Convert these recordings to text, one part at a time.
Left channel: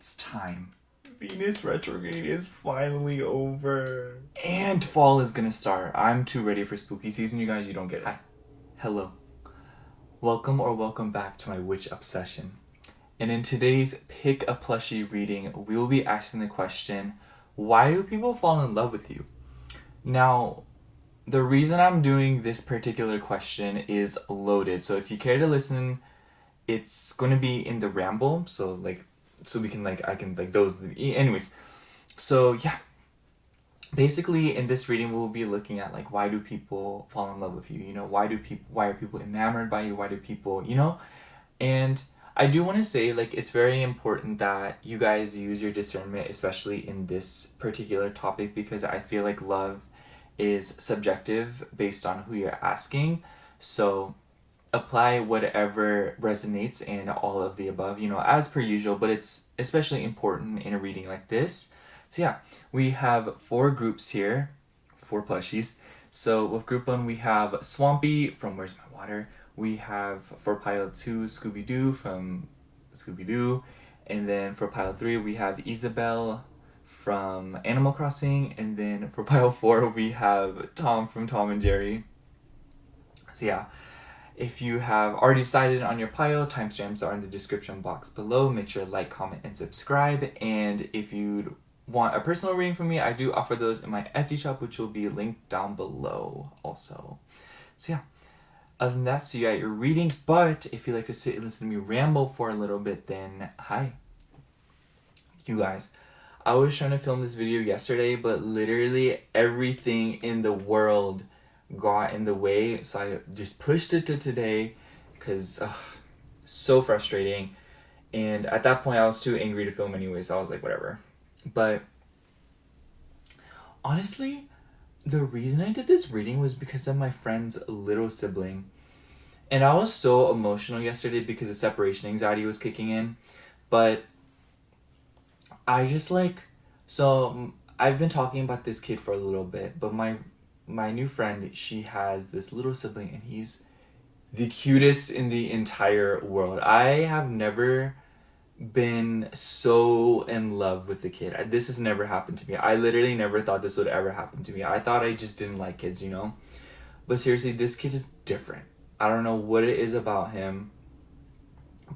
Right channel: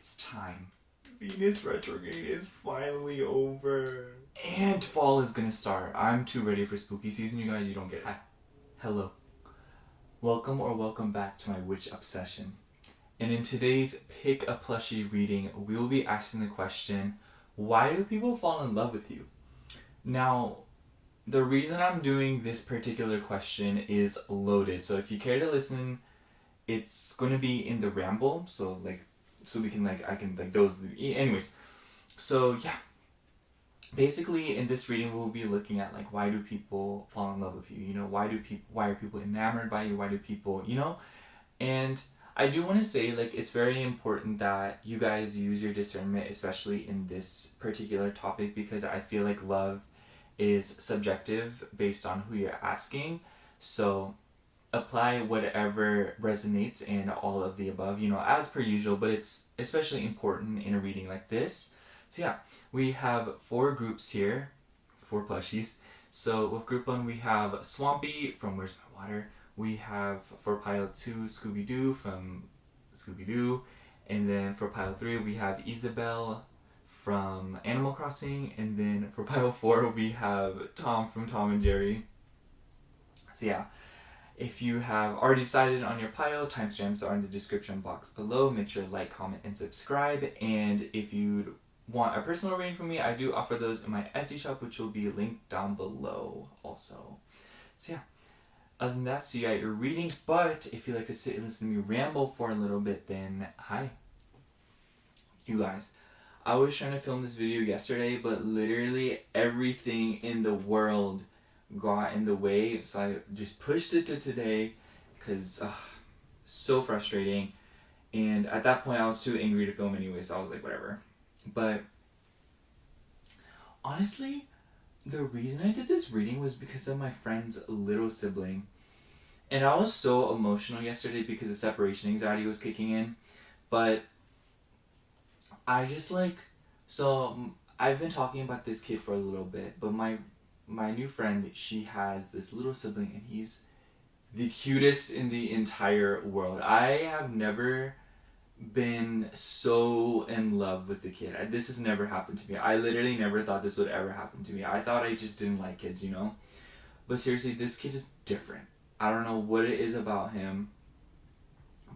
It's time. Venus retrograde is finally over. And fall is gonna start. I'm too ready for spooky season, you guys. You don't get it. Hi. Hello. Welcome back to my Witchobsession. And in today's Pick a Plushie reading, we will be asking the question, why do people fall in love with you? Now, the reason I'm doing this particular question is loaded. So if you care to listen, it's going to be in the ramble. So we can anyways. So yeah, basically in this reading we'll be looking at why do people fall in love with you? Why are people enamored by you? Why do people, And I do want to say it's very important that you guys use your discernment, especially in this particular topic, because I feel like love is subjective based on who you're asking. So apply whatever resonates and all of the above, as per usual, but it's especially important in a reading like this. So yeah, we have 4 groups here, 4 plushies. So with group 1, we have Swampy from Where's My Water. We have for pile 2, Scooby-Doo from Scooby-Doo. And then for pile 3, we have Isabel from Animal Crossing. And then for pile 4, we have Tom from Tom and Jerry. So yeah, if you have already decided on your pile, timestamps are in the description box below. Make sure to like, comment, and subscribe. And if you want a personal reading from me, I do offer those in my Etsy shop, which will be linked down below also. So yeah, other than that, see you at your reading. But if you like to sit and listen to me ramble for a little bit, then hi. You guys, I was trying to film this video yesterday, but literally everything in the world got in the way, so I just pushed it to today because so frustrating. And at that point I was too angry to film anyway, so I was like, whatever. But honestly, the reason I did this reading was because of my friend's little sibling. And I was so emotional yesterday because the separation anxiety was kicking in. But I just so I've been talking about this kid for a little bit, but my new friend, she has this little sibling, and he's the cutest in the entire world. I have never been so in love with the kid. This has never happened to me. I literally never thought this would ever happen to me. I thought I just didn't like kids, But seriously, this kid is different. I don't know what it is about him.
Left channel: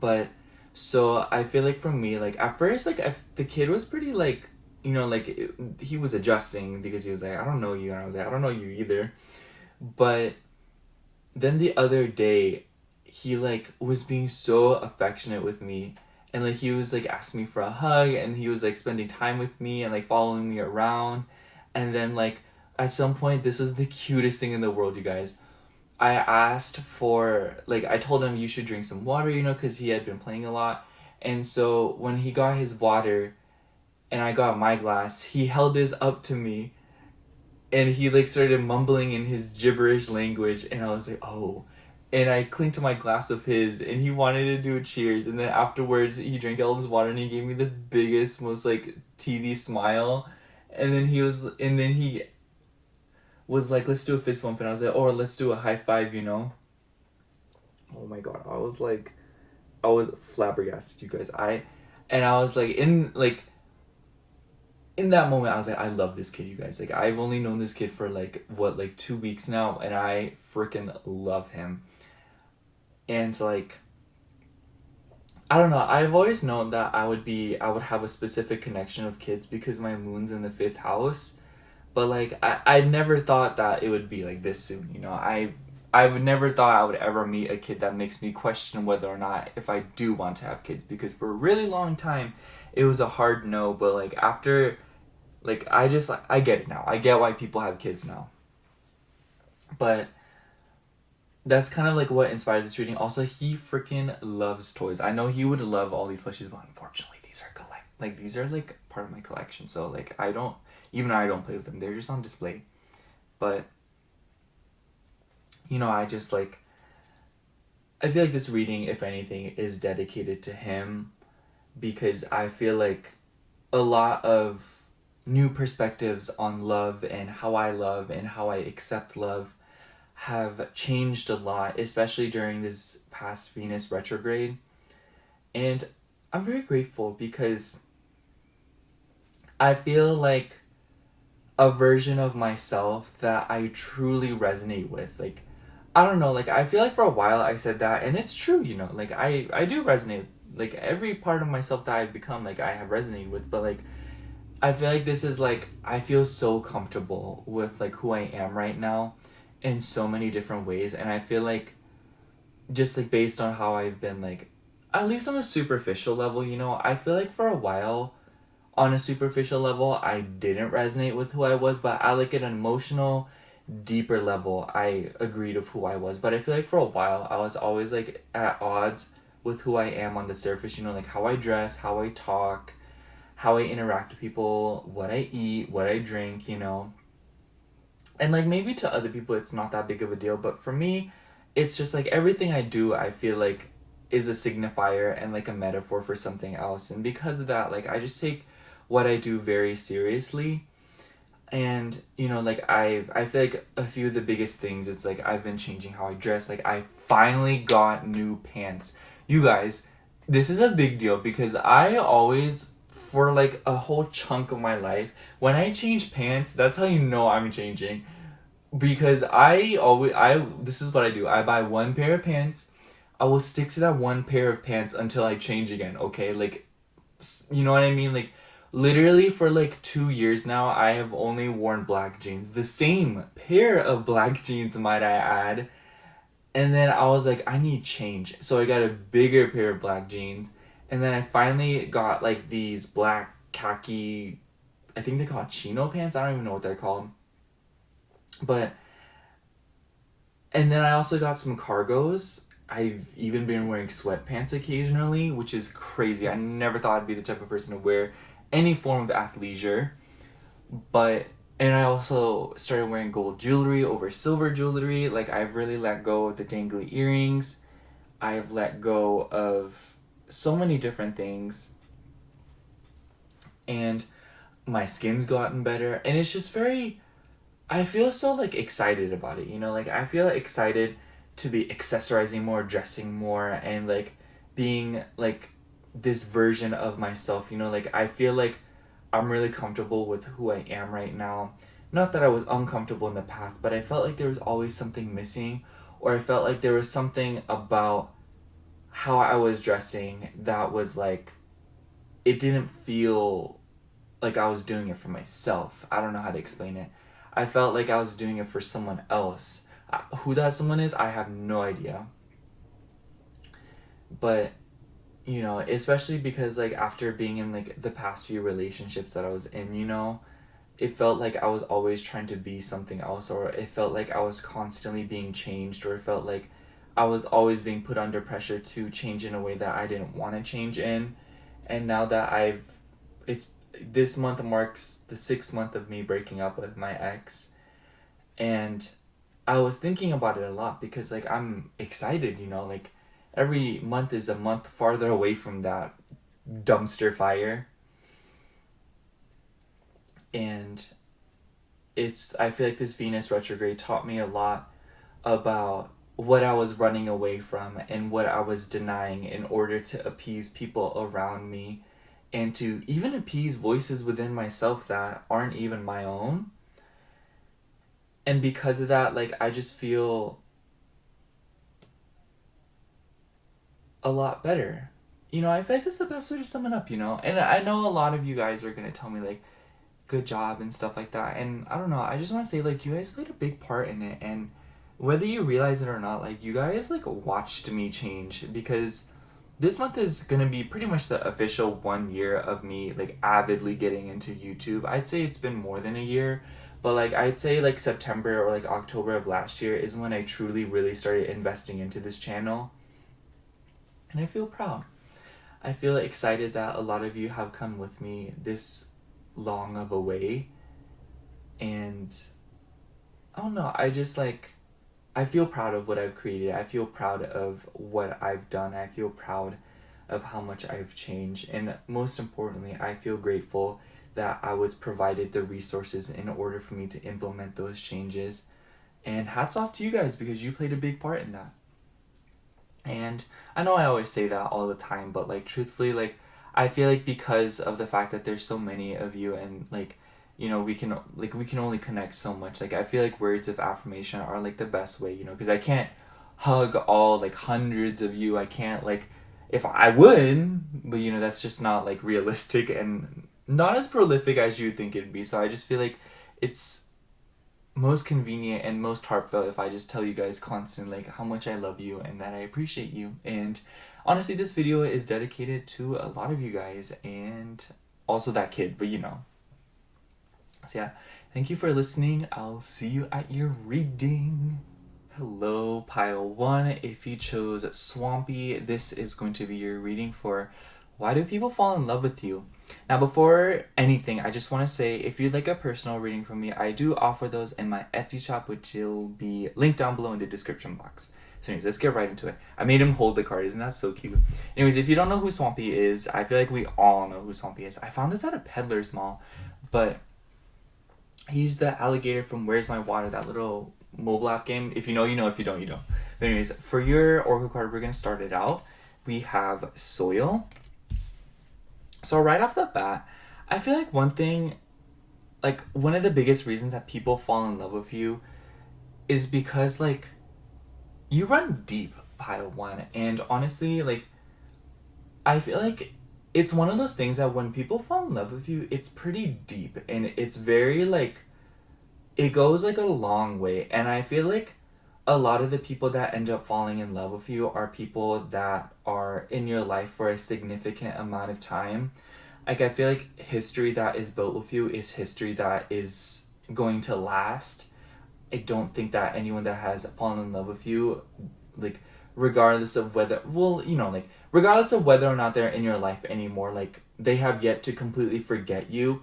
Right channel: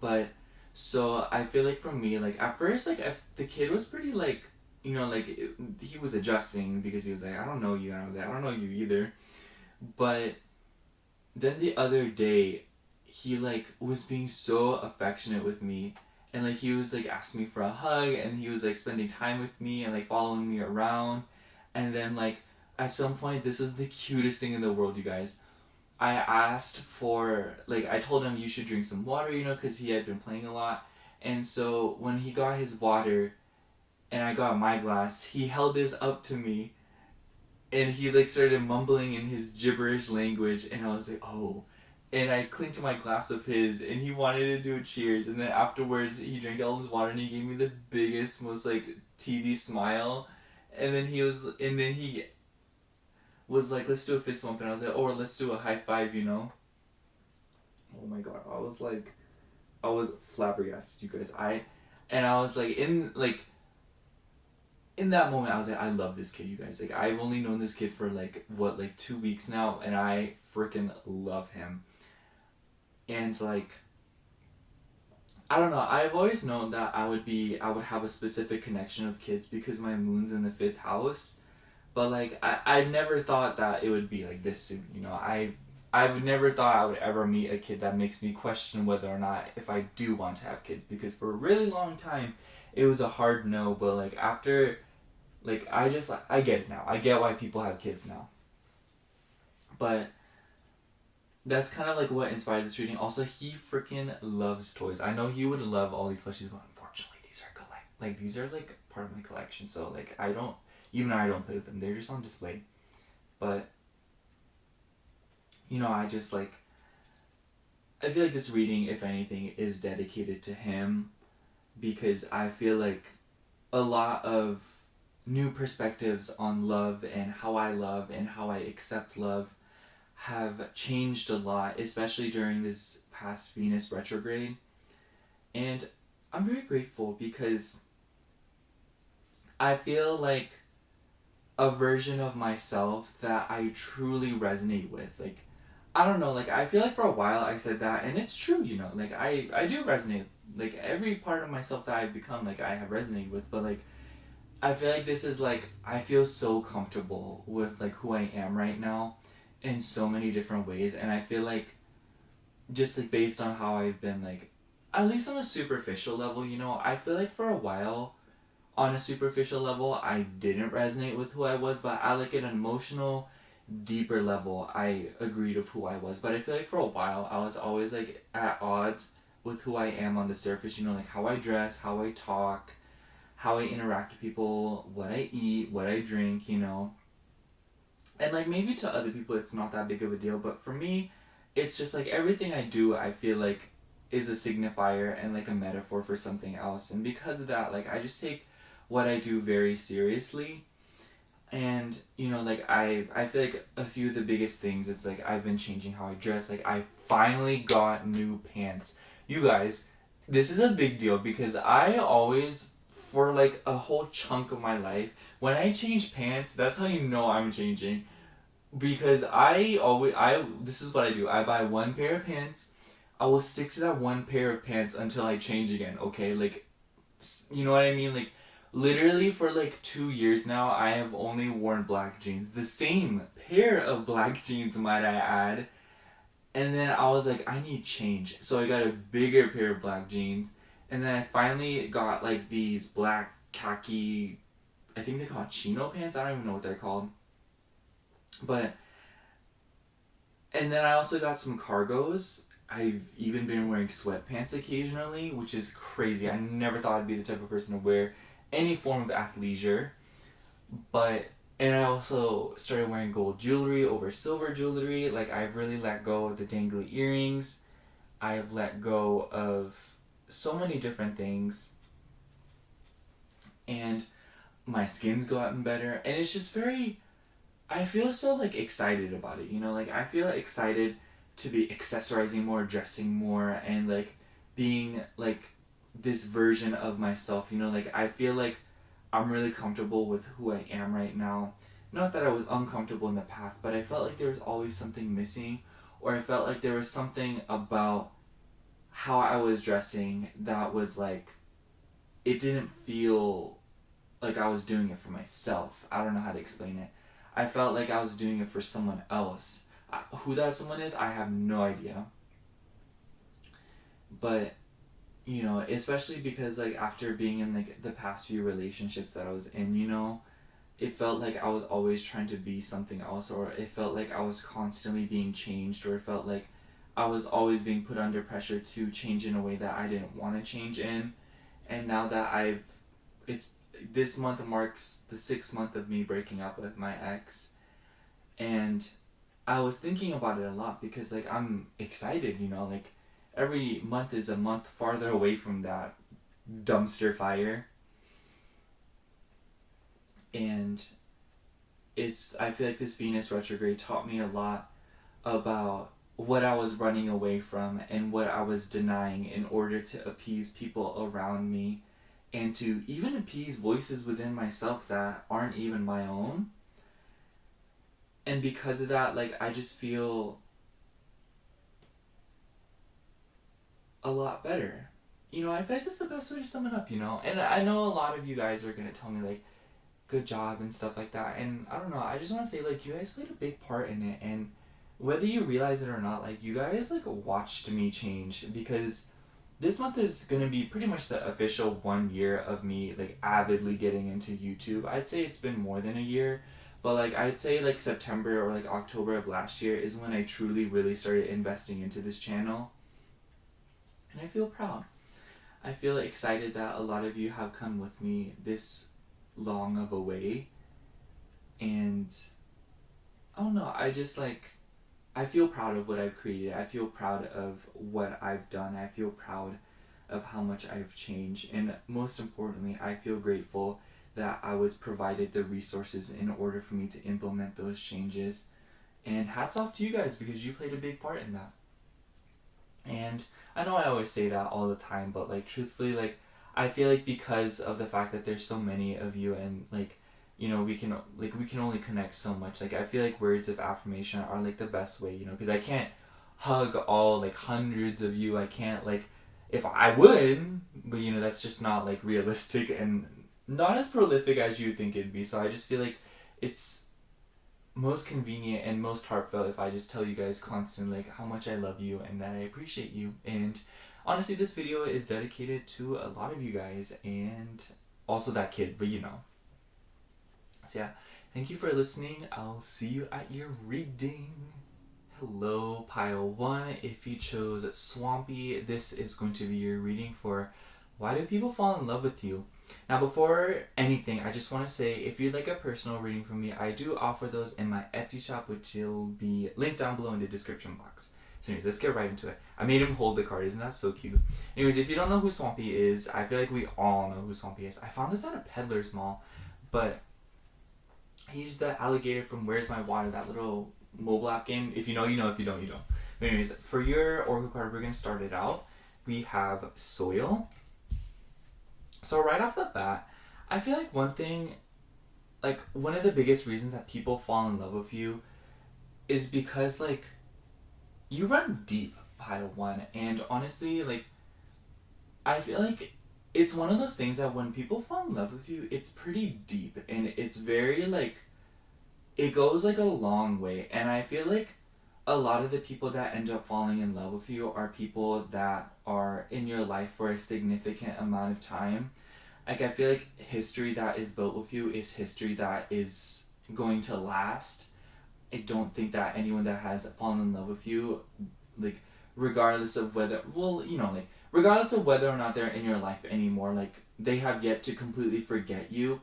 But, so I feel like for me, at first, the kid was pretty, he was adjusting because he was like, I don't know you. And I was like, I don't know you either. But then the other day, he was being so affectionate with me. And he was asking me for a hug, and he was spending time with me and following me around. And then at some point, this was the cutest thing in the world, you guys. I asked for, I told him you should drink some water, because he had been playing a lot. And so when he got his water, and I got my glass, he held his up to me, and he started mumbling in his gibberish language, and I was like, oh. And I clinked to my glass of his, and he wanted to do a cheers, and then afterwards he drank all his water, and he gave me the biggest, most TV smile, and then he was like, let's do a fist bump, and I was like, oh, let's do a high five, Oh my god, I was flabbergasted, you guys. I was in that moment, I was like, I love this kid, you guys. I've only known this kid for 2 weeks now, and I freaking love him. And I don't know, I've always known that I would have a specific connection of kids because my moon's in the 5th house. But I never thought that it would be this soon, I've never thought I would ever meet a kid that makes me question whether or not if I do want to have kids, because for a really long time it was a hard no. But after I get it now. I get why people have kids now. But that's kind of what inspired this reading. Also, he freaking loves toys. I know he would love all these plushies, but unfortunately these are part of my collection. So I don't play with them. They're just on display. But I just I feel like this reading, if anything, is dedicated to him, because I feel like a lot of new perspectives on love and how I love and how I accept love have changed a lot, especially during this past Venus retrograde. And I'm very grateful because I feel like a version of myself that I truly resonate with. Like, I don't know, like, I feel like for a while I said that, and it's true, you know, like, I do resonate. Like, every part of myself that I've become, like, I have resonated with, but, like, I feel like this is, like, I feel so comfortable with, like, who I am right now in so many different ways, and I feel like, just, like, based on how I've been, like, at least on a superficial level, you know, I feel like for a while, on a superficial level, I didn't resonate with who I was, but at, like, an emotional, deeper level, I agreed with who I was. But I feel like for a while, I was always, like, at odds with who I am on the surface, you know, like, how I dress, how I talk, how I interact with people, what I eat, what I drink, you know. And, like, maybe to other people it's not that big of a deal, but for me, it's just, like, everything I do, I feel like, is a signifier and, like, a metaphor for something else. And because of that, like, I just take what I do very seriously. And, you know, like, I feel like a few of the biggest things is, like, I've been changing how I dress. Like, I finally got new pants. You guys, this is a big deal because I always, for, like, a whole chunk of my life, when I change pants, that's how you know I'm changing. Because this is what I do. I buy one pair of pants. I will stick to that one pair of pants until I change again, okay? Like, you know what I mean? Like, literally for like 2 years now, I have only worn black jeans. The same pair of black jeans, might I add. And then I was like, I need change. So I got a bigger pair of black jeans. And then I finally got like these black khaki, I think they're called chino pants. I don't even know what they're called. But, and then I also got some cargos. I've even been wearing sweatpants occasionally, which is crazy. I never thought I'd be the type of person to wear any form of athleisure. But, and I also started wearing gold jewelry over silver jewelry. Like, I've really let go of the dangly earrings. I've let go of so many different things. And my skin's gotten better. And it's just very, I feel so, like, excited about it, you know? Like, I feel excited to be accessorizing more, dressing more, and, like, being, like, this version of myself, you know? Like, I feel like I'm really comfortable with who I am right now. Not that I was uncomfortable in the past, but I felt like there was always something missing, or I felt like there was something about how I was dressing that was, like, it didn't feel like I was doing it for myself. I don't know how to explain it. I felt like I was doing it for someone else. Who that someone is, I have no idea. But, you know, especially because, like, after being in, like, the past few relationships that I was in, you know, it felt like I was always trying to be something else, or it felt like I was constantly being changed, or it felt like I was always being put under pressure to change in a way that I didn't want to change in. And now that this month marks the 6th month of me breaking up with my ex, and I was thinking about it a lot because, like, I'm excited, you know, like, every month is a month farther away from that dumpster fire. And I feel like this Venus retrograde taught me a lot about what I was running away from and what I was denying in order to appease people around me, and to even appease voices within myself that aren't even my own. And because of that, like, I just feel a lot better. You know, I feel like that's the best way to sum it up, you know? And I know a lot of you guys are going to tell me, like, good job and stuff like that. And I don't know, I just want to say, like, you guys played a big part in it. And whether you realize it or not, like, you guys, like, watched me change. Because this month is going to be pretty much the official 1 year of me, like, avidly getting into YouTube. I'd say it's been more than a year. But, like, I'd say, like, September or, like, October of last year is when I truly, really started investing into this channel. And I feel proud. I feel excited that a lot of you have come with me this long of a way. And I don't know, I just, like, I feel proud of what I've created. I feel proud of what I've done. I feel proud of how much I've changed. And most importantly, I feel grateful that I was provided the resources in order for me to implement those changes. And hats off to you guys because you played a big part in that. And I know I always say that all the time, but, like, truthfully, like, I feel like because of the fact that there's so many of you, and like, you know, we can only connect so much. Like, I feel like words of affirmation are like the best way, you know, because I can't hug all like hundreds of you. I can't, like, if I would, but you know, that's just not like realistic and not as prolific as you think it'd be. So I just feel like it's most convenient and most heartfelt if I just tell you guys constantly like how much I love you and that I appreciate you. And honestly, this video is dedicated to a lot of you guys and also that kid, but you know. So yeah, thank you for listening. I'll see you at your reading. Hello, pile 1. If you chose Swampy, this is going to be your reading for Why Do People Fall in Love with You? Now, before anything, I just want to say, if you'd like a personal reading from me, I do offer those in my Etsy shop, which will be linked down below in the description box. So anyways, let's get right into it. I made him hold the card. Isn't that so cute? Anyways, if you don't know who Swampy is, I feel like we all know who Swampy is. I found this at a peddler's mall, but he's the alligator from Where's My Water, that little mobile app game. If you know, you know. If you don't, you don't. But anyways, for your oracle card, we're going to start it out. We have Soil. So right off the bat, I feel like one thing, like one of the biggest reasons that people fall in love with you is because like you run deep, pile 1. And honestly, like I feel like it's one of those things that when people fall in love with you, it's pretty deep and it's very like, it goes like a long way. And I feel like a lot of the people that end up falling in love with you are people that are in your life for a significant amount of time. Like, I feel like history that is built with you is history that is going to last. I don't think that anyone that has fallen in love with you, like, regardless of whether, well, you know, like, regardless of whether or not they're in your life anymore, like, they have yet to completely forget you.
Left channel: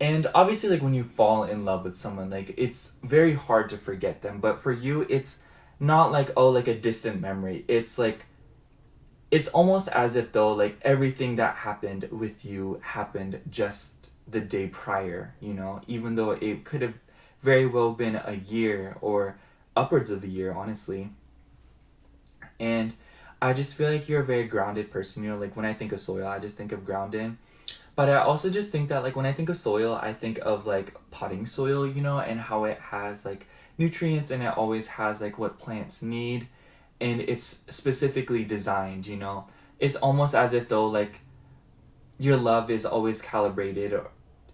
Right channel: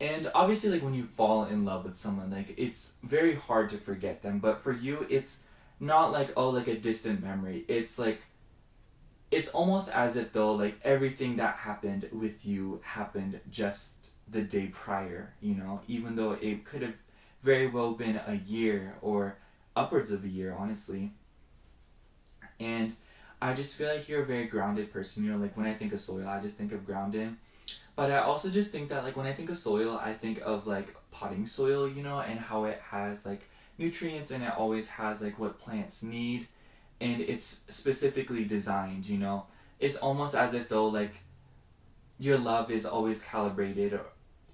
And obviously, like, when you fall in love with someone, like, it's very hard to forget them. But for you, it's not like, oh, like a distant memory. It's like, it's almost as if though, like, everything that happened with you happened just the day prior, you know? Even though it could have very well been a year or upwards of a year, honestly. And I just feel like you're a very grounded person, you know? Like, when I think of Soil, I just think of grounded. But I also just think that, like, when I think of soil, I think of, like, potting soil, you know, and how it has, like, nutrients and it always has, like, what plants need. And it's specifically designed, you know. It's almost as if, though, like, your love is always calibrated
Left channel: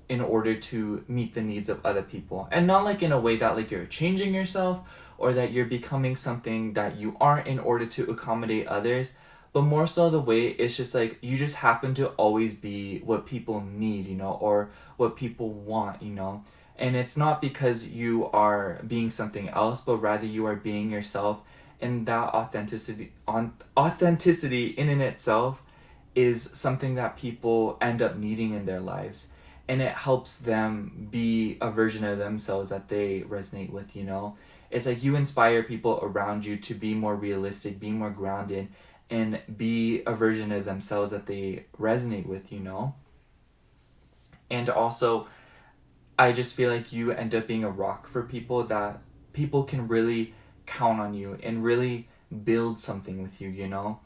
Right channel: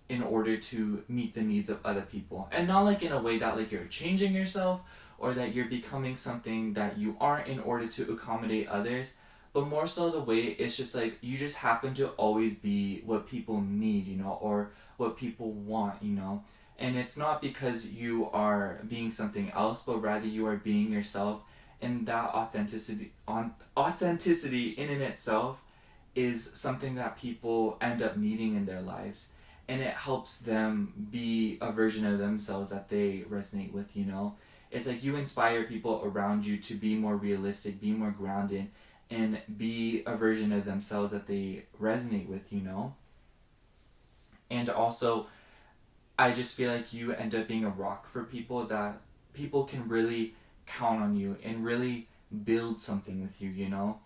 in order to meet the needs of other people. And not, like, in a way that, like, you're changing yourself or that you're becoming something that you aren't in order to accommodate others. But more so the way it's just like you just happen to always be what people need, you know, or what people want, you know. And it's not because you are being something else, but rather you are being yourself. And that authenticity in and itself is something that people end up needing in their lives. And it helps them be a version of themselves that they resonate with, you know. It's like you inspire people around you to be more realistic, be more grounded, and be a version of themselves that they resonate with, you know? And also, I just feel like you end up being a rock for people that people can really count on you and really build something with you, you know?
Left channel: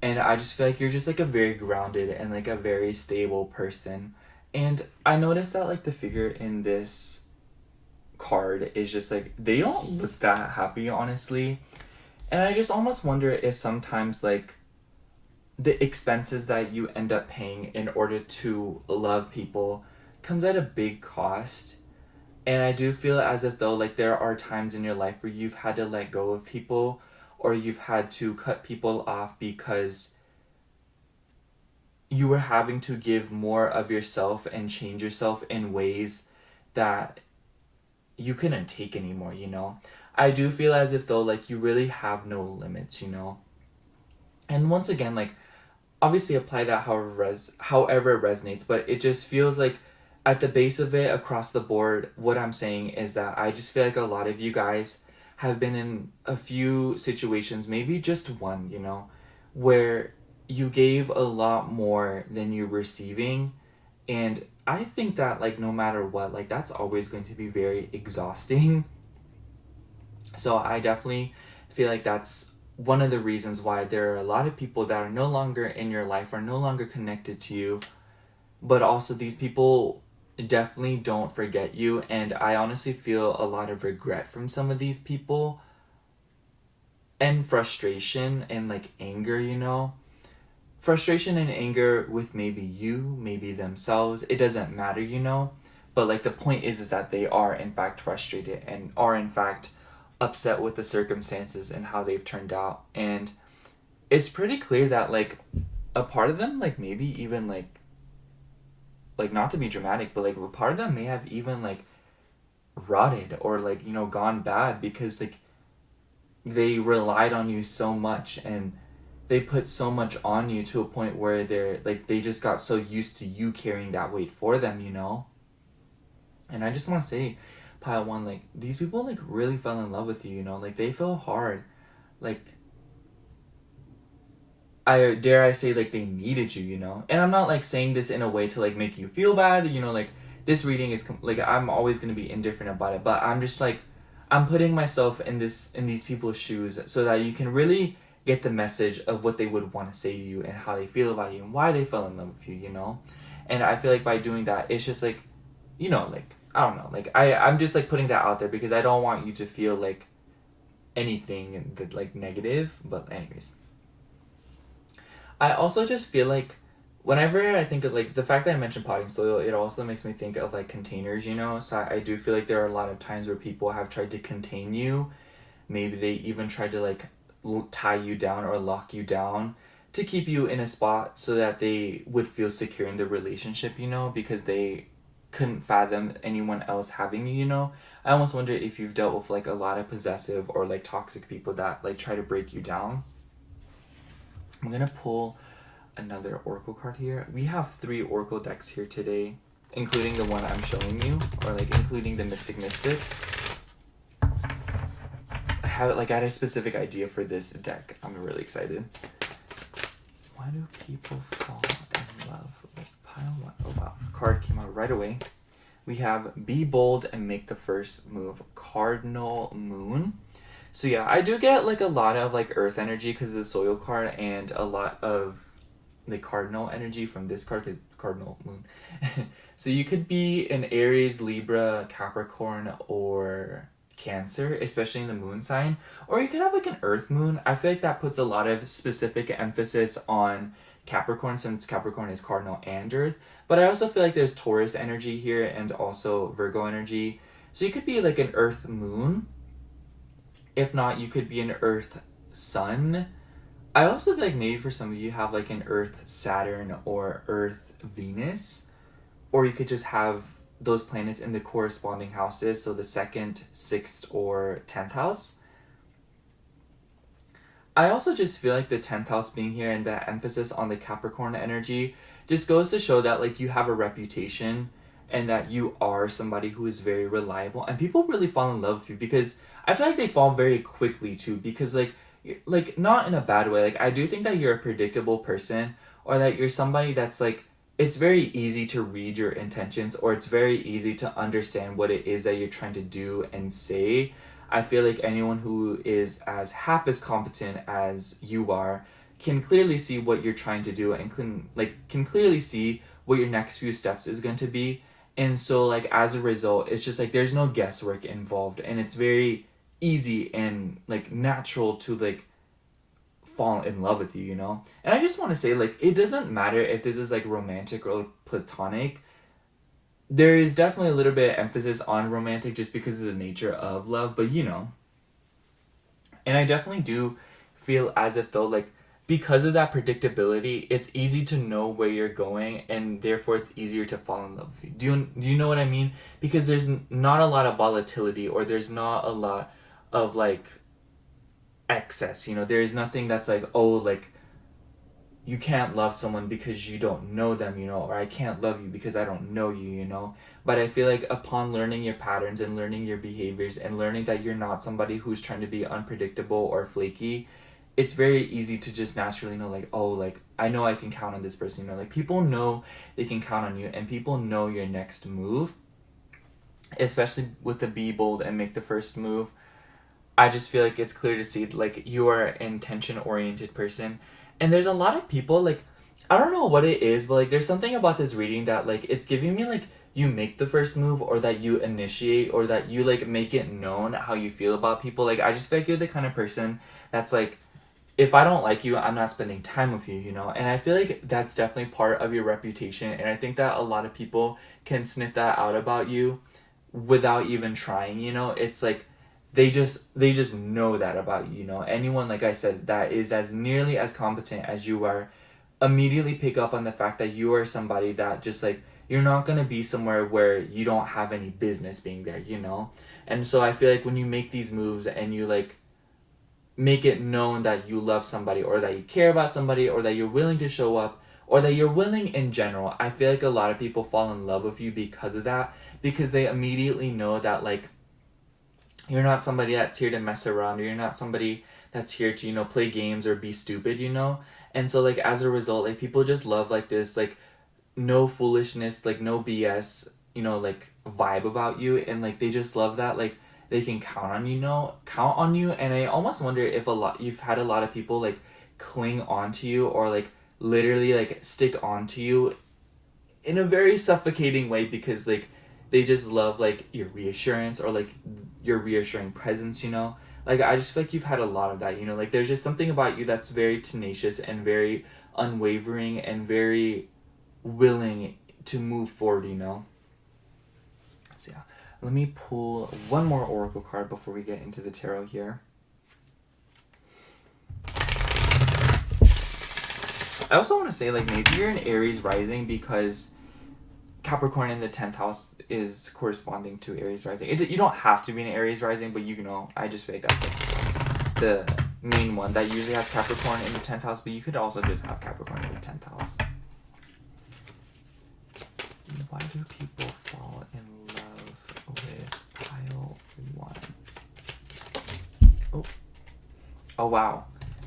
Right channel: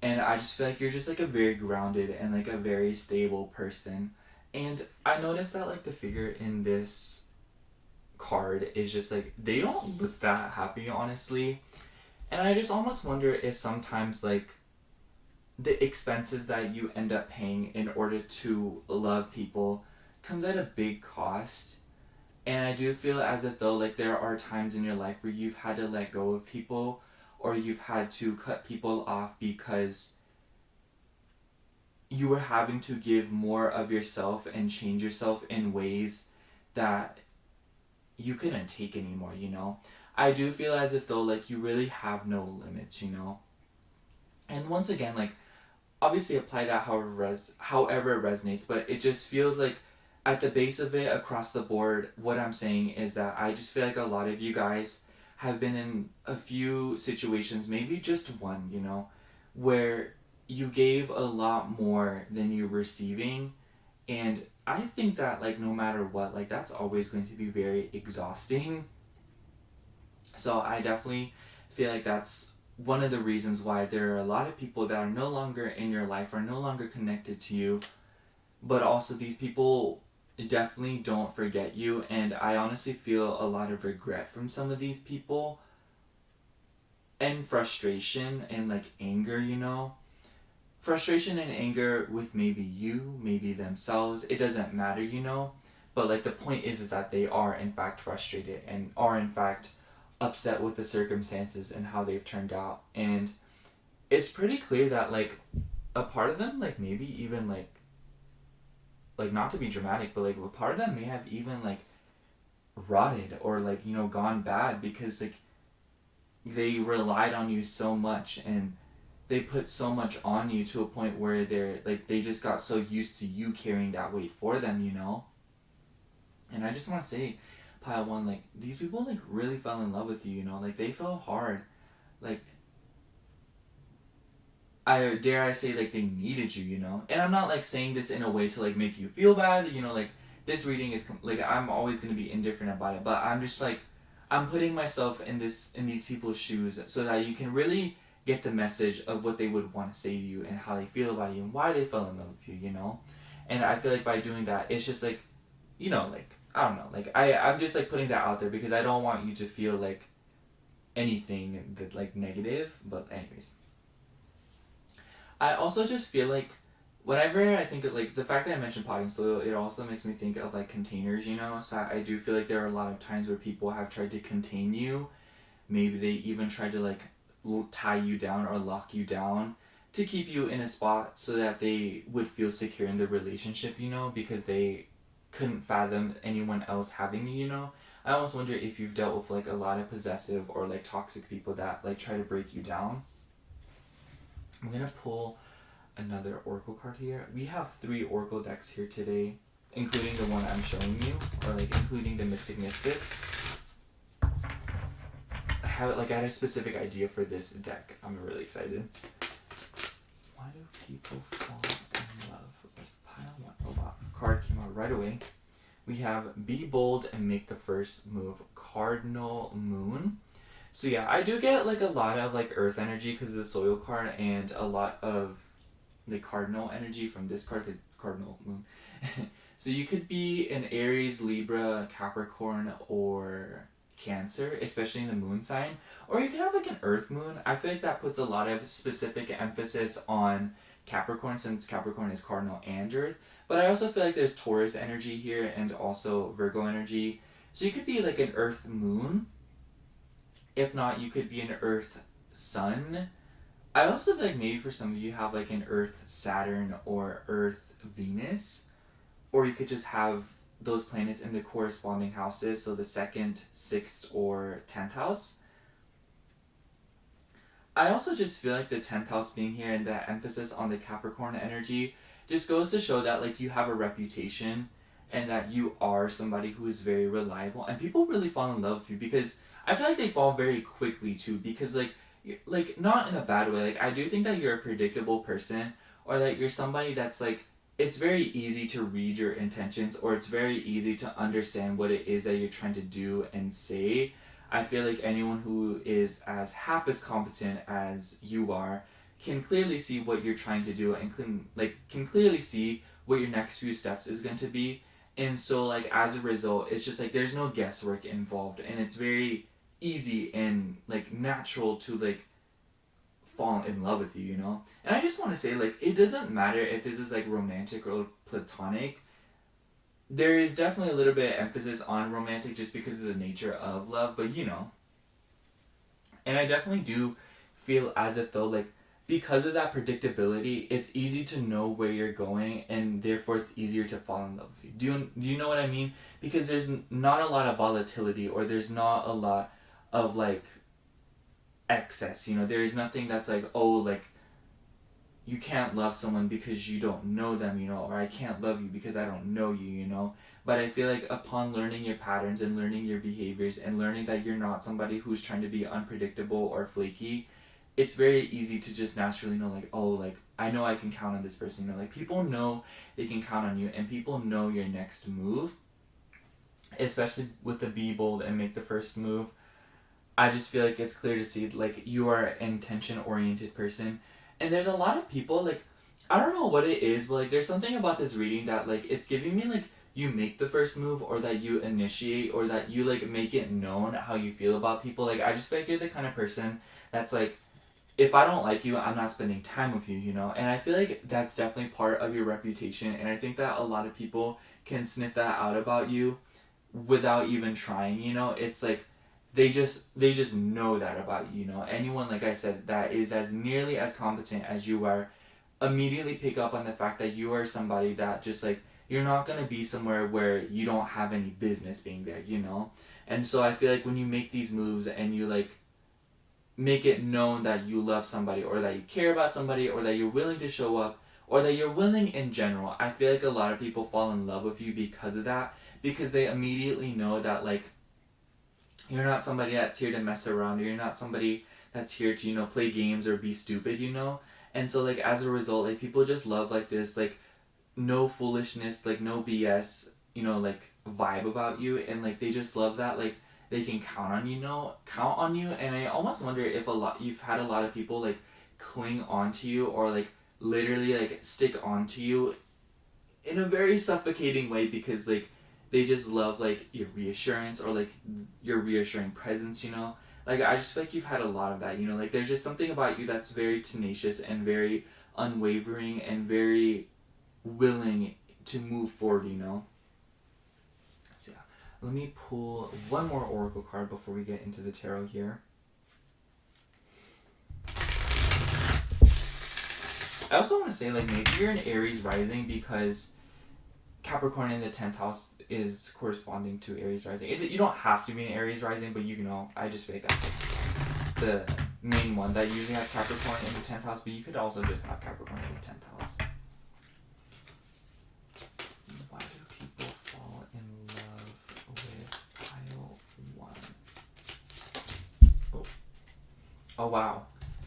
And I just feel like you're just like a very grounded and like a very stable person. And I noticed that like the figure in this card is just like, they don't look that happy, honestly. And I just almost wonder if sometimes, like, the expenses that you end up paying in order to love people comes at a big cost. And I do feel as if though, like, there are times in your life where you've had to let go of people or you've had to cut people off because you were having to give more of yourself and change yourself in ways that you couldn't take anymore, you know? I do feel as if though, like, you really have no limits, you know? And once again, like, obviously apply that however it resonates, but it just feels like at the base of it, across the board, what I'm saying is that I just feel like a lot of you guys have been in a few situations, maybe just one, you know, where you gave a lot more than you're receiving. And I think that, like, no matter what, like, that's always going to be very exhausting. So I definitely feel like that's one of the reasons why there are a lot of people that are no longer in your life or no longer connected to you, but also these people definitely don't forget you. And I honestly feel a lot of regret from some of these people, and frustration and like anger, you know. Frustration and anger with maybe you, maybe themselves, it doesn't matter, you know. But like the point is that they are in fact frustrated and are in fact upset with the circumstances and how they've turned out. And it's pretty clear that like a part of them, like maybe even like not to be dramatic, but like a part of them may have even like rotted or like, you know, gone bad because like they relied on you so much and they put so much on you to a point where they're like they just got so used to you carrying that weight for them, you know. And I just want to say, pile one, like these people like really fell in love with you, you know. Like they fell hard, like I dare I say like they needed you, you know. And I'm not like saying this in a way to like make you feel bad, you know. Like this reading is like I'm always gonna be indifferent about it, but I'm just like I'm putting myself in these people's shoes so that you can really get the message of what they would want to say to you and how they feel about you and why they fell in love with you, you know. And I feel like by doing that, it's just like, you know, like I don't know, like I'm just like putting that out there because I don't want you to feel like anything that like negative. But anyways, I also just feel like whenever I think of like the fact that I mentioned potting soil, it also makes me think of like containers, you know. So I do feel like there are a lot of times where people have tried to contain you. Maybe they even tried to like tie you down or lock you down to keep you in a spot so that they would feel secure in the relationship, you know, because they couldn't fathom anyone else having you, you know. I almost wonder if you've dealt with like a lot of possessive or like toxic people that like try to break you down. I'm gonna pull another oracle card here. We have 3 oracle decks here today, including the one I'm showing you, or like including the Mystic Misfits. I had a specific idea for this deck. I'm really excited. Why do people fall in love with pile one? Oh wow, card came out right away. We have Be Bold and Make the First Move, Cardinal Moon. So yeah, I do get like a lot of like earth energy because of the soil card and a lot of the cardinal energy from this card because Cardinal Moon. So you could be an Aries, Libra, Capricorn, or Cancer, especially in the moon sign. Or you could have like an earth moon. I feel like that puts a lot of specific emphasis on Capricorn since Capricorn is cardinal and earth. But I also feel like there's Taurus energy here and also Virgo energy. So you could be like an earth moon. If not, you could be an earth sun. I also feel like maybe for some of you have like an earth Saturn or earth Venus. Or you could just have those planets in the corresponding houses, so the 2nd, 6th, or 10th house. I also just feel like the 10th house being here and the emphasis on the Capricorn energy just goes to show that like you have a reputation and that you are somebody who is very reliable and people really fall in love with you because I feel like they fall very quickly too because like not in a bad way. Like I do think that you're a predictable person or that you're somebody that's like it's very easy to read your intentions or it's very easy to understand what it is that you're trying to do and say. I feel like anyone who is as half as competent as you are can clearly see what you're trying to do and can clearly see what your next few steps is going to be. And so like as a result, it's just like there's no guesswork involved and it's very easy and like natural to like fall in love with you, you know? And I just want to say, like, it doesn't matter if this is, like, romantic or platonic. There is definitely a little bit of emphasis on romantic just because of the nature of love, but, you know. And I definitely do feel as if, though, like, because of that predictability, it's easy to know where you're going, and therefore it's easier to fall in love with you. Do you know what I mean? Because there's not a lot of volatility, or there's not a lot of, like, excess, you know. There's nothing that's like, oh, like you can't love someone because you don't know them, you know, or I can't love you because I don't know you, you know. But I feel like upon learning your patterns and learning your behaviors and learning that you're not somebody who's trying to be unpredictable or flaky, it's very easy to just naturally know like, oh, like I know I can count on this person, you know. Like people know they can count on you and people know your next move, especially with the Be Bold and Make the First Move. I just feel like it's clear to see like you are an intention oriented person, and there's a lot of people like I don't know what it is, but like there's something about this reading that like it's giving me like you make the first move, or that you initiate, or that you like make it known how you feel about people. Like I just feel like you're the kind of person that's like, if I don't like you, I'm not spending time with you, you know? And I feel like that's definitely part of your reputation, and I think that a lot of people can sniff that out about you without even trying, you know? It's like they just know that about you, you know? Anyone, like I said, that is as nearly as competent as you are immediately pick up on the fact that you are somebody that just like you're not going to be somewhere where you don't have any business being there, you know? And so I feel like when you make these moves and you like make it known that you love somebody, or that you care about somebody, or that you're willing to show up, or that you're willing in general, I feel like a lot of people fall in love with you because of that, because they immediately know that like you're not somebody that's here to mess around, or you're not somebody that's here to, you know, play games or be stupid, you know? And so like as a result, like people just love like this like no foolishness, like no BS, you know, like vibe about you, and like they just love that like they can count on you, count on you. And I almost wonder if you've had a lot of people like cling onto you, or like literally like stick onto you in a very suffocating way, because like they just love like your reassurance, or like your reassuring presence, you know? Like I just feel like you've had a lot of that, you know? Like there's just something about you that's very tenacious and very unwavering and very willing to move forward, you know? So yeah, let me pull one more oracle card before we get into the tarot here. I also want to say like maybe you're an Aries rising, because Capricorn in the 10th house is corresponding to Aries rising. You don't have to be an Aries rising, but you know, I just feel like that's like the main one that usually has Capricorn in the 10th house, but you could also just have Capricorn in the 10th house. Why do people fall in love with pile 1? Oh wow.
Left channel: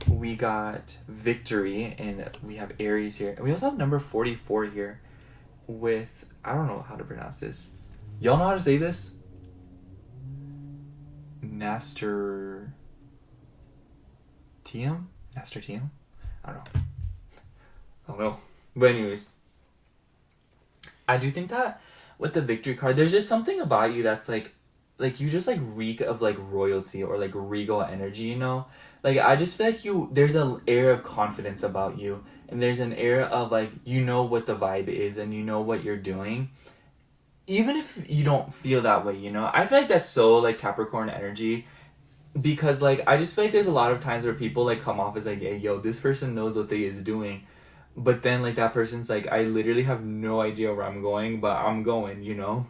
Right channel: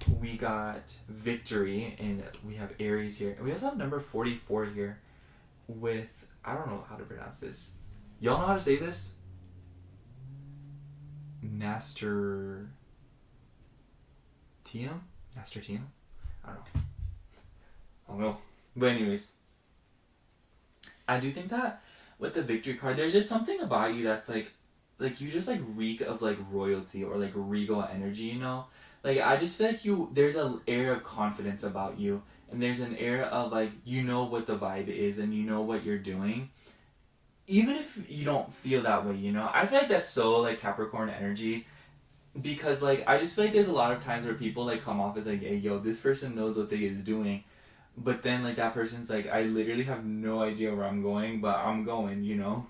We got victory, and we have Aries here. And we also have number 44 here with, I don't know how to pronounce this. Y'all know how to say this? Nasturtium? Nasturtium? I don't know. But anyways, I do think that with the victory card, there's just something about you that's like you just like reek of like royalty, or like regal energy, you know? Like I just feel like there's an air of confidence about you, and there's an air of like, you know what the vibe is, and you know what you're doing. Even if you don't feel that way, you know? I feel like that's so like Capricorn energy, because like I just feel like there's a lot of times where people like come off as like, hey yo, this person knows what they is doing. But then like that person's like, I literally have no idea where I'm going, but I'm going, you know?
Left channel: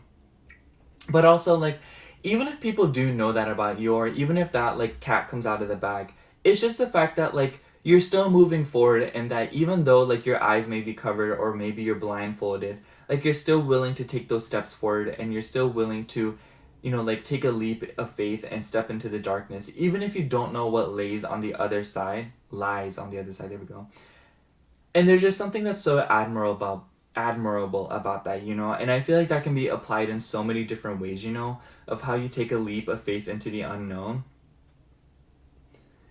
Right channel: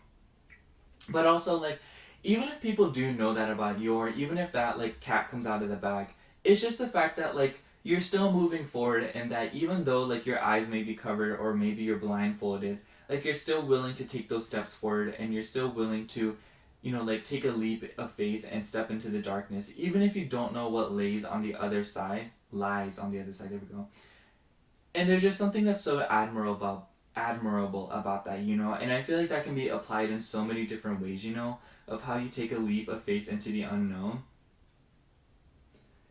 But also like, even if people do know that about you, or even if that like cat comes out of the bag, it's just the fact that like you're still moving forward, and that even though like your eyes may be covered, or maybe you're blindfolded, like you're still willing to take those steps forward, and you're still willing to, you know, like take a leap of faith and step into the darkness, even if you don't know what lies on the other side, there we go. And there's just something that's so admirable about that, you know? And I feel like that can be applied in so many different ways, you know, of how you take a leap of faith into the unknown.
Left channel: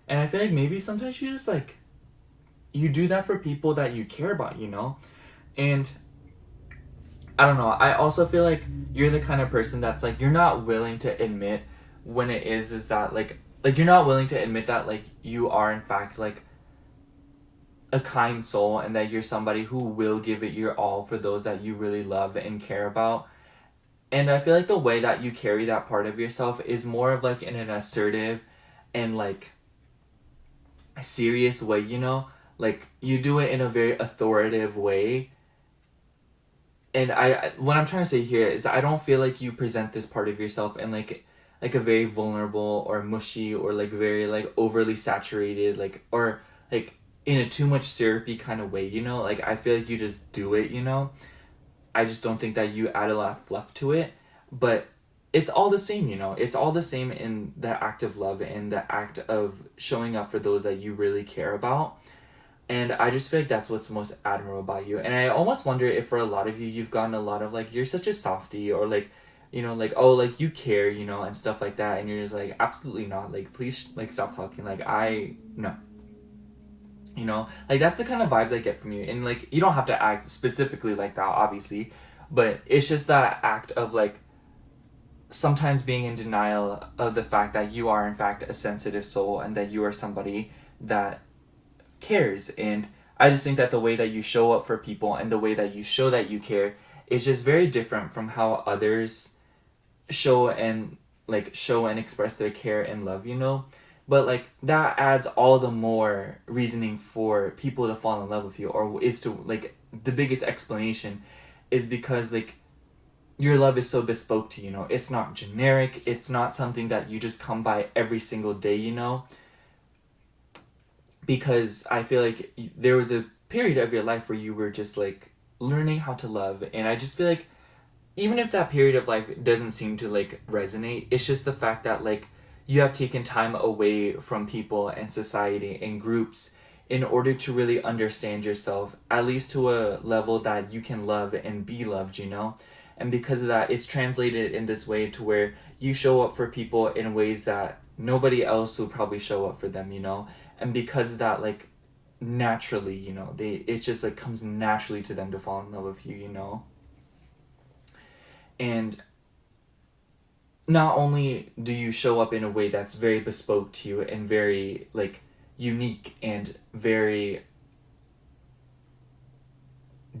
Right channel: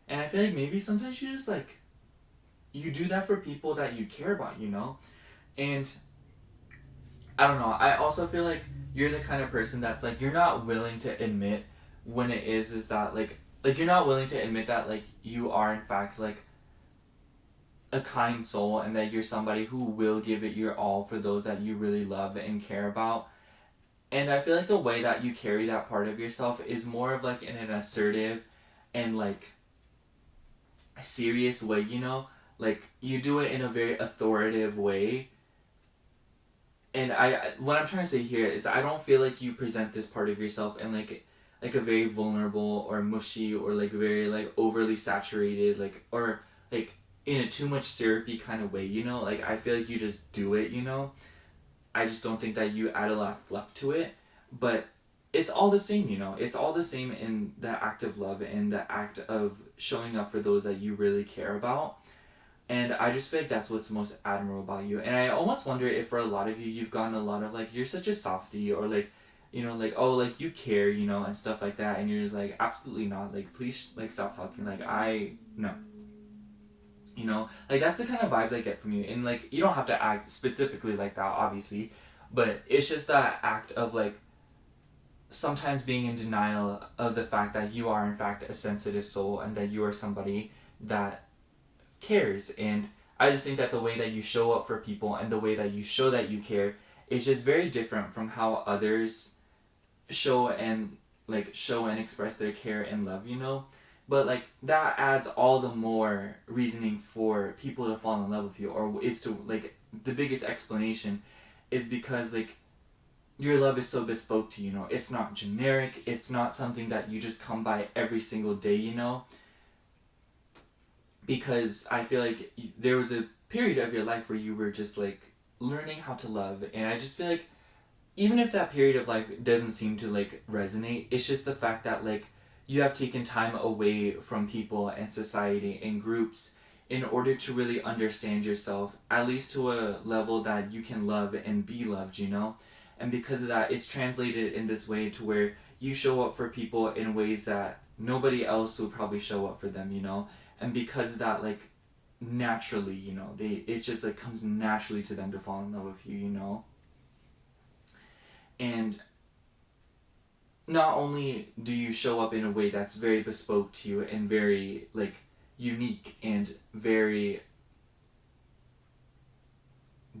And I feel like maybe sometimes you just like, you do that for people that you care about, you know? And I don't know, I also feel like you're the kind of person that's like, you're not willing to admit when it is that like you're not willing to admit that like you are in fact like a kind soul, and that you're somebody who will give it your all for those that you really love and care about. And I feel like the way that you carry that part of yourself is more of like in an assertive and like a serious way, you know? Like you do it in a very authoritative way. And what I'm trying to say here is I don't feel like you present this part of yourself in like a very vulnerable or mushy, or like very like overly saturated, like, or like in a too much syrupy kind of way, you know? Like I feel like you just do it, you know? I just don't think that you add a lot of fluff to it, but it's all the same, you know? It's all the same in the act of love and the act of showing up for those that you really care about. And I just feel like that's what's most admirable about you. And I almost wonder if for a lot of you, you've gotten a lot of like, you're such a softie, or like you know, like, oh, like, you care, you know, and stuff like that, and you're just like, absolutely not, like, please, like, stop talking, like, no. You know, like, that's the kind of vibes I get from you. And, like, you don't have to act specifically like that, obviously, but it's just that act of, like, sometimes being in denial of the fact that you are, in fact, a sensitive soul, and that you are somebody that cares. And I just think that the way that you show up for people and the way that you show that you care is just very different from how others show and express their care and love, you know. But, like, that adds all the more reasoning for people to fall in love with you, or is to, like, the biggest explanation is because, like, your love is so bespoke to you, you know. It's not generic. It's not something that you just come by every single day, you know. Because I feel like there was a period of your life where you were just, like, learning how to love. And I just feel like even if that period of life doesn't seem to, like, resonate, it's just the fact that, like, you have taken time away from people and society and groups in order to really understand yourself, at least to a level that you can love and be loved, you know? And because of that, it's translated in this way to where you show up for people in ways that nobody else will probably show up for them, you know? And because of that, like, naturally, you know, it just, like, comes naturally to them to fall in love with you, you know? And not only do you show up in a way that's very bespoke to you and very, like, unique and very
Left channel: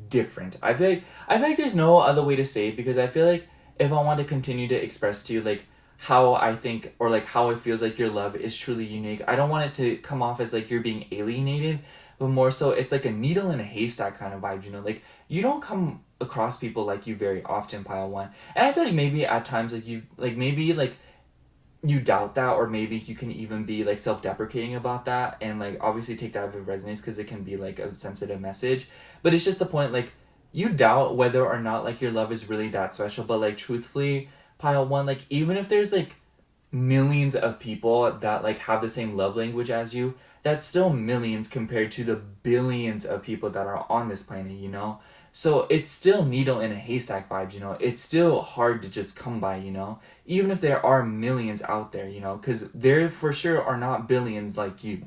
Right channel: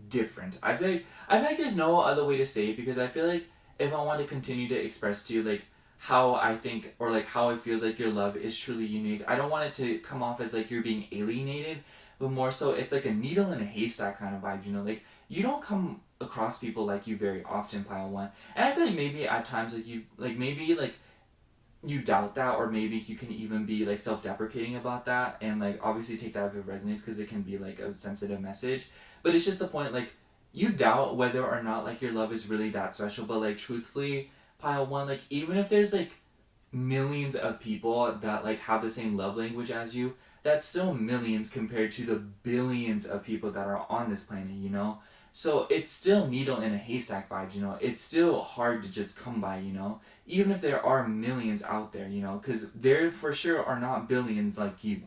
different. I feel like there's no other way to say it, because I feel like if I want to continue to express to you, like, how I think, or, like, how it feels like your love is truly unique, I don't want it to come off as, like, you're being alienated, but more so it's like a needle in a haystack kind of vibe, you know? Like, you don't come across people like you very often, Pile One. And I feel like maybe at times, like, you doubt that, or maybe you can even be, like, self-deprecating about that, and, like, obviously take that if it resonates, because it can be, like, a sensitive message. But it's just the point, like, you doubt whether or not, like, your love is really that special. But, like, truthfully, Pile One, like, even if there's, like, millions of people that, like, have the same love language as you, that's still millions compared to the billions of people that are on this planet, you know? So it's still needle in a haystack vibes, you know? It's still hard to just come by, you know? Even if there are millions out there, you know? Because there for sure are not billions like you.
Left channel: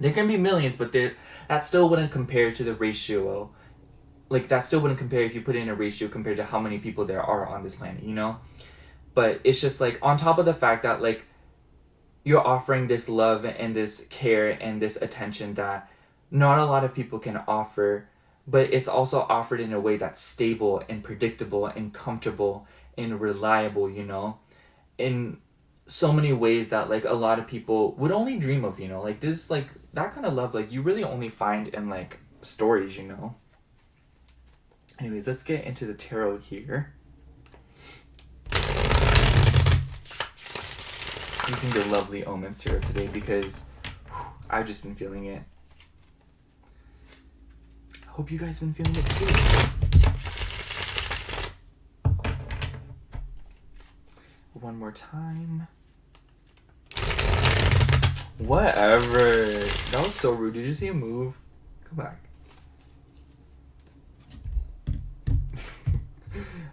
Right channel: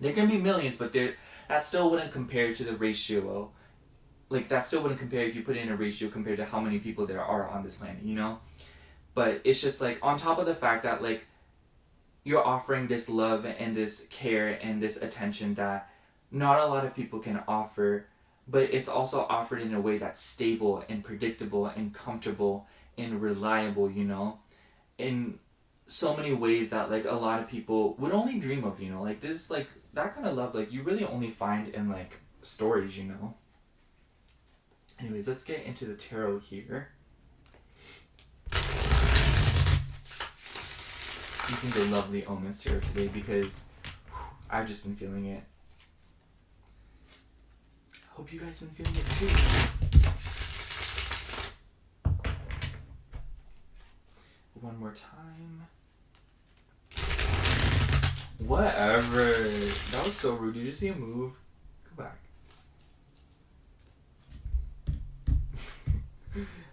There can be millions, but that still wouldn't compare to the ratio. Like, that still wouldn't compare if you put in a ratio compared to how many people there are on this planet, you know? But it's just, like, on top of the fact that, like, you're offering this love and this care and this attention that not a lot of people can offer, but it's also offered in a way that's stable and predictable and comfortable and reliable, you know, in so many ways that, like, a lot of people would only dream of, you know, like, this, like, that kind of love, like, you really only find in, like, stories, you know. Anyways, let's get into the tarot here. Using the lovely Omens tarot today because I've just been feeling it. Hope you guys been feeling it too. One more time. Whatever. That was so rude. Did you see him move? Come back.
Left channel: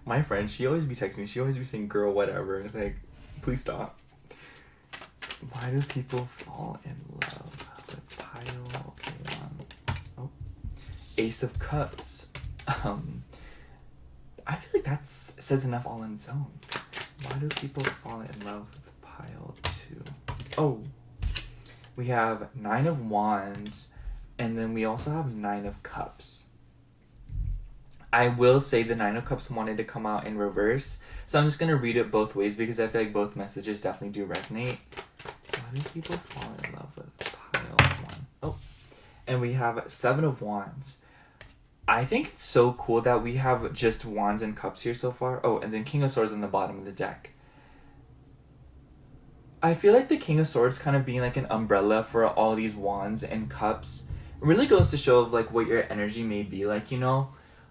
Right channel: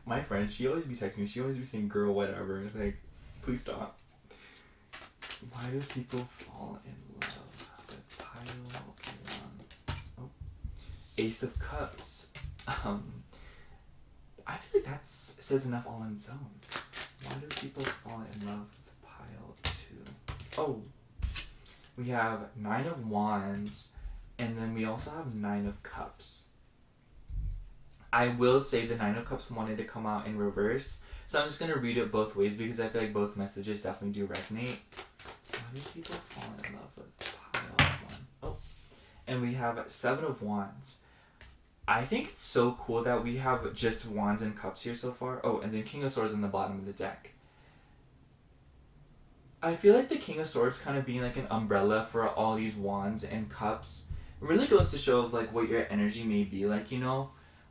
My friend, she always be texting me. She always be saying, girl, whatever. Like, please stop. Why do people fall in love? The pile. Okay, oh. Ace of Cups. I feel like that says enough all on its own. Why do people fall in love with pile 2? Oh. We have 9 of Wands, and then we also have 9 of Cups. I will say the 9 of Cups wanted to come out in reverse, so I'm just going to read it both ways because I feel like both messages definitely do resonate. Why do people fall in love with pile 1? Oh. And we have 7 of Wands. I think it's so cool that we have just Wands and Cups here so far. Oh, and then King of Swords on the bottom of the deck. I feel like the King of Swords kind of being like an umbrella for all these Wands and Cups really goes to show of, like, what your energy may be like, you know?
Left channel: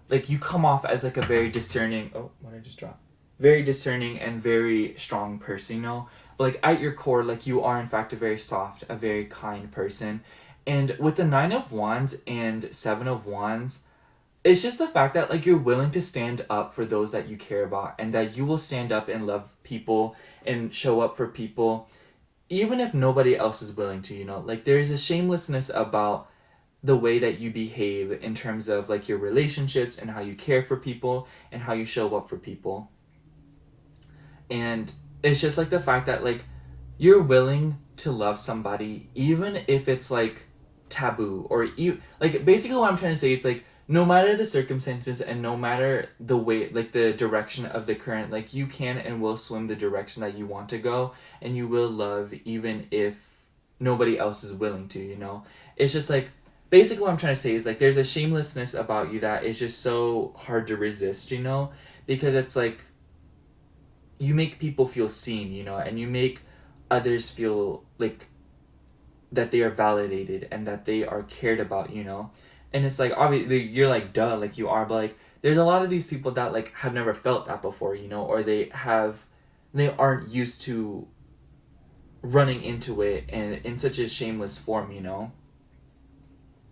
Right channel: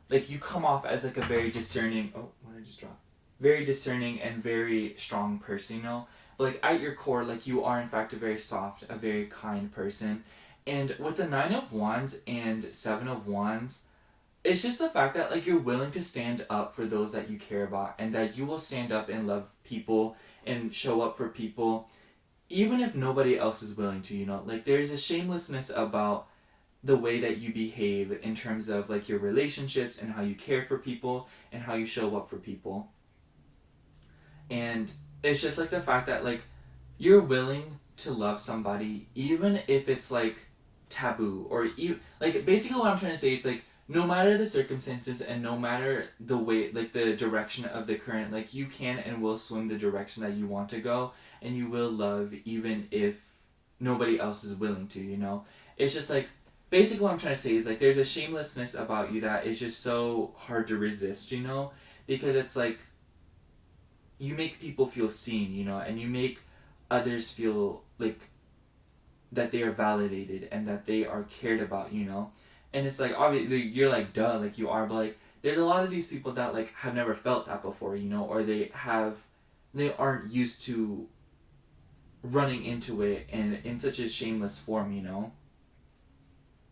Like, you come off as, like, a very discerning... Oh, what did I just drop? Very discerning and very strong person, you know? But, like, at your core, like, you are, in fact, a very soft, a very kind person. And with the 9 of Wands and 7 of Wands, it's just the fact that like you're willing to stand up for those that you care about, and that you will stand up and love people and show up for people even if nobody else is willing to, you know. Like there's a shamelessness about the way that you behave in terms of like your relationships and how you care for people and how you show up for people. And it's just like the fact that like you're willing to love somebody even if it's like taboo, or like basically what I'm trying to say is like no matter the circumstances and no matter the way, like the direction of the current, like you can and will swim the direction that you want to go, and you will love even if nobody else is willing to, you know. It's just like basically what I'm trying to say is like there's a shamelessness about you that is just so hard to resist, you know, because it's like you make people feel seen, you know, and you make others feel like that they are validated and that they are cared about, you know. And it's like obviously you're like duh, like you are, but like there's a lot of these people that like have never felt that before, you know, or they aren't used to running into it and in such a shameless form, you know.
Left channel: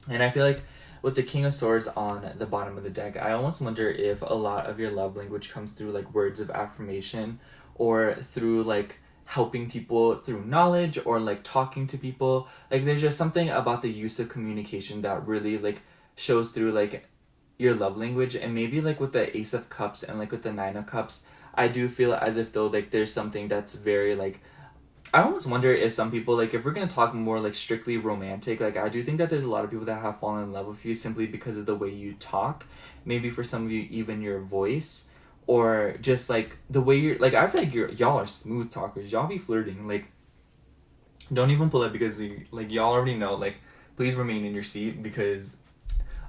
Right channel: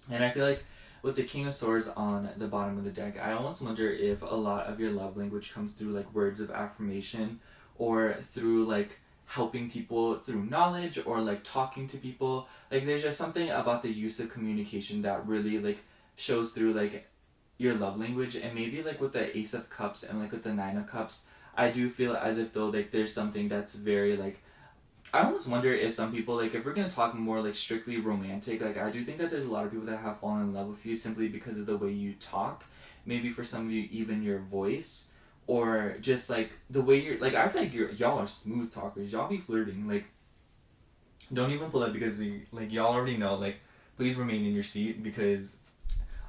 And I feel like with the King of Swords on the bottom of the deck, I almost wonder if a lot of your love language comes through like words of affirmation, or through like helping people through knowledge, or like talking to people. Like there's just something about the use of communication that really like shows through like your love language. And maybe like with the Ace of Cups and like with the Nine of Cups, I do feel as if though like there's something that's very like, I almost wonder if some people, like if we're gonna talk more like strictly romantic, like I do think that there's a lot of people that have fallen in love with you simply because of the way you talk. Maybe for some of you even your voice, or just like the way you're like, I feel like y'all are smooth talkers. Y'all be flirting. Like don't even pull up because like y'all already know, like please remain in your seat, because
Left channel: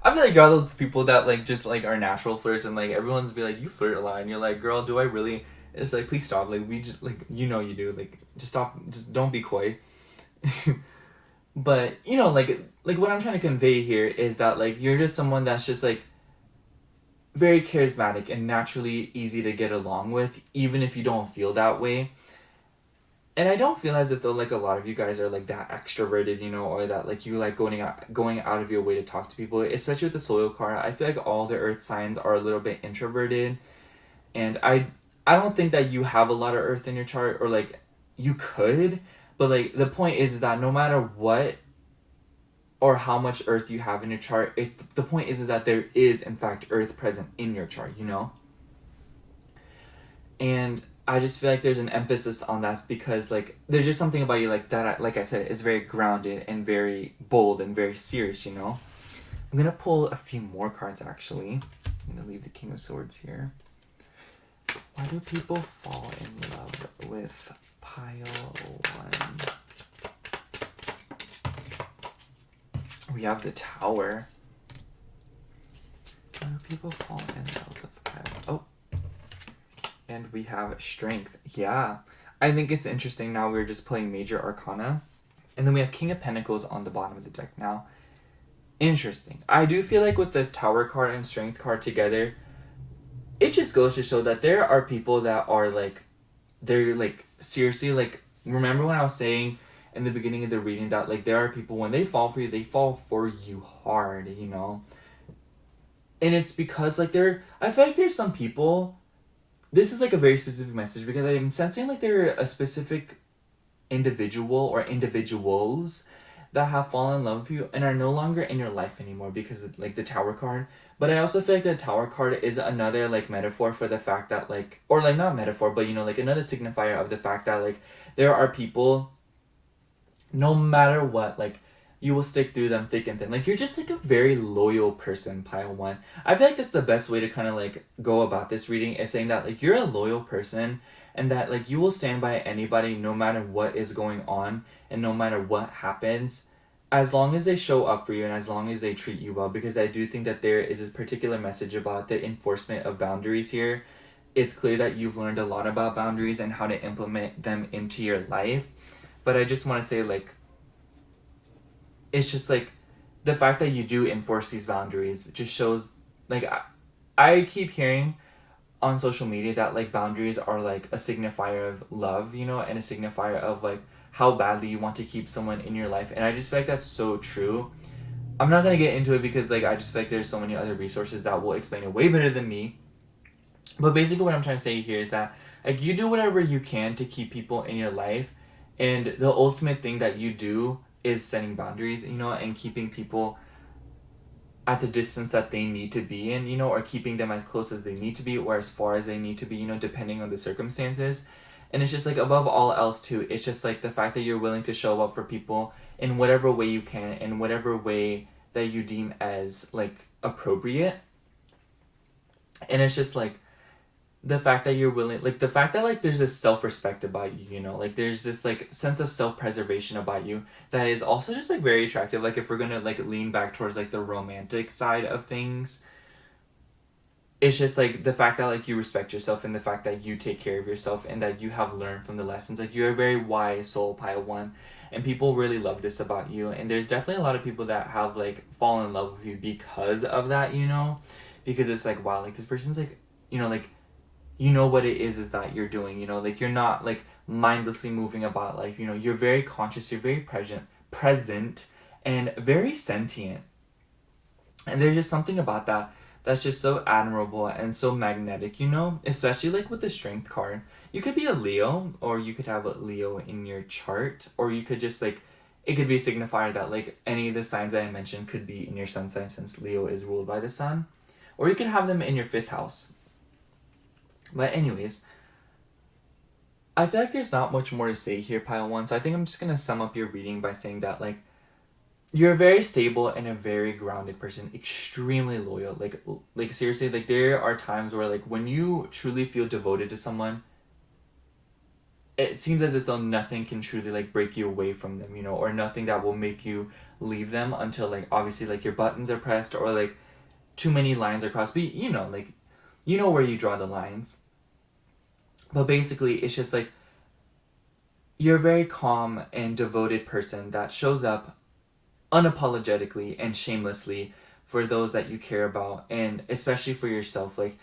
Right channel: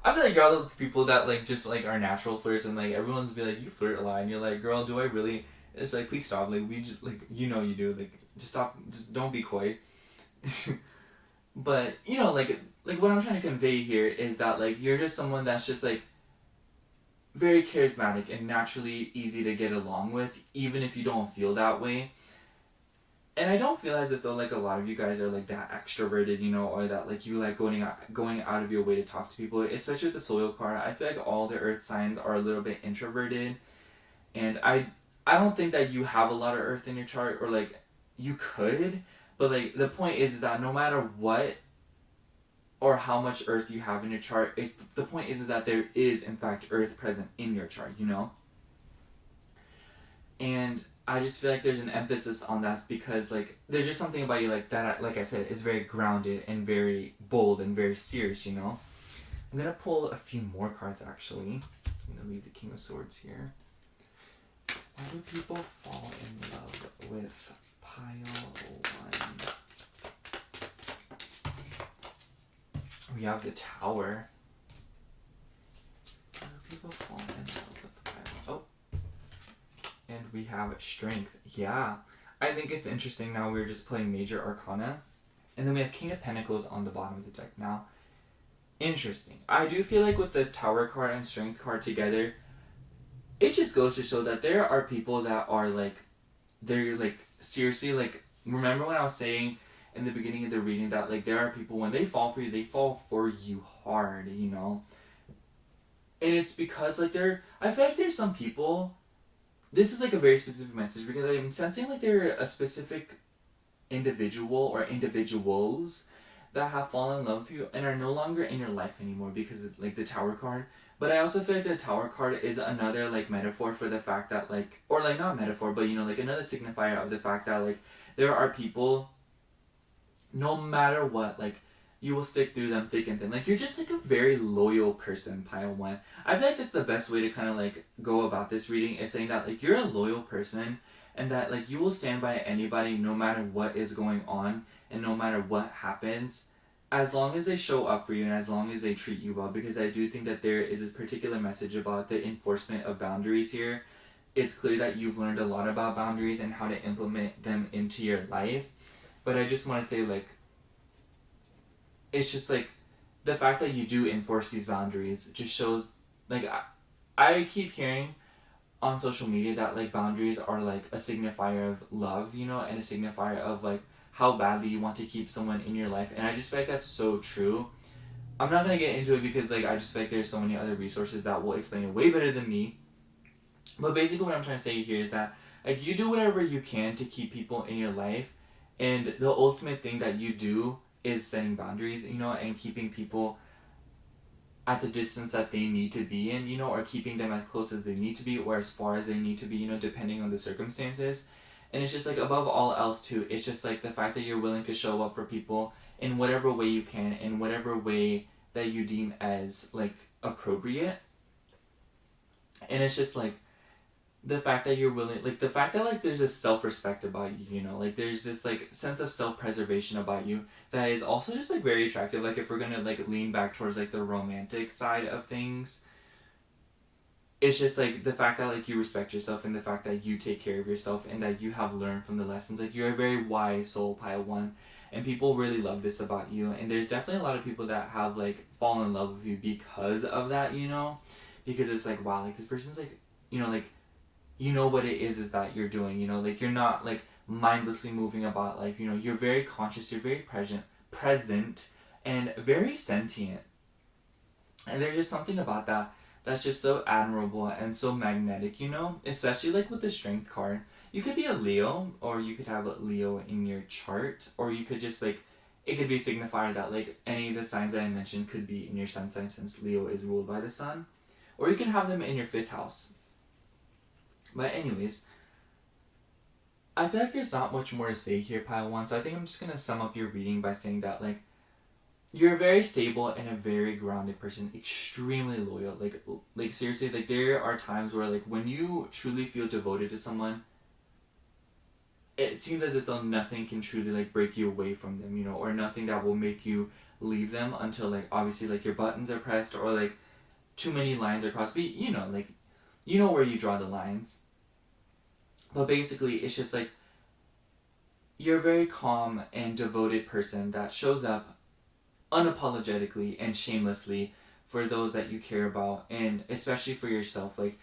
I feel like y'all those people that like just like are natural flirts, and like everyone's be like you flirt a lot and you're like girl do I really, it's like please stop, like we just like you know you do, like just stop, just don't be coy. But you know like what I'm trying to convey here is that like you're just someone that's just like very charismatic and naturally easy to get along with even if you don't feel that way. And I don't feel as if though like a lot of you guys are like that extroverted, you know, or that like you like going out of your way to talk to people, especially with the soil card. I feel like all the earth signs are a little bit introverted, and I don't think that you have a lot of earth in your chart, or like you could, but like the point is that no matter what or how much earth you have in your chart, it's the point is that there is in fact earth present in your chart, you know. And I just feel like there's an emphasis on that because like there's just something about you like that, like I said, is very grounded and very bold and very serious, you know. I'm gonna pull a few more cards actually. I'm gonna leave the King of Swords here. Why do people fall in love with pile 1? We have the Tower. Why do people fall in love with pile? Oh. And we have Strength. Yeah. I think it's interesting now we're just playing Major Arcana. And then we have King of Pentacles on the bottom of the deck now. Interesting. I do feel like with the Tower card and Strength card together, it just goes to show that there are people that are like, they're like seriously like, remember when I was saying in the beginning of the reading that like there are people when they fall for you, they fall for you hard, you know. And it's because like I feel like there's some people, this is like a very specific message because I'm sensing like they're a specific individual or individuals that have fallen in love with you and are no longer in your life anymore because of like the Tower card. But I also feel like the Tower card is another like metaphor for the fact that like, or like not metaphor, but you know, like another signifier of the fact that like there are people, no matter what, like you will stick through them thick and thin. Like you're just like a very loyal person, pile 1. I feel like that's the best way to kind of like go about this reading, is saying that like you're a loyal person and that like you will stand by anybody no matter what is going on and no matter what happens, as long as they show up for you and as long as they treat you well. Because I do think that there is a particular message about the enforcement of boundaries here. It's clear that you've learned a lot about boundaries and how to implement them into your life. But I just want to say like, it's just like the fact that you do enforce these boundaries just shows like I keep hearing on social media that like boundaries are like a signifier of love, you know, and a signifier of like how badly you want to keep someone in your life. And I just feel like that's so true. I'm not gonna get into it because like I just feel like there's so many other resources that will explain it way better than me. But basically what I'm trying to say here is that like you do whatever you can to keep people in your life, and the ultimate thing that you do is setting boundaries, you know, and keeping people at the distance that they need to be in, you know, or keeping them as close as they need to be or as far as they need to be, you know, depending on the circumstances. And it's just like above all else too, it's just like the fact that you're willing to show up for people in whatever way you can, in whatever way that you deem as like appropriate. And it's just like the fact that you're willing, like the fact that like there's this self-respect about you, you know, like there's this like sense of self-preservation about you that is also just like very attractive. Like if we're gonna like lean back towards like the romantic side of things, it's just like the fact that like you respect yourself and the fact that you take care of yourself and that you have learned from the lessons. Like you're a very wise soul, Pile One, and people really love this about you. And there's definitely a lot of people that have like fallen in love with you because of that, you know, because it's like wow, like this person's like, you know, like you know what it is that you're doing, you know, like you're not like mindlessly moving about life, you know, you're very conscious, you're very present and very sentient. And there's just something about that that's just so admirable and so magnetic, you know, especially like with the strength card. You could be a Leo, or you could have a Leo in your chart, or you could just like it could be signified that like any of the signs that I mentioned could be in your sun sign since Leo is ruled by the sun, or you can have them in your fifth house. But anyways, I feel like there's not much more to say here, Pile One. So I think I'm just gonna sum up your reading by saying that like you're a very stable and a very grounded person, extremely loyal. Like seriously, like there are times where like when you truly feel devoted to someone, it seems as if though nothing can truly like break you away from them, you know, or nothing that will make you leave them until like obviously like your buttons are pressed or like too many lines are crossed. But you know, like you know where you draw the lines. But basically, it's just like you're a very calm and devoted person that shows up unapologetically and shamelessly for those that you care about, and especially for yourself. Like,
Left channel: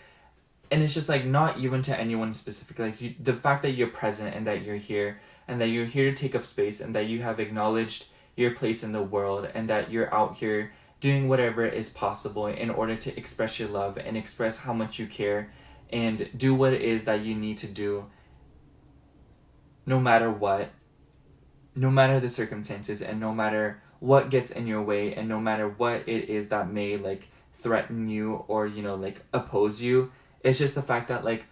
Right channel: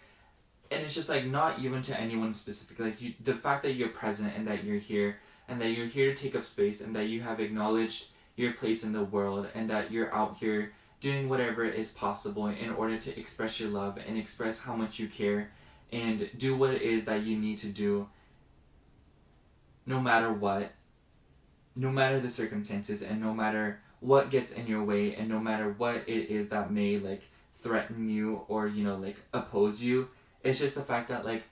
and it's just like not even to anyone specifically. Like the fact that you're present and that you're here and that you're here to take up space and that you have acknowledged your place in the world and that you're out here doing whatever is possible in order to express your love and express how much you care and do what it is that you need to do no matter what, no matter the circumstances and no matter what gets in your way and no matter what it is that may like threaten you or, you know, like oppose you. It's just the fact that like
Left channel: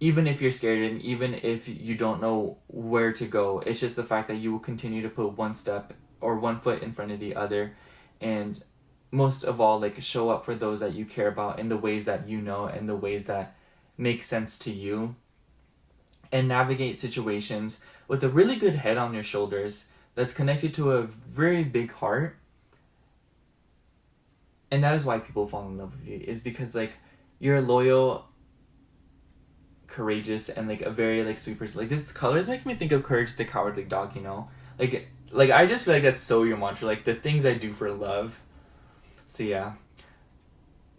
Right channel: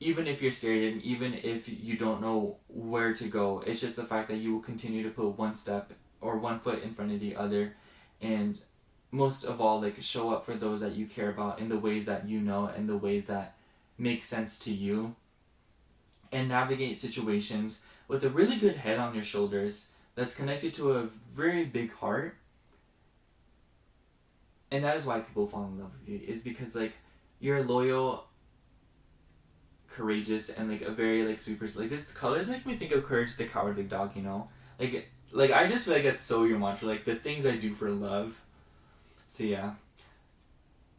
even if you're scared and even if you don't know where to go, it's just the fact that you will continue to put one step or one foot in front of the other, and most of all like show up for those that you care about in the ways that you know and the ways that make sense to you, and navigate situations with a really good head on your shoulders that's connected to a very big heart. And that is why people fall in love with you, is because like you're loyal, courageous, and like a very like sweet person. Like this colors make me think of Courage the Cowardly Dog, you know? Like I just feel like that's so your mantra, like the things I do for love. So yeah.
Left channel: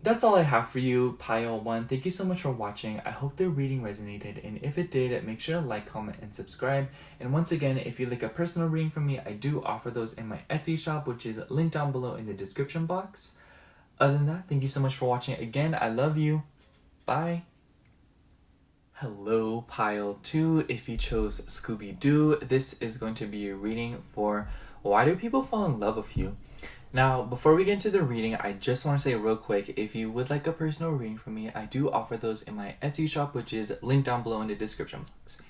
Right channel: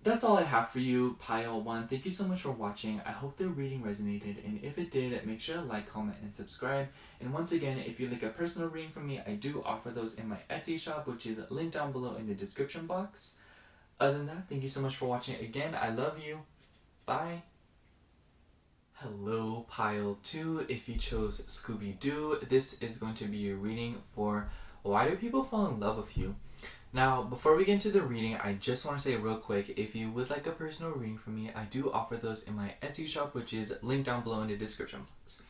That's all I have for you, Pile One. Thank you so much for watching. I hope the reading resonated, and if it did, make sure to like, comment, and subscribe. And once again, if you'd like a personal reading from me, I do offer those in my Etsy shop, which is linked down below in the description box. Other than that, thank you so much for watching. Again, I love you. Bye. Hello, Pile 2. If you chose Scooby-Doo, this is going to be your reading for Why Do People Fall in Love with You? Now, before we get into the reading, I just want to say real quick, if you would like a personal reading from me, I do offer those in my Etsy shop, which is linked down below in the description box.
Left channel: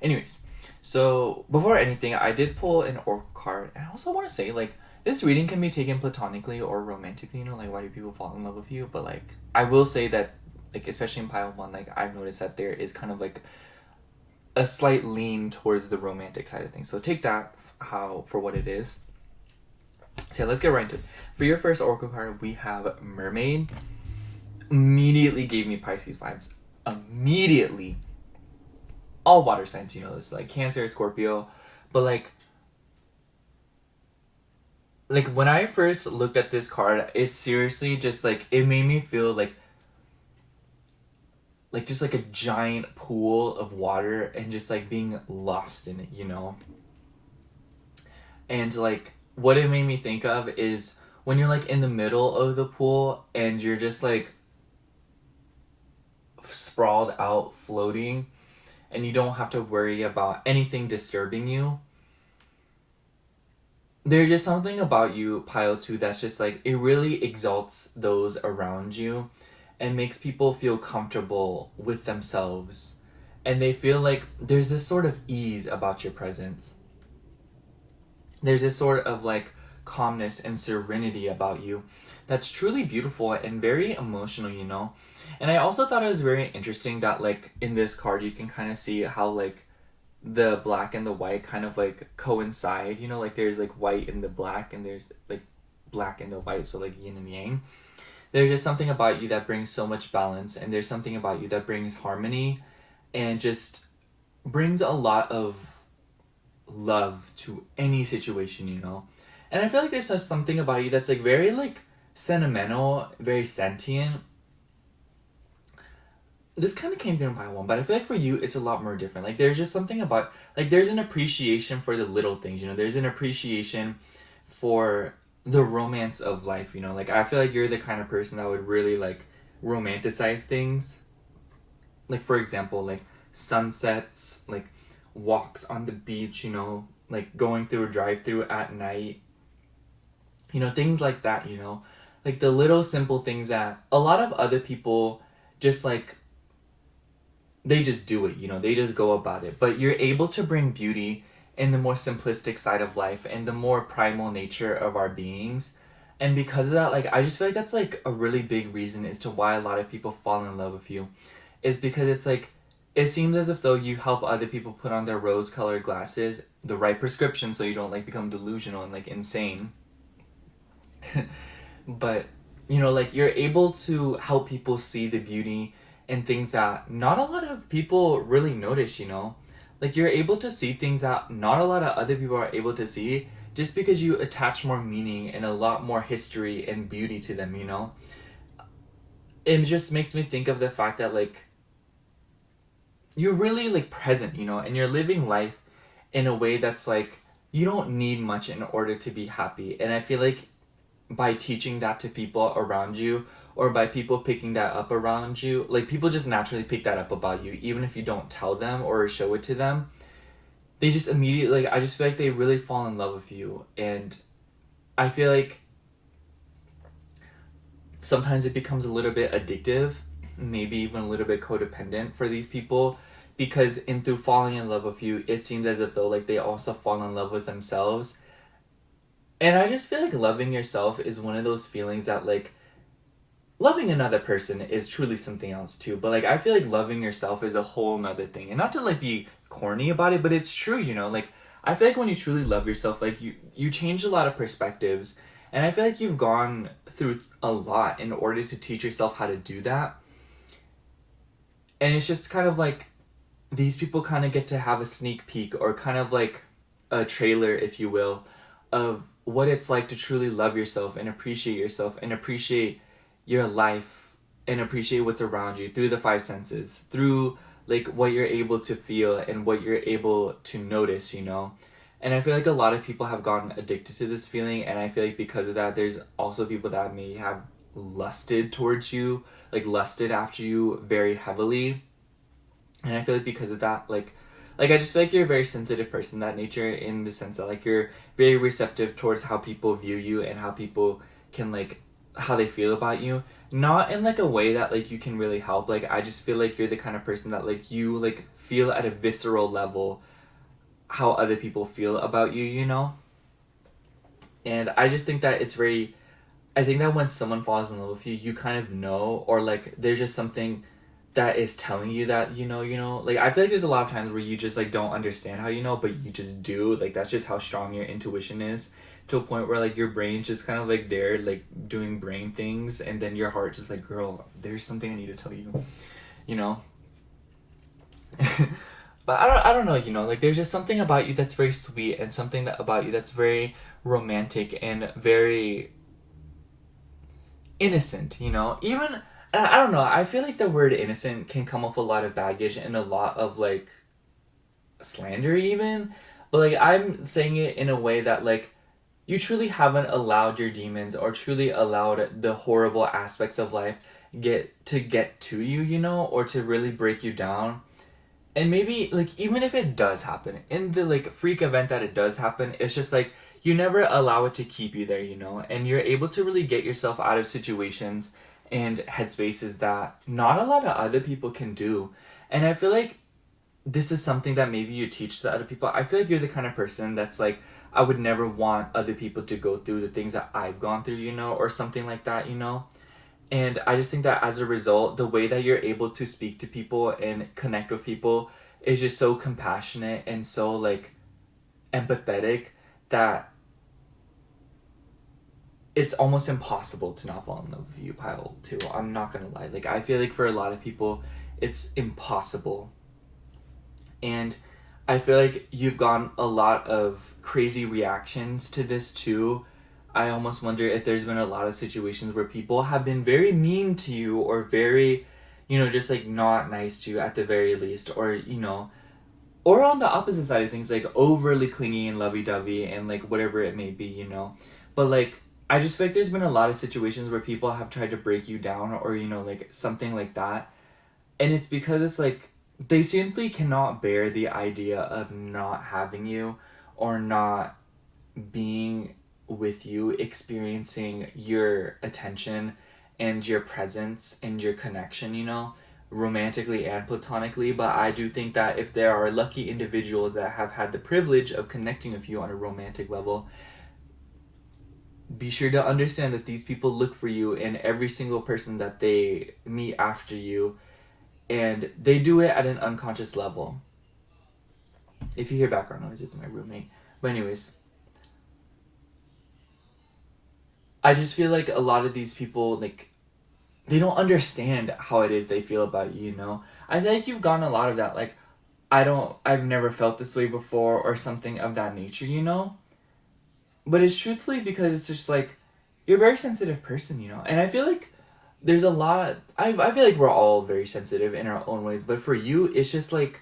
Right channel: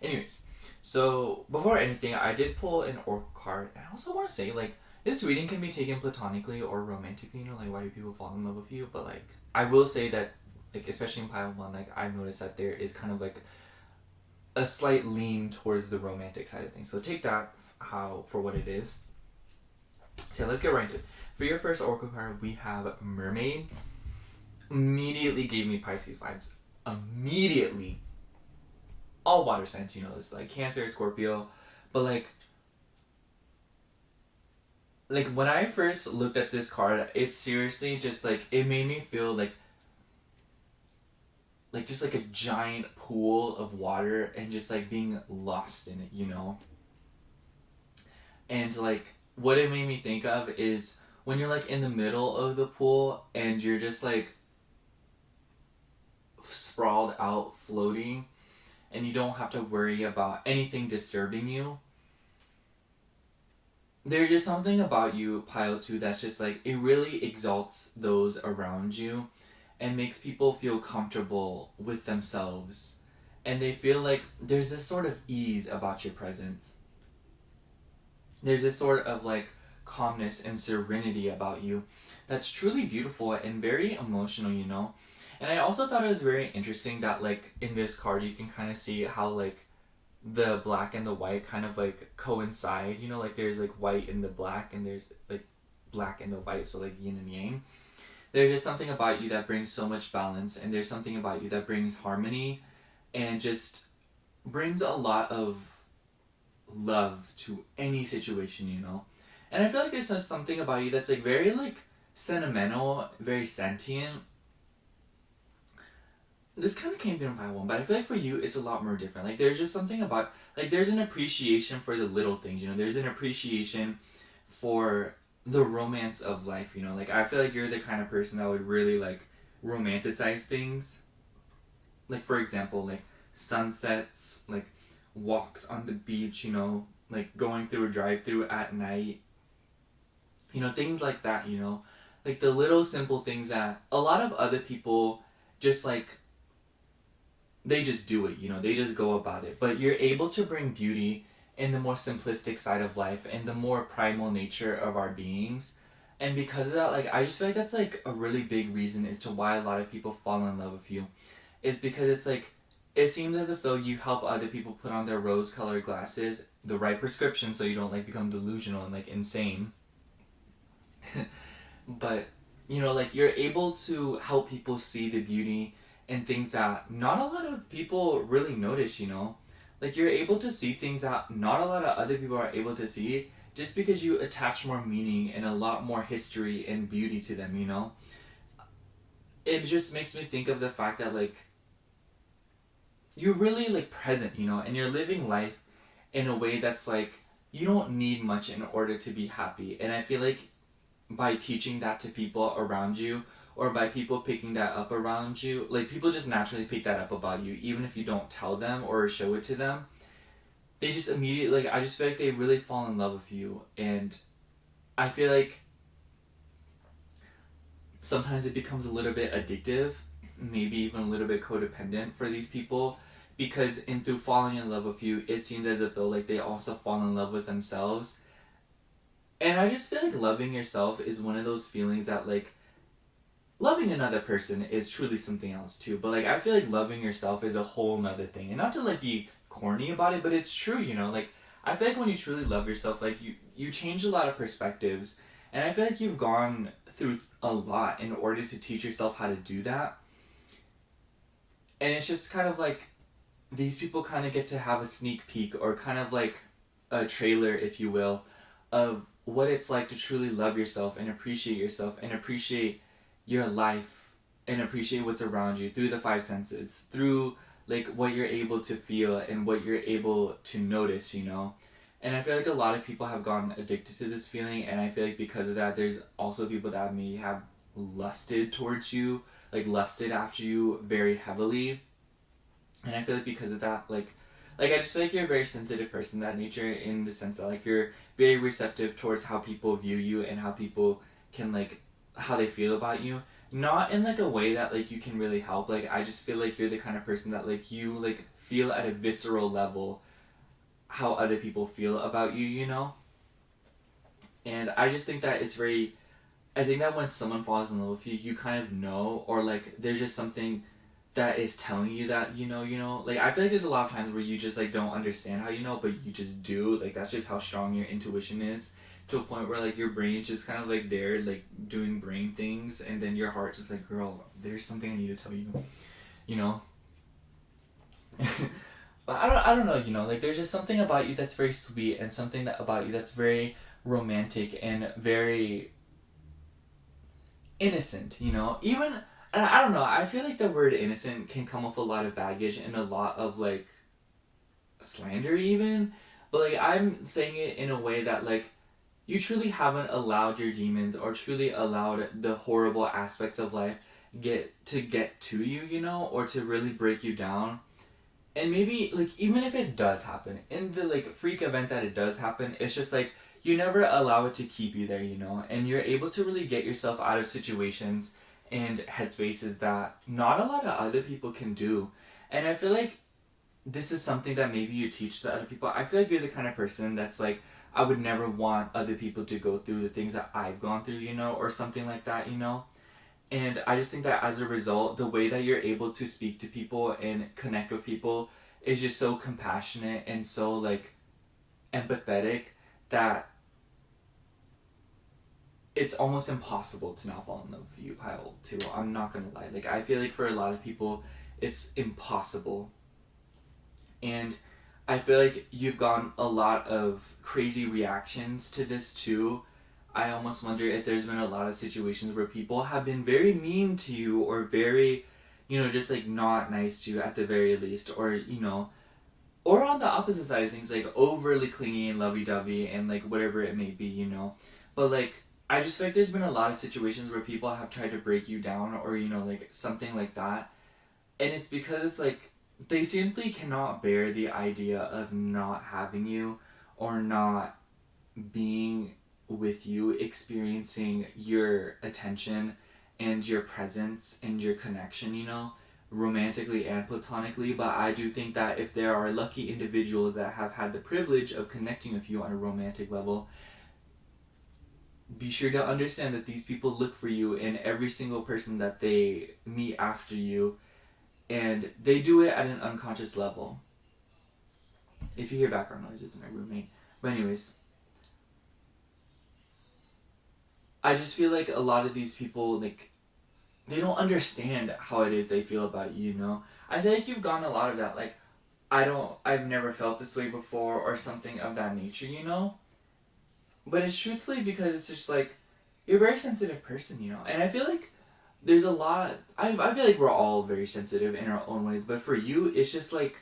Anyways, so before anything, I did pull an oracle card, and I also want to say, like, this reading can be taken platonically or romantically, you know, like, why do people fall in love with you? But, like, I will say that, like, especially in Pile 1, like, I've noticed that there is kind of, like, a slight lean towards the romantic side of things. So take that for what it is. So let's get right into it. For your first oracle card, we have Mermaid. Immediately gave me Pisces vibes. Immediately. All water signs, you know, it's like Cancer, Scorpio. But like when I first looked at this card, it seriously just like, it made me feel like just like a giant pool of water and just like being lost in it, you know? And like, what it made me think of is when you're like in the middle of the pool and you're just like sprawled out floating and you don't have to worry about anything disturbing you. There's just something about you, Pile 2, that's just like, it really exalts those around you and makes people feel comfortable with themselves. And they feel like there's this sort of ease about your presence. There's this sort of like calmness and serenity about you that's truly beautiful and very emotional, you know? And I also thought it was very interesting that like in this card you can kind of see how like the black and the white kind of like coincide, you know, like there's like white in the black and there's like black in the white, so like yin and yang. There's just something about you that brings so much balance, and there's something about you that brings harmony and just brings a lot of love to any situation, you know. And I feel like there's just something about you that's like very like sentimental, very sentient. This kind of came through in Pile 1, but I feel like for you it's a lot more different. Like there's just something about, like there's an appreciation for the little things, you know. There's an appreciation for the romance of life, you know. Like I feel like you're the kind of person that would really like romanticize things. Like for example, like sunsets, like walks on the beach, you know, like going through a drive-through at night. You know, things like that, you know. Like the little simple things that a lot of other people just like, they just do it, you know, they just go about it. But you're able to bring beauty in the more simplistic side of life and the more primal nature of our beings. And because of that, like, I just feel like that's like a really big reason as to why a lot of people fall in love with you. Is because it's like, it seems as if though you help other people put on their rose-colored glasses, the right prescription, so you don't like become delusional and like insane. But, you know, like you're able to help people see the beauty and things that not a lot of people really notice, you know? Like you're able to see things that not a lot of other people are able to see just because you attach more meaning and a lot more history and beauty to them, you know? It just makes me think of the fact that like you're really like present, you know, and you're living life in a way that's like you don't need much in order to be happy. And I feel like by teaching that to people around you, or by people picking that up around you, like people just naturally pick that up about you, even if you don't tell them or show it to them. They just immediately, like, I just feel like they really fall in love with you. And I feel like sometimes it becomes a little bit addictive, maybe even a little bit codependent for these people, because in through falling in love with you, it seems as if though like they also fall in love with themselves. And I just feel like loving yourself is one of those feelings that like loving another person is truly something else too, but like I feel like loving yourself is a whole nother thing. And not to like be corny about it, but it's true, you know. Like I feel like when you truly love yourself, like you change a lot of perspectives, and I feel like you've gone through a lot in order to teach yourself how to do that. And it's just kind of like these people kind of get to have a sneak peek, or kind of like a trailer, if you will, of what it's like to truly love yourself and appreciate your life and appreciate what's around you through the five senses, through like what you're able to feel and what you're able to notice, you know. And I feel like a lot of people have gotten addicted to this feeling, and I feel like because of that there's also people that may have lusted towards you, like lusted after you very heavily. And I feel like because of that, like I just feel like you're a very sensitive person, that nature, in the sense that like you're very receptive towards how people view you and how people can like how they feel about you, not in like a way that like you can really help. Like I just feel like you're the kind of person that like you like feel at a visceral level how other people feel about you, you know. And I just think that it's very, I think that when someone falls in love with you, you kind of know, or like there's just something that is telling you that you know. Like I feel like there's a lot of times where you just like don't understand how you know, but you just do. Like that's just how strong your intuition is, to a point where like your brain's just kind of like there like doing brain things, and then your heart just like, girl, there's something I need to tell you, you know. But I don't know, you know, like there's just something about you that's very sweet, and something that about you that's very romantic and very innocent, you know. Even I don't know, I feel like the word innocent can come with a lot of baggage and a lot of like slander even, but like I'm saying it in a way that like you truly haven't allowed your demons or truly allowed the horrible aspects of life get to you, you know, or to really break you down. And maybe like even if it does happen, in the like freak event that it does happen, it's just like you never allow it to keep you there, you know, and you're able to really get yourself out of situations and headspaces that not a lot of other people can do. And I feel like this is something that maybe you teach to other people. I feel like you're the kind of person that's like, I would never want other people to go through the things that I've gone through, you know, or something like that, you know. And I just think that as a result, the way that you're able to speak to people and connect with people is just so compassionate and so like empathetic that it's almost impossible to not fall in love with you, Pile, too. I'm not gonna lie. Like, I feel like for a lot of people, it's impossible. And I feel like you've gotten a lot of crazy reactions to this, too. I almost wonder if there's been a lot of situations where people have been very mean to you or very, you know, just like not nice to you at the very least, or, you know, or on the opposite side of things, like overly clingy and lovey-dovey and like whatever it may be, you know. But like, I just feel like there's been a lot of situations where people have tried to break you down or, you know, like something like that. And it's because it's like they simply cannot bear the idea of not having you or not being with you, experiencing your attention and your presence and your connection, you know, romantically and platonically. But I do think that if there are lucky individuals that have had the privilege of connecting with you on a romantic level, be sure to understand that these people look for you in every single person that they meet after you, and they do it at an unconscious level. If you hear background noise, it's my roommate. But anyways, I just feel like a lot of these people, like, they don't understand how it is they feel about you, you know? I feel like you've gotten a lot of that, like, I've never felt this way before, or something of that nature, you know? But it's truthfully because it's just like, you're a very sensitive person, you know? And I feel like there's a lot, I feel like we're all very sensitive in our own ways, but for you, it's just like,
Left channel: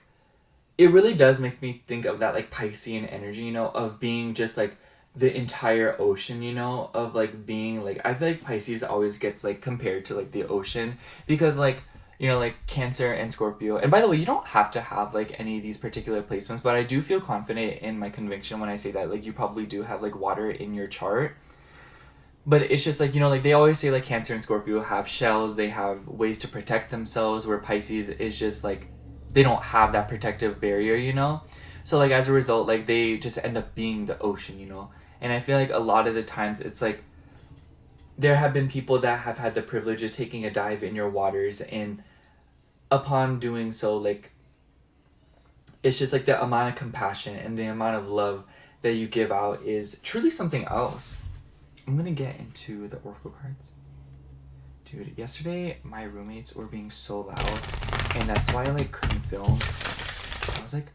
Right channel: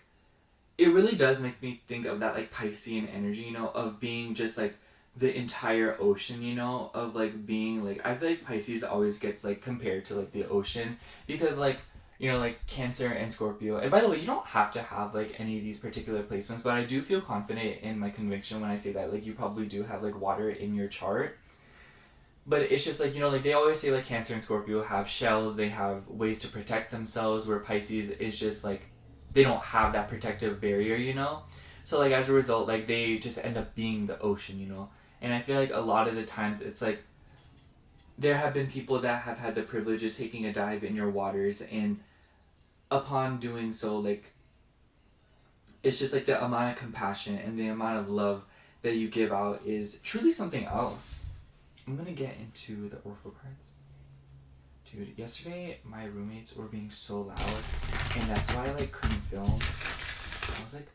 it really does make me think of that, like, Piscean energy, you know, of being just, like, the entire ocean, you know, of, like, being, like, I feel like Pisces always gets, like, compared to, like, the ocean, because, like, you know, like, Cancer and Scorpio, and by the way, you don't have to have, like, any of these particular placements, but I do feel confident in my conviction when I say that, like, you probably do have, like, water in your chart, but it's just, like, you know, like, they always say, like, Cancer and Scorpio have shells, they have ways to protect themselves, where Pisces is just, like, they don't have that protective barrier, you know? So, like, as a result, like, they just end up being the ocean, you know? And I feel like a lot of the times it's like there have been people that have had the privilege of taking a dive in your waters, and upon doing so, like, it's just like the amount of compassion and the amount of love that you give out is truly something else. I'm gonna get into the Oracle cards. Dude, yesterday my roommates were being so loud, and that's why I, like, couldn't film. I was, like,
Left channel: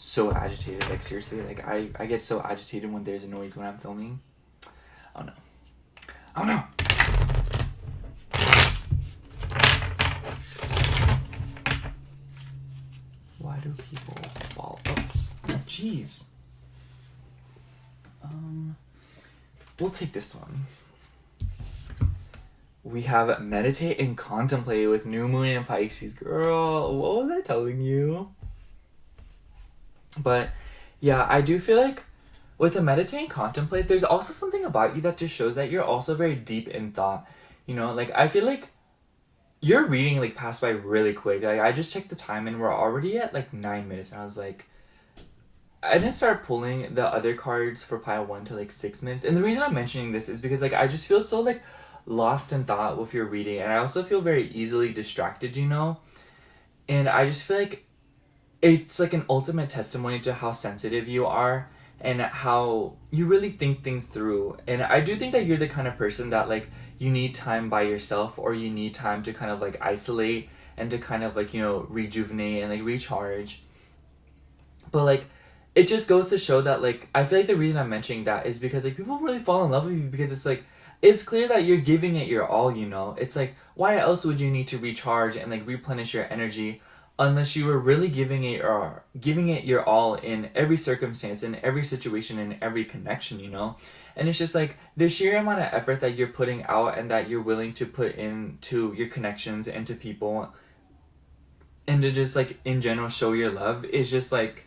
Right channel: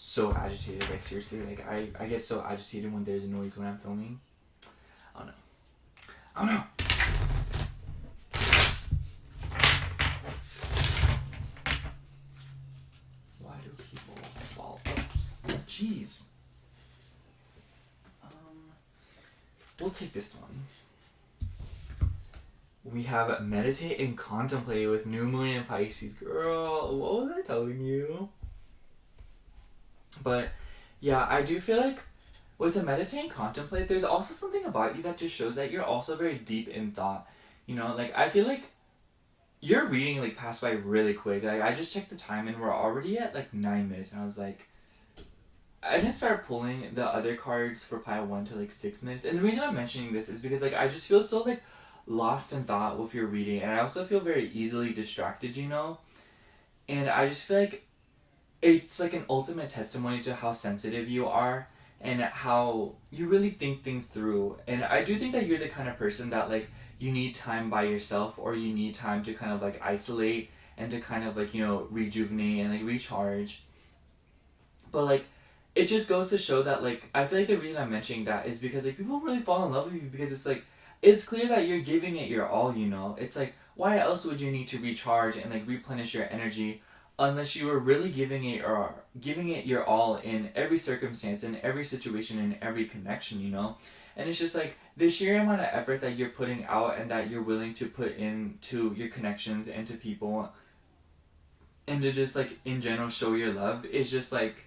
so agitated, like, seriously, like, I get so agitated when there's a noise when I'm filming. Oh no. Oh no! Why do people fall? Oh, jeez. We'll take this one. We have Meditate and Contemplate with New Moon and Pisces. Girl, what was I telling you? But yeah, I do feel like with the Meditate and Contemplate, there's also something about you that just shows that you're also very deep in thought. You know, like, I feel like your reading, like, passed by really quick. Like, I just checked the time and we're already at, like, 9 minutes, and I was like, I didn't start pulling the other cards for pile 1 to, like, 6 minutes. And the reason I'm mentioning this is because, like, I just feel so, like, lost in thought with your reading, and I also feel very easily distracted, you know? And I just feel like it's, like, an ultimate testimony to how sensitive you are and how you really think things through. And I do think that you're the kind of person that, like, you need time by yourself, or you need time to kind of, like, isolate and to kind of, like, you know, rejuvenate and, like, recharge. But, like, it just goes to show that, like, I feel like the reason I'm mentioning that is because, like, people really fall in love with you because it's, like, it's clear that you're giving it your all, you know? It's, like, why else would you need to recharge and, like, replenish your energy unless you were really giving it your all in every circumstance, in every situation, in every connection, you know? And it's just like the sheer amount of effort that you're putting out and that you're willing to put into your connections and to people and to just like in general show your love is just like,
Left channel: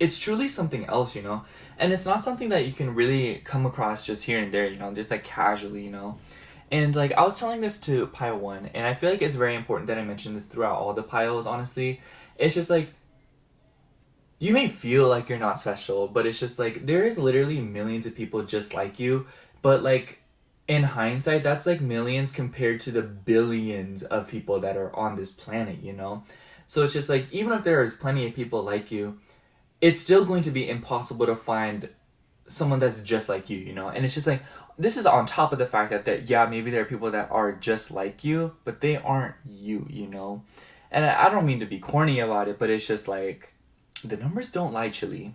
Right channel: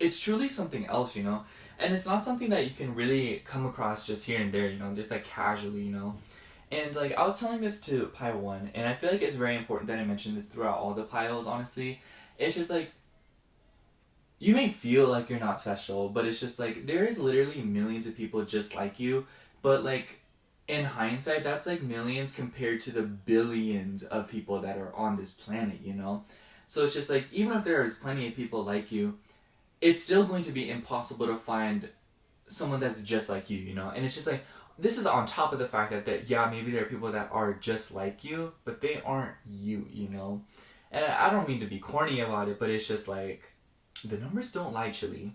it's truly something else, you know? And it's not something that you can really come across just here and there, you know, just like casually, you know? And like I was telling this to pile 1, and I feel like it's very important that I mention this throughout all the piles, honestly. It's just like, you may feel like you're not special, but it's just like there is literally millions of people just like you, but like in hindsight that's like millions compared to the billions of people that are on this planet, you know? So it's just like even if there is plenty of people like you, it's still going to be impossible to find someone that's just like you know? And it's just like, this is on top of the fact that yeah, maybe there are people that are just like you, but they aren't you, you know? And I don't mean to be corny about it, but it's just like, the numbers don't lie, Chili.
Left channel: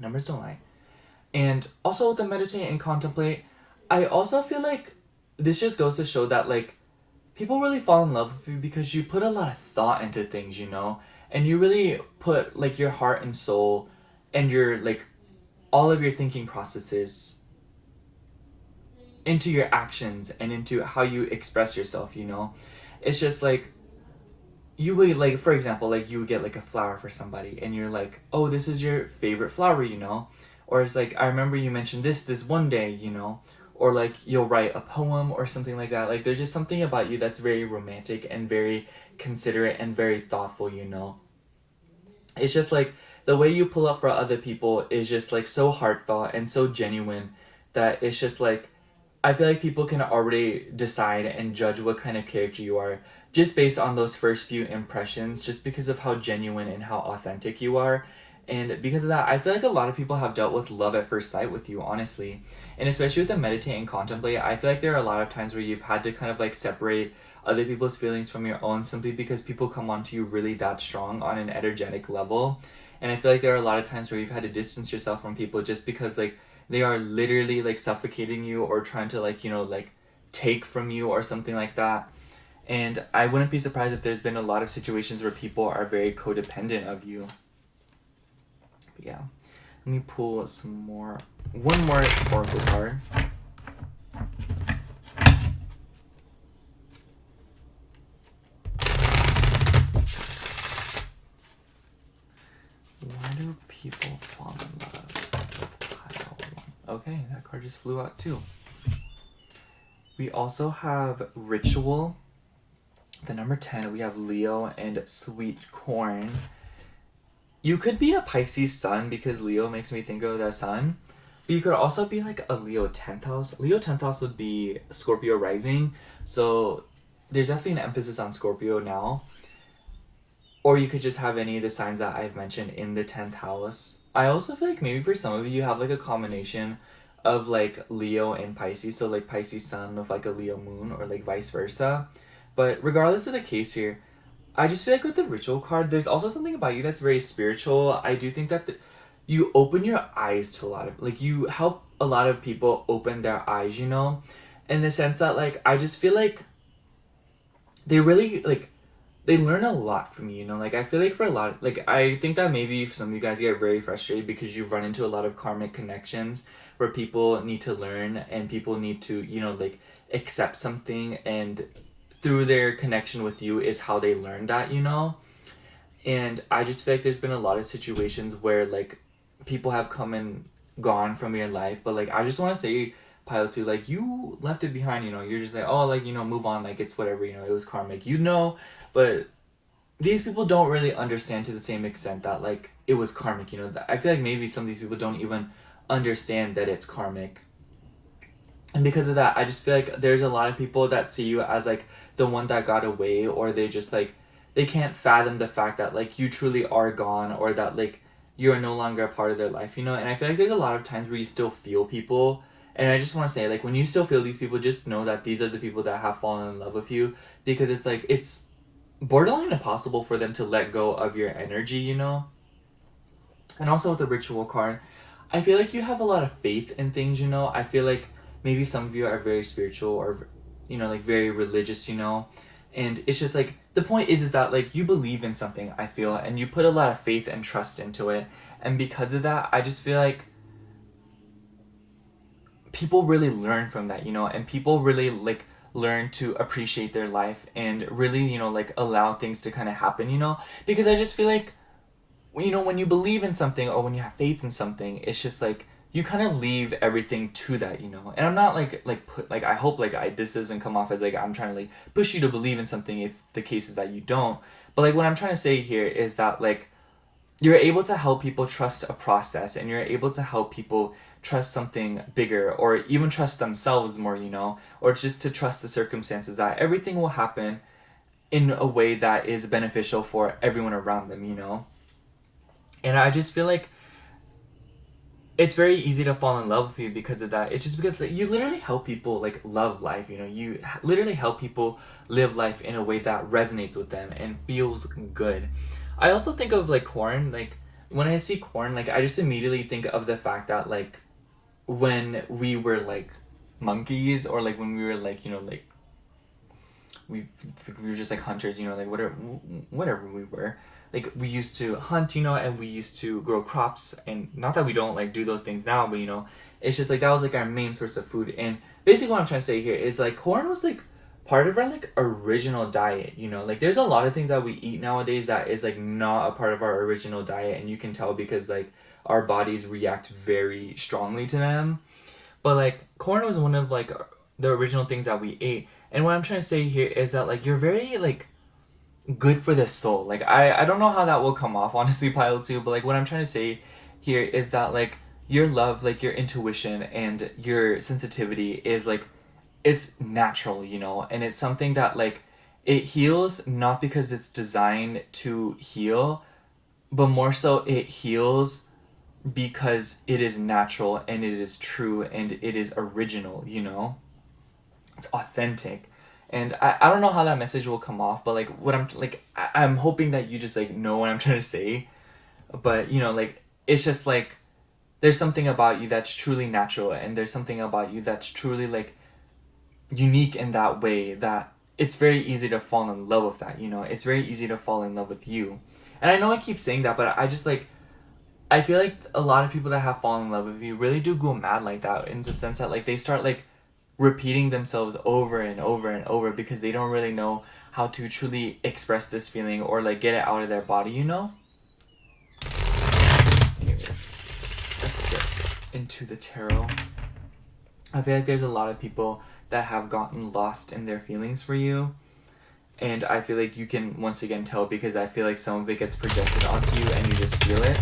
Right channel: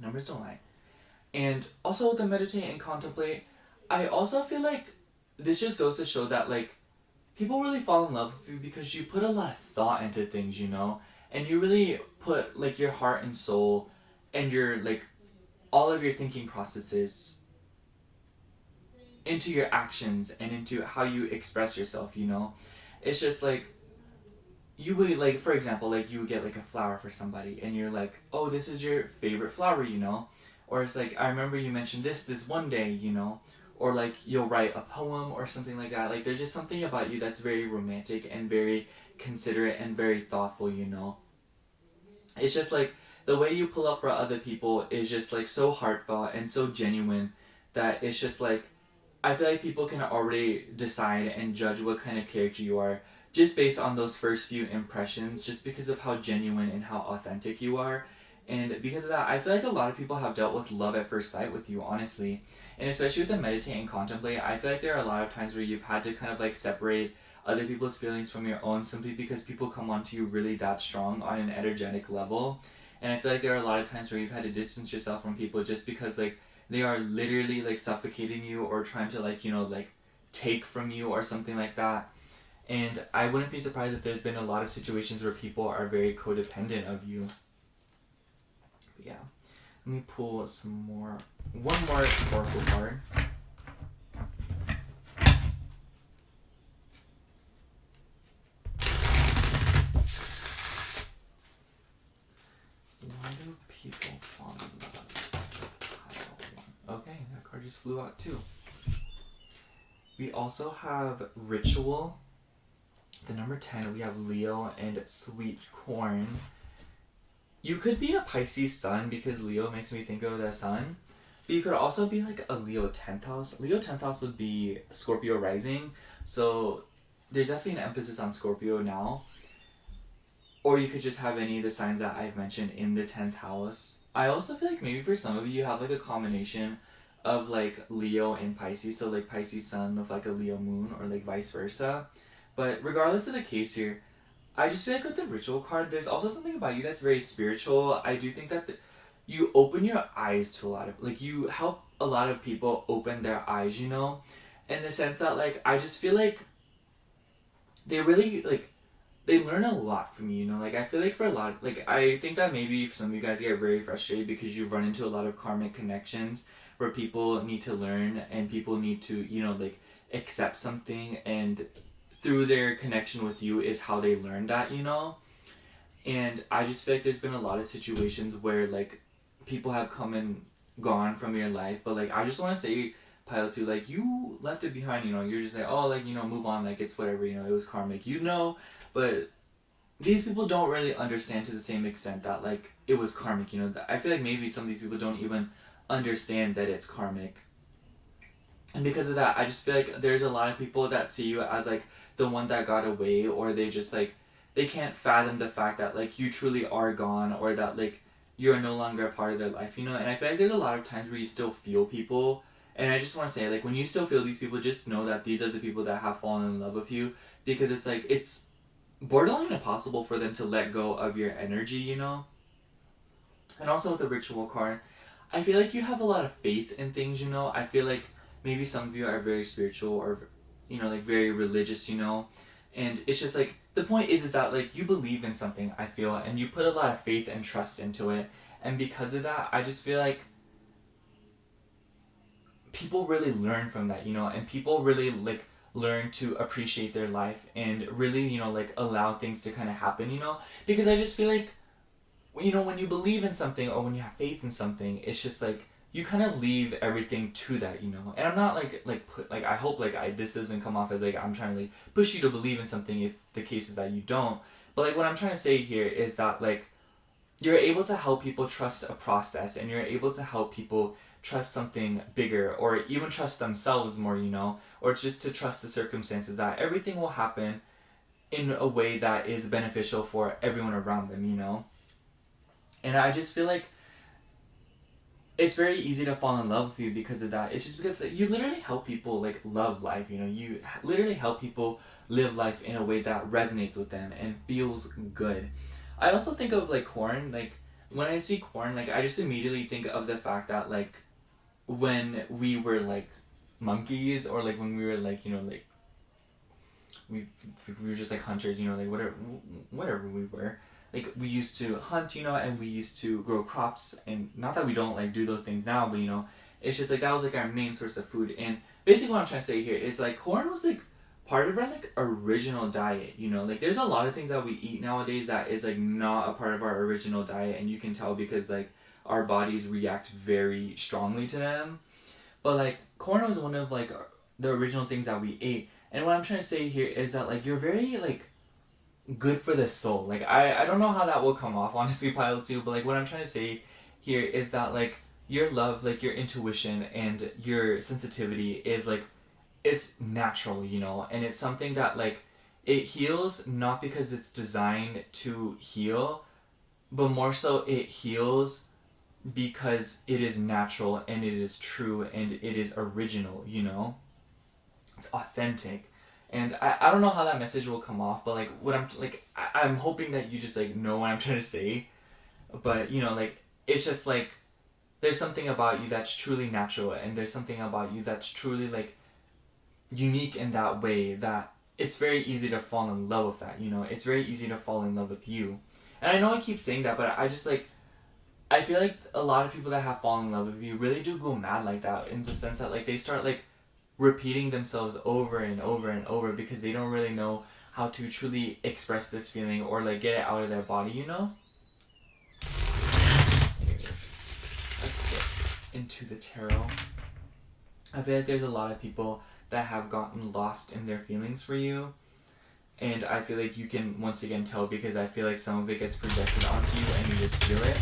Numbers don't lie. And also with the meditate and contemplate, I also feel like this just goes to show that like, people really fall in love with you because you put a lot of thought into things, you know? And you really put like your heart and soul and your like all of your thinking processes into your actions and into how you express yourself, you know? It's just like, you would like, for example, like you would get like a flower for somebody and you're like, oh, this is your favorite flower, you know? Or it's like, I remember you mentioned this one day, you know? Or like you'll write a poem or something like that. Like there's just something about you that's very romantic and very considerate and very thoughtful, you know? It's just like the way you pull up for other people is just like so heartfelt and so genuine that it's just like, I feel like people can already decide and judge what kind of character you are just based on those first few impressions, just because of how genuine and how authentic you are. And because of that, I feel like a lot of people have dealt with love at first sight with you, honestly. And especially with the meditate and contemplate, I feel like there are a lot of times where you've had to kind of like separate other people's feelings from your own simply because people come onto you really that strong on an energetic level. And I feel like there are a lot of times where you've had to distance yourself from people just because like they are literally like suffocating you or trying to like, you know, like take from you or something like that. And I wouldn't be surprised if there's been a lot of situations where people are very codependent of you. But yeah, let me pull one more oracle card. Why do people fall in love with pile 1? Okay, that card just flew out too. We also have Ritual. The number 10, we have Leo and Sweet Corn. You could be a Pisces sun because Leo makes me think of the sun. But you could also be like a Leo 10th house. Leo 10th house would be Scorpio rising. So there's definitely an emphasis on Scorpio now. Or you could just have any of the signs that I've mentioned in the 10th house. I also feel like maybe for some of you have like a combination of like Leo and Pisces. So like Pisces sun with like a Leo moon or like vice versa. But regardless of the case here, I just feel like with the Ritual card, there's also something about you that's very spiritual. I do think that you open your eyes to a lot of, like, you help a lot of people open their eyes, you know? In the sense that, like, I just feel like they really, like, they learn a lot from you, you know? Like, I feel like for a lot, like, I think that maybe some of you guys get very frustrated because you've run into a lot of karmic connections where people need to learn and people need to, you know, like, accept something, and through their connection with you is how they learn that, you know? And I just feel like there's been a lot of situations where, like, people have come and gone from your life, but, like, I just want to say, Pile 2, like, you left it behind, you know? You're just like, oh, like, you know, move on, like, it's whatever, you know, it was karmic, you know? But these people don't really understand to the same extent that, like, it was karmic, you know? I feel like maybe some of these people don't even understand that it's karmic. And because of that, I just feel like there's a lot of people that see you as, like, the one that got away, or they just, like, they can't fathom the fact that, like, you truly are gone, or that, like, you're no longer a part of their life, you know? And I feel like there's a lot of times where you still feel people, and I just want to say, like, when you still feel these people, just know that these are the people that have fallen in love with you, because it's, like, it's borderline impossible for them to let go of your energy, you know? And also with the Ritual card, I feel like you have a lot of faith in things, you know? I feel like maybe some of you are very spiritual or, you know, like, very religious, you know? And it's just, like, the point is that like you believe in something, I feel, and you put a lot of faith and trust into it, and because of that, I just feel like people really learn from that, you know, and people really like learn to appreciate their life and really, you know, like allow things to kind of happen, you know, because I just feel like, you know, when you believe in something or when you have faith in something, it's just like you kind of leave everything to that, you know. And I'm not I hope like this doesn't come off as like I'm trying to like push you to believe in something if the case is that you don't. But like what I'm trying to say here is that like you're able to help people trust a process, and you're able to help people trust something bigger, or even trust themselves more, you know, or just to trust the circumstances that everything will happen in a way that is beneficial for everyone around them, you know. And I just feel like it's very easy to fall in love with you because of that. It's just because like, you literally help people like love life, you know. You literally help people live life in a way that resonates with them and feels good. I also think of like corn, like when I see corn, like I just immediately think of the fact that like when we were like monkeys, or like when we were like, you know, like we were just like hunters, you know, like whatever we were, like we used to hunt, you know, and we used to grow crops, and not that we don't like do those things now, but you know, it's just like that was like our main source of food. And basically what I'm trying to say here is like corn was like part of our like original diet, you know. Like there's a lot of things that we eat nowadays that is like not a part of our original diet, and you can tell because like our bodies react very strongly to them. But like corn was one of like the original things that we ate. And what I'm trying to say here is that like you're very like good for the soul. Like I don't know how that will come off honestly, Pile 2, but like what I'm trying to say here is that like your love, like your intuition and your sensitivity is like it's natural, you know, and it's something that like it heals not because it's designed to heal, but more so it heals because it is natural and it is true and it is original, you know? It's authentic. And I don't know how that message will come off, but like what I'm like I'm hoping that you just like know what I'm trying to say. But you know, like it's just like there's something about you that's truly natural, and there's something about you that's truly like unique in that way that it's very easy to fall in love with that, you know? It's very easy to fall in love with you. And I know I keep saying that, but I just like I feel like a lot of people that have fallen in love with you really do go mad like that, in the sense that like they start like repeating themselves over and over and over because they don't really know how to truly express this feeling or like get it out of their body, you know? Anyways, let's get into the tarot. I feel like there's a lot of people that have gotten lost in their feelings for you. And I feel like you can once again tell because I feel like some of it gets projected onto you and you just feel it.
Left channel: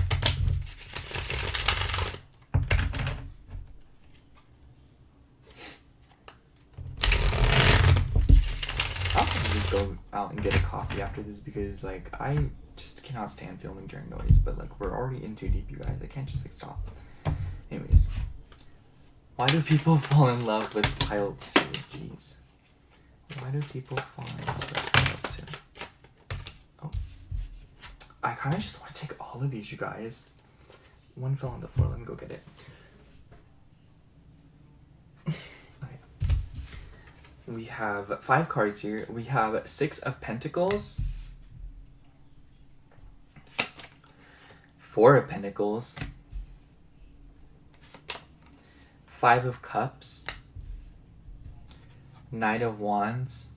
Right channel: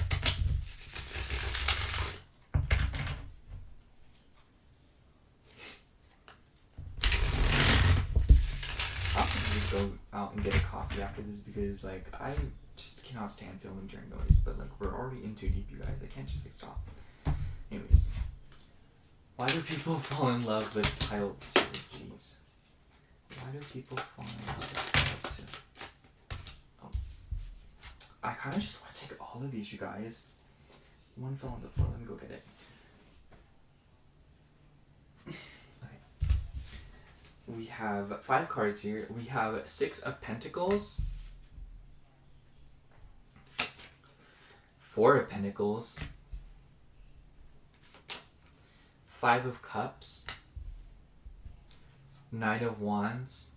I'll probably go out and get a coffee after this because like I just cannot stand filming during noise, but like we're already in too deep, you guys. I can't just like stop. Anyways, why do people fall in love with Pile 2? Jeez. Why do people fall in love with Pile 2? Oh. I kind of just want to take all of these, you guys. One fell on the floor. Let me go get it. Okay. We have 5 cards here. We have 6 of Pentacles, 4 of Pentacles, 5 of Cups, Knight of Wands,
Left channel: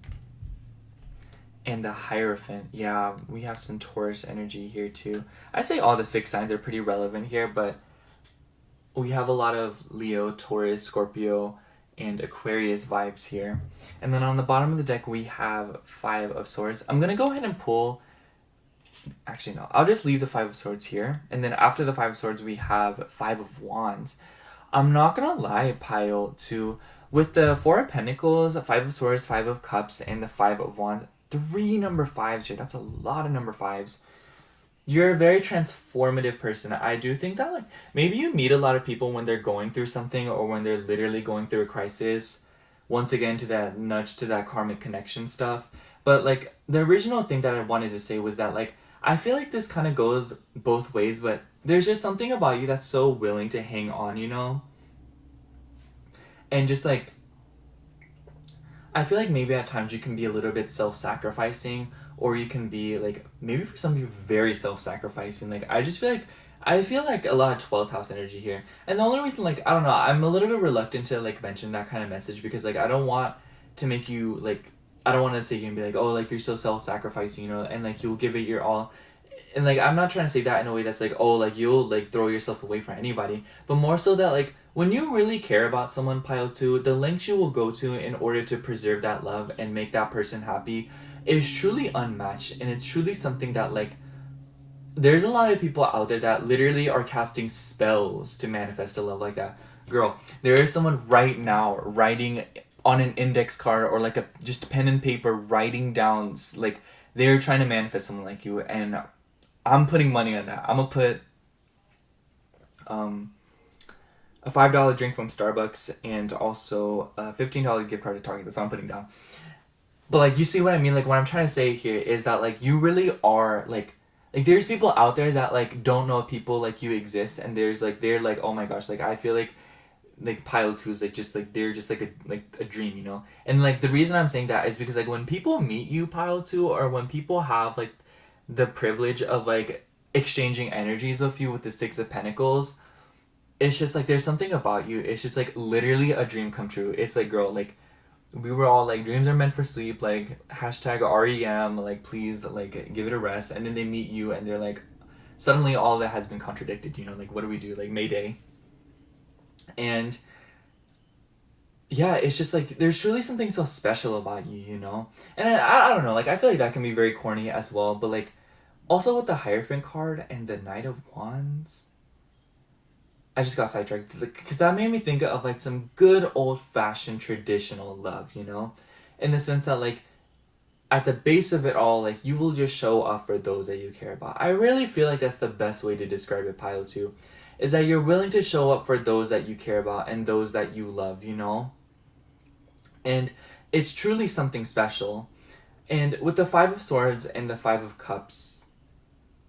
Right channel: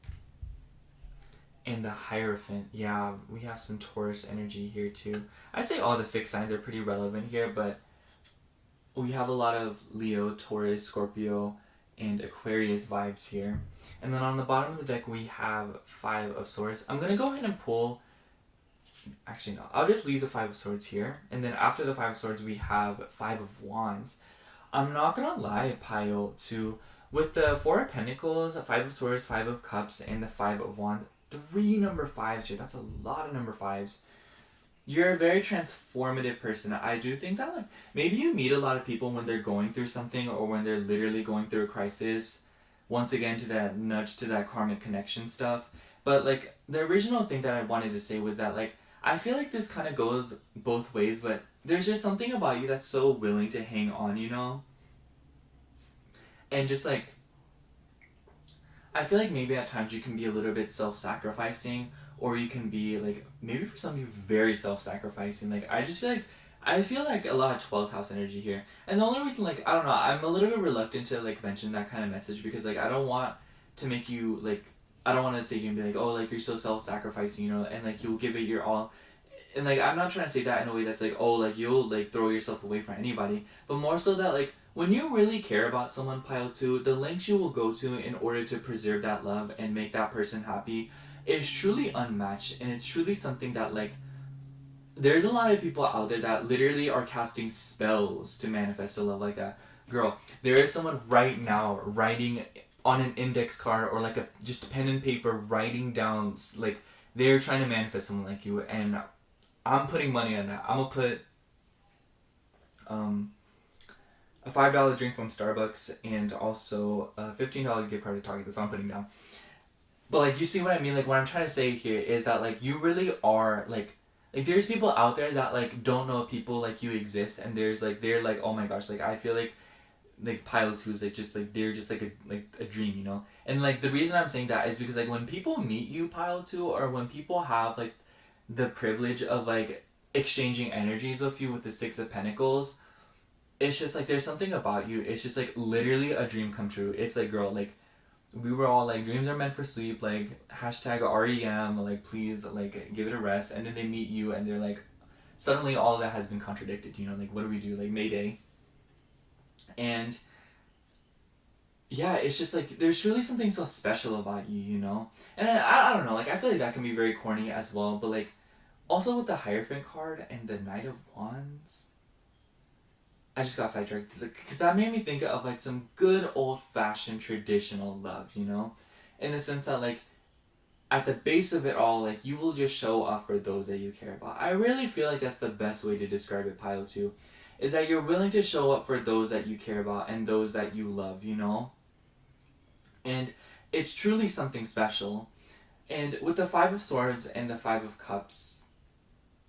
and the Hierophant. Yeah, we have some Taurus energy here too. I'd say all the fixed signs are pretty relevant here, but we have a lot of Leo, Taurus, Scorpio, and Aquarius vibes here. And then on the bottom of the deck, we have 5 of Swords. I'm going to go ahead and pull... Actually, no. I'll just leave the 5 of Swords here. And then after the 5 of Swords, we have 5 of Wands. I'm not going to lie, Pile 2. With the 4 of Pentacles, 5 of Swords, 5 of Cups, and the 5 of Wands, 3 number 5s here. That's a lot of number 5s. You're a very transformative person. I do think that, like, maybe you meet a lot of people when they're going through something or when they're literally going through a crisis. Once again, to that nudge to that karmic connection stuff. But, like, the original thing that I wanted to say was that, like, I feel like this kind of goes both ways, but there's just something about you that's so willing to hang on, you know? And just, like, I feel like maybe at times you can be a little bit self-sacrificing, or you can be like maybe for some people very self-sacrificing. Like I feel like a lot of 12th house energy here. And the only reason, like, I don't know, I'm a little bit reluctant to like mention that kind of message because like I don't want to make you like, I don't want to say you and be like, oh, like you're so self-sacrificing, you know, and like you'll give it your all. And like I'm not trying to say that in a way that's like, oh, like you'll like throw yourself away for anybody, but more so that like when you really care about someone, pile 2, the lengths you will go to in order to preserve that love and make that person happy is truly unmatched. And it's truly something that like there's a lot of people out there that literally are casting spells to manifest a love like that. Girl, there is someone right now writing on an index card or like a just pen and paper writing down like they're trying to manifest someone like you, and I'm putting money on that. I'm gonna put a $5 drink from Starbucks and also a $15 gift card to Target. That's what I'm putting down. But like you see what I mean? Like what I'm trying to say here is that like you really are like there's people out there that like don't know people like you exist, and there's like they're like, oh my gosh, like I feel like pile 2s like just like they're just like a dream, you know. And like the reason I'm saying that is because like when people meet you, pile 2, or when people have like the privilege of like exchanging energies with you with the 6 of Pentacles, it's just like there's something about you. It's just like literally a dream come true. It's like, girl, like we were all like, dreams are meant for sleep, like hashtag REM, like please like give it a rest. And then they meet you and they're like, suddenly all of that has been contradicted, you know, like what do we do? Like Mayday. And yeah, it's just like there's truly something so special about you, you know. And I don't know, like I feel like that can be very corny as well, but like also with the Hierophant card and the Knight of Wands, I just got sidetracked because that made me think of like some good old-fashioned traditional love, you know, in the sense that like at the base of it all, like you will just show up for those that you care about. I really feel like that's the best way to describe it, pile 2, is that you're willing to show up for those that you care about and those that you love, you know. And it's truly something special. And with the 5 of Swords and the 5 of Cups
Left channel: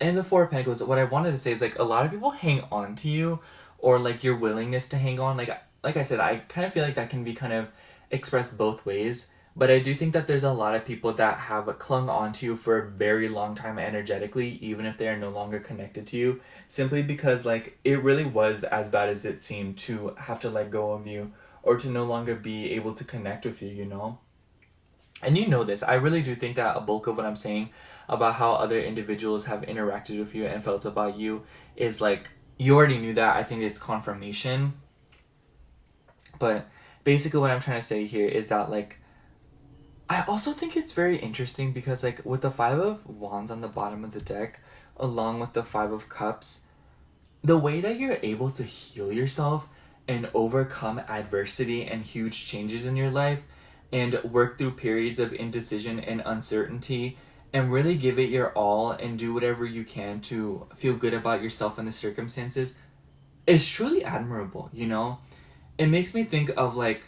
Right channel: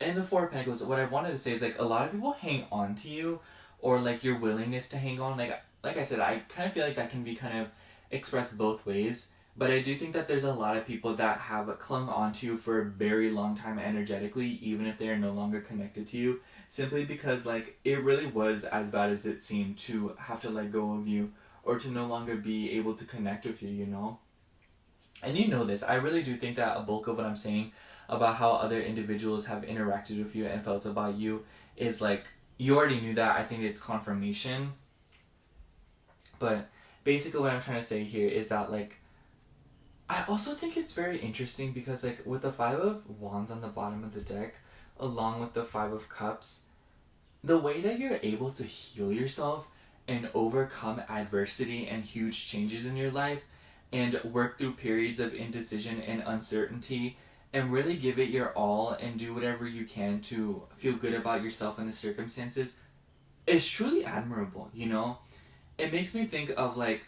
and the 4 of Pentacles, what I wanted to say is like a lot of people hang on to you, or like your willingness to hang on. Like I said, I kind of feel like that can be kind of expressed both ways. But I do think that there's a lot of people that have clung on to you for a very long time energetically, even if they are no longer connected to you, simply because like it really was as bad as it seemed to have to let go of you or to no longer be able to connect with you, you know? And you know this, I really do think that a bulk of what I'm saying about how other individuals have interacted with you and felt about you is like, you already knew that. I think it's confirmation. But basically what I'm trying to say here is that like, I also think it's very interesting because like with the 5 of Wands on the bottom of the deck, along with the 5 of Cups, the way that you're able to heal yourself and overcome adversity and huge changes in your life and work through periods of indecision and uncertainty and really give it your all and do whatever you can to feel good about yourself and the circumstances is truly admirable, you know? It makes me think of like,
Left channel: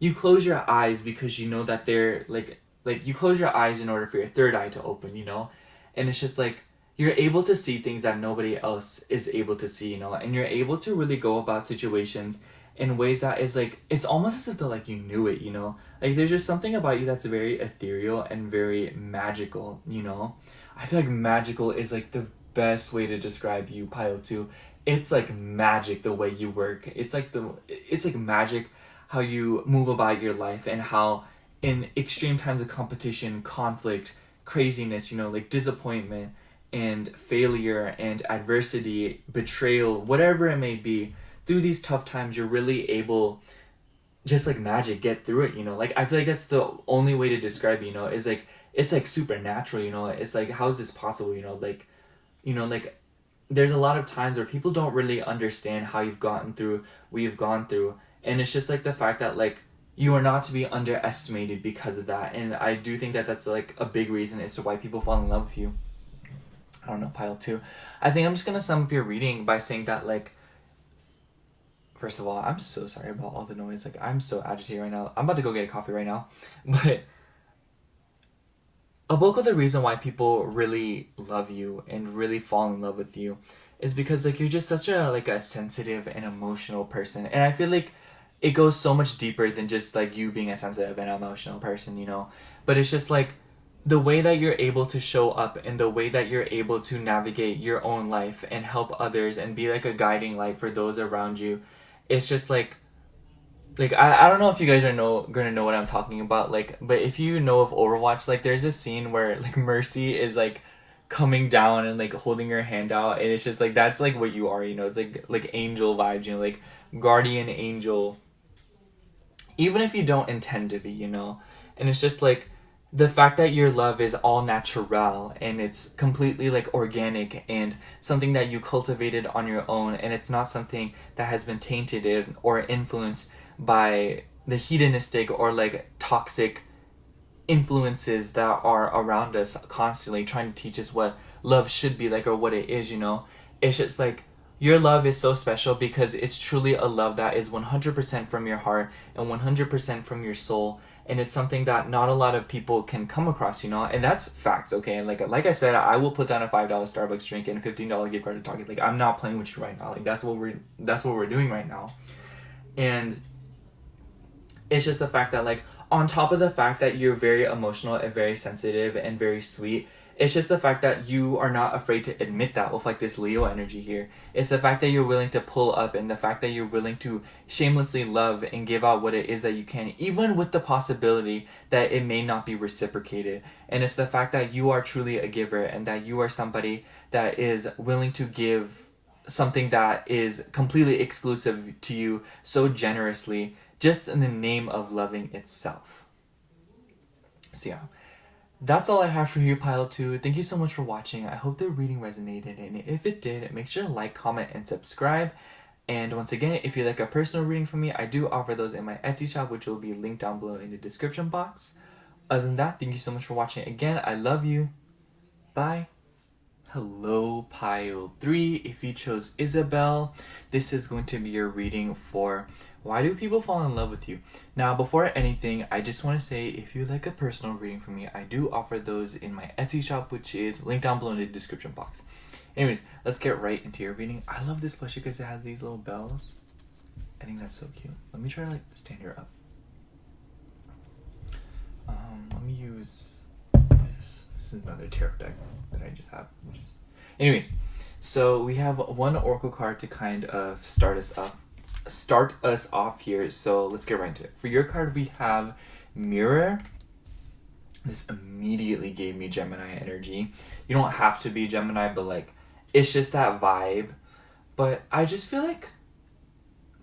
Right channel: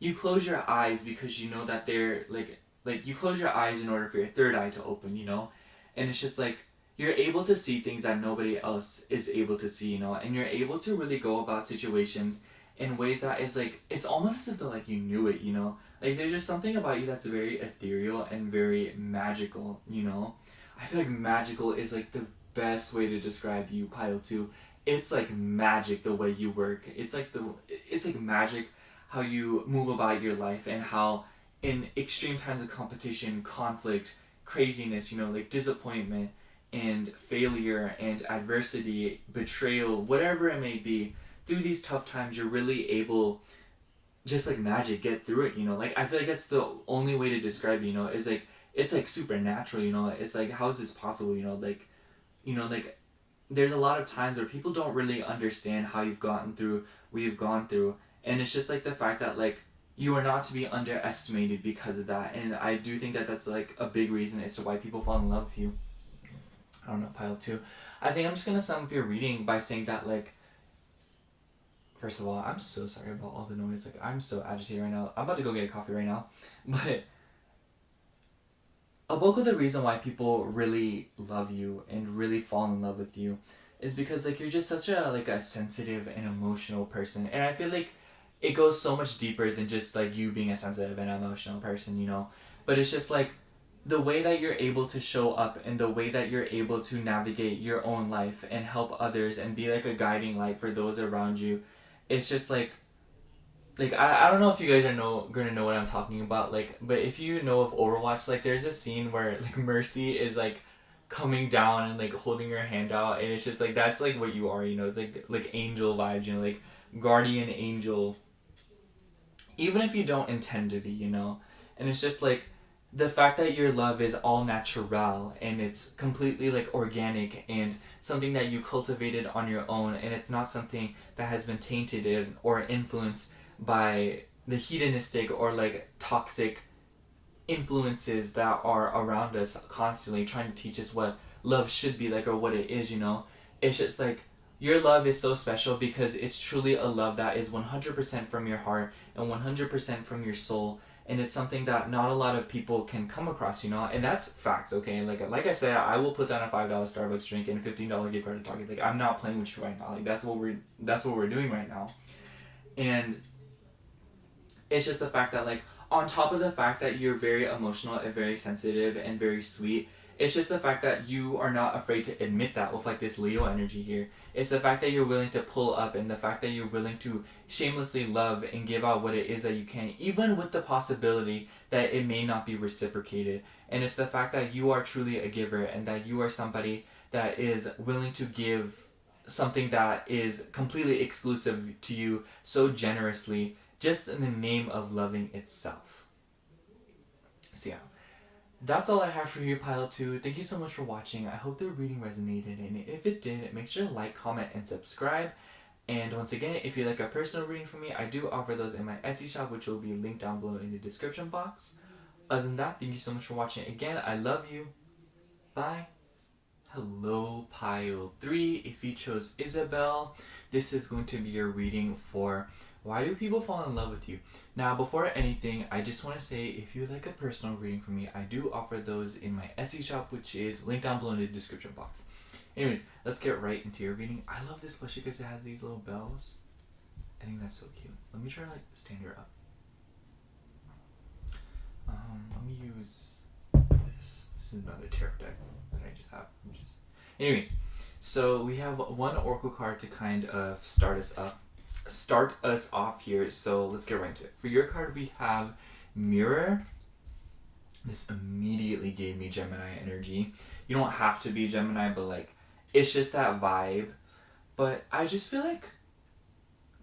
you close your eyes because you know that they're like you close your eyes in order for your third eye to open, you know? And it's just like, you're able to see things that nobody else is able to see, you know? And you're able to really go about situations in ways that is like, it's almost as if though like you knew it, you know? Like there's just something about you that's very ethereal and very magical, you know? I feel like magical is like the best way to describe you, pile 2. It's like magic the way you work. It's like magic how you move about your life, and how in extreme times of competition, conflict, craziness, you know, like disappointment and failure and adversity, betrayal, whatever it may be, through these tough times, you're really able, just like magic, get through it, you know? Like, I feel like that's the only way to describe it, you know? Is like, it's like supernatural, you know? It's like, how is this possible, you know? Like, you know, like, there's a lot of times where people don't really understand how you've gotten through what you've gone through. And it's just like the fact that like, you are not to be underestimated because of that. And I do think that that's like a big reason as to why people fall in love with you. I don't know, pile 2. I think I'm just gonna sum up your reading by saying that like, first of all, I'm so sorry about all the noise. Like, I'm so agitated right now. I'm about to go get a coffee right now. But a bulk of the reason why people really love you and really fall in love with you is because like you're just such a like a sensitive and emotional person. And I feel like it goes so much deeper than just like you being a sensitive and emotional person, you know? But it's just like the way that you're able to show up and the way that you're able to navigate your own life and help others and be like a guiding light for those around you, it's just like I don't know if you guys gonna know what I'm talking about, like, but if you know of Overwatch, like there's a scene where like Mercy is like coming down and like holding her hand out, and it's just like that's like what you are, you know. It's like angel vibes, you know, like guardian angel, even if you don't intend to be, you know. And it's just like the fact that your love is all natural and it's completely like organic and something that you cultivated on your own, and it's not something that has been tainted or influenced by the hedonistic or like toxic influences that are around us constantly trying to teach us what love should be like or what it is, you know. It's just like your love is so special because it's truly a love that is 100% from your heart and 100% from your soul, and it's something that not a lot of people can come across, you know. And that's facts, okay? And like I said, I will put down a $5 Starbucks drink and a $15 gift card to Target. Like, I'm not playing with you right now. Like, that's what we're doing right now. And it's just the fact that, like, on top of the fact that you're very emotional and very sensitive and very sweet, it's just the fact that you are not afraid to admit that with like this Leo energy here. It's the fact that you're willing to pull up, and the fact that you're willing to shamelessly love and give out what it is that you can, even with the possibility that it may not be reciprocated. And it's the fact that you are truly a giver, and that you are somebody that is willing to give something that is completely exclusive to you so generously, just in the name of loving itself. So yeah, that's all I have for you, Pile 2. Thank you so much for watching. I hope the reading resonated, and if it did, make sure to like, comment, and subscribe. And once again, if you like a personal reading from me, I do offer those in my Etsy shop, which will be linked down below in the description box. Other than that, thank you so much for watching. Again, I love you. Bye. Hello, Pile 3. If you chose Isabel, this is going to be your reading for why do people fall in love with you? Now, before anything, I just want to say, if you like a personal reading from me, I do offer those in my Etsy shop, which is linked down below in the description box. Anyways, let's get right into your reading. I love this plushie because it has these little bells. I think that's so cute. Let me try to like stand her up. Let me use this. This is another tarot deck that I just have. Anyways, so we have one oracle card to kind of start us off here. So let's get right into it. For your card, we have Mirror. This immediately gave me Gemini energy. You don't have to be Gemini, but like it's just that vibe. But I just feel like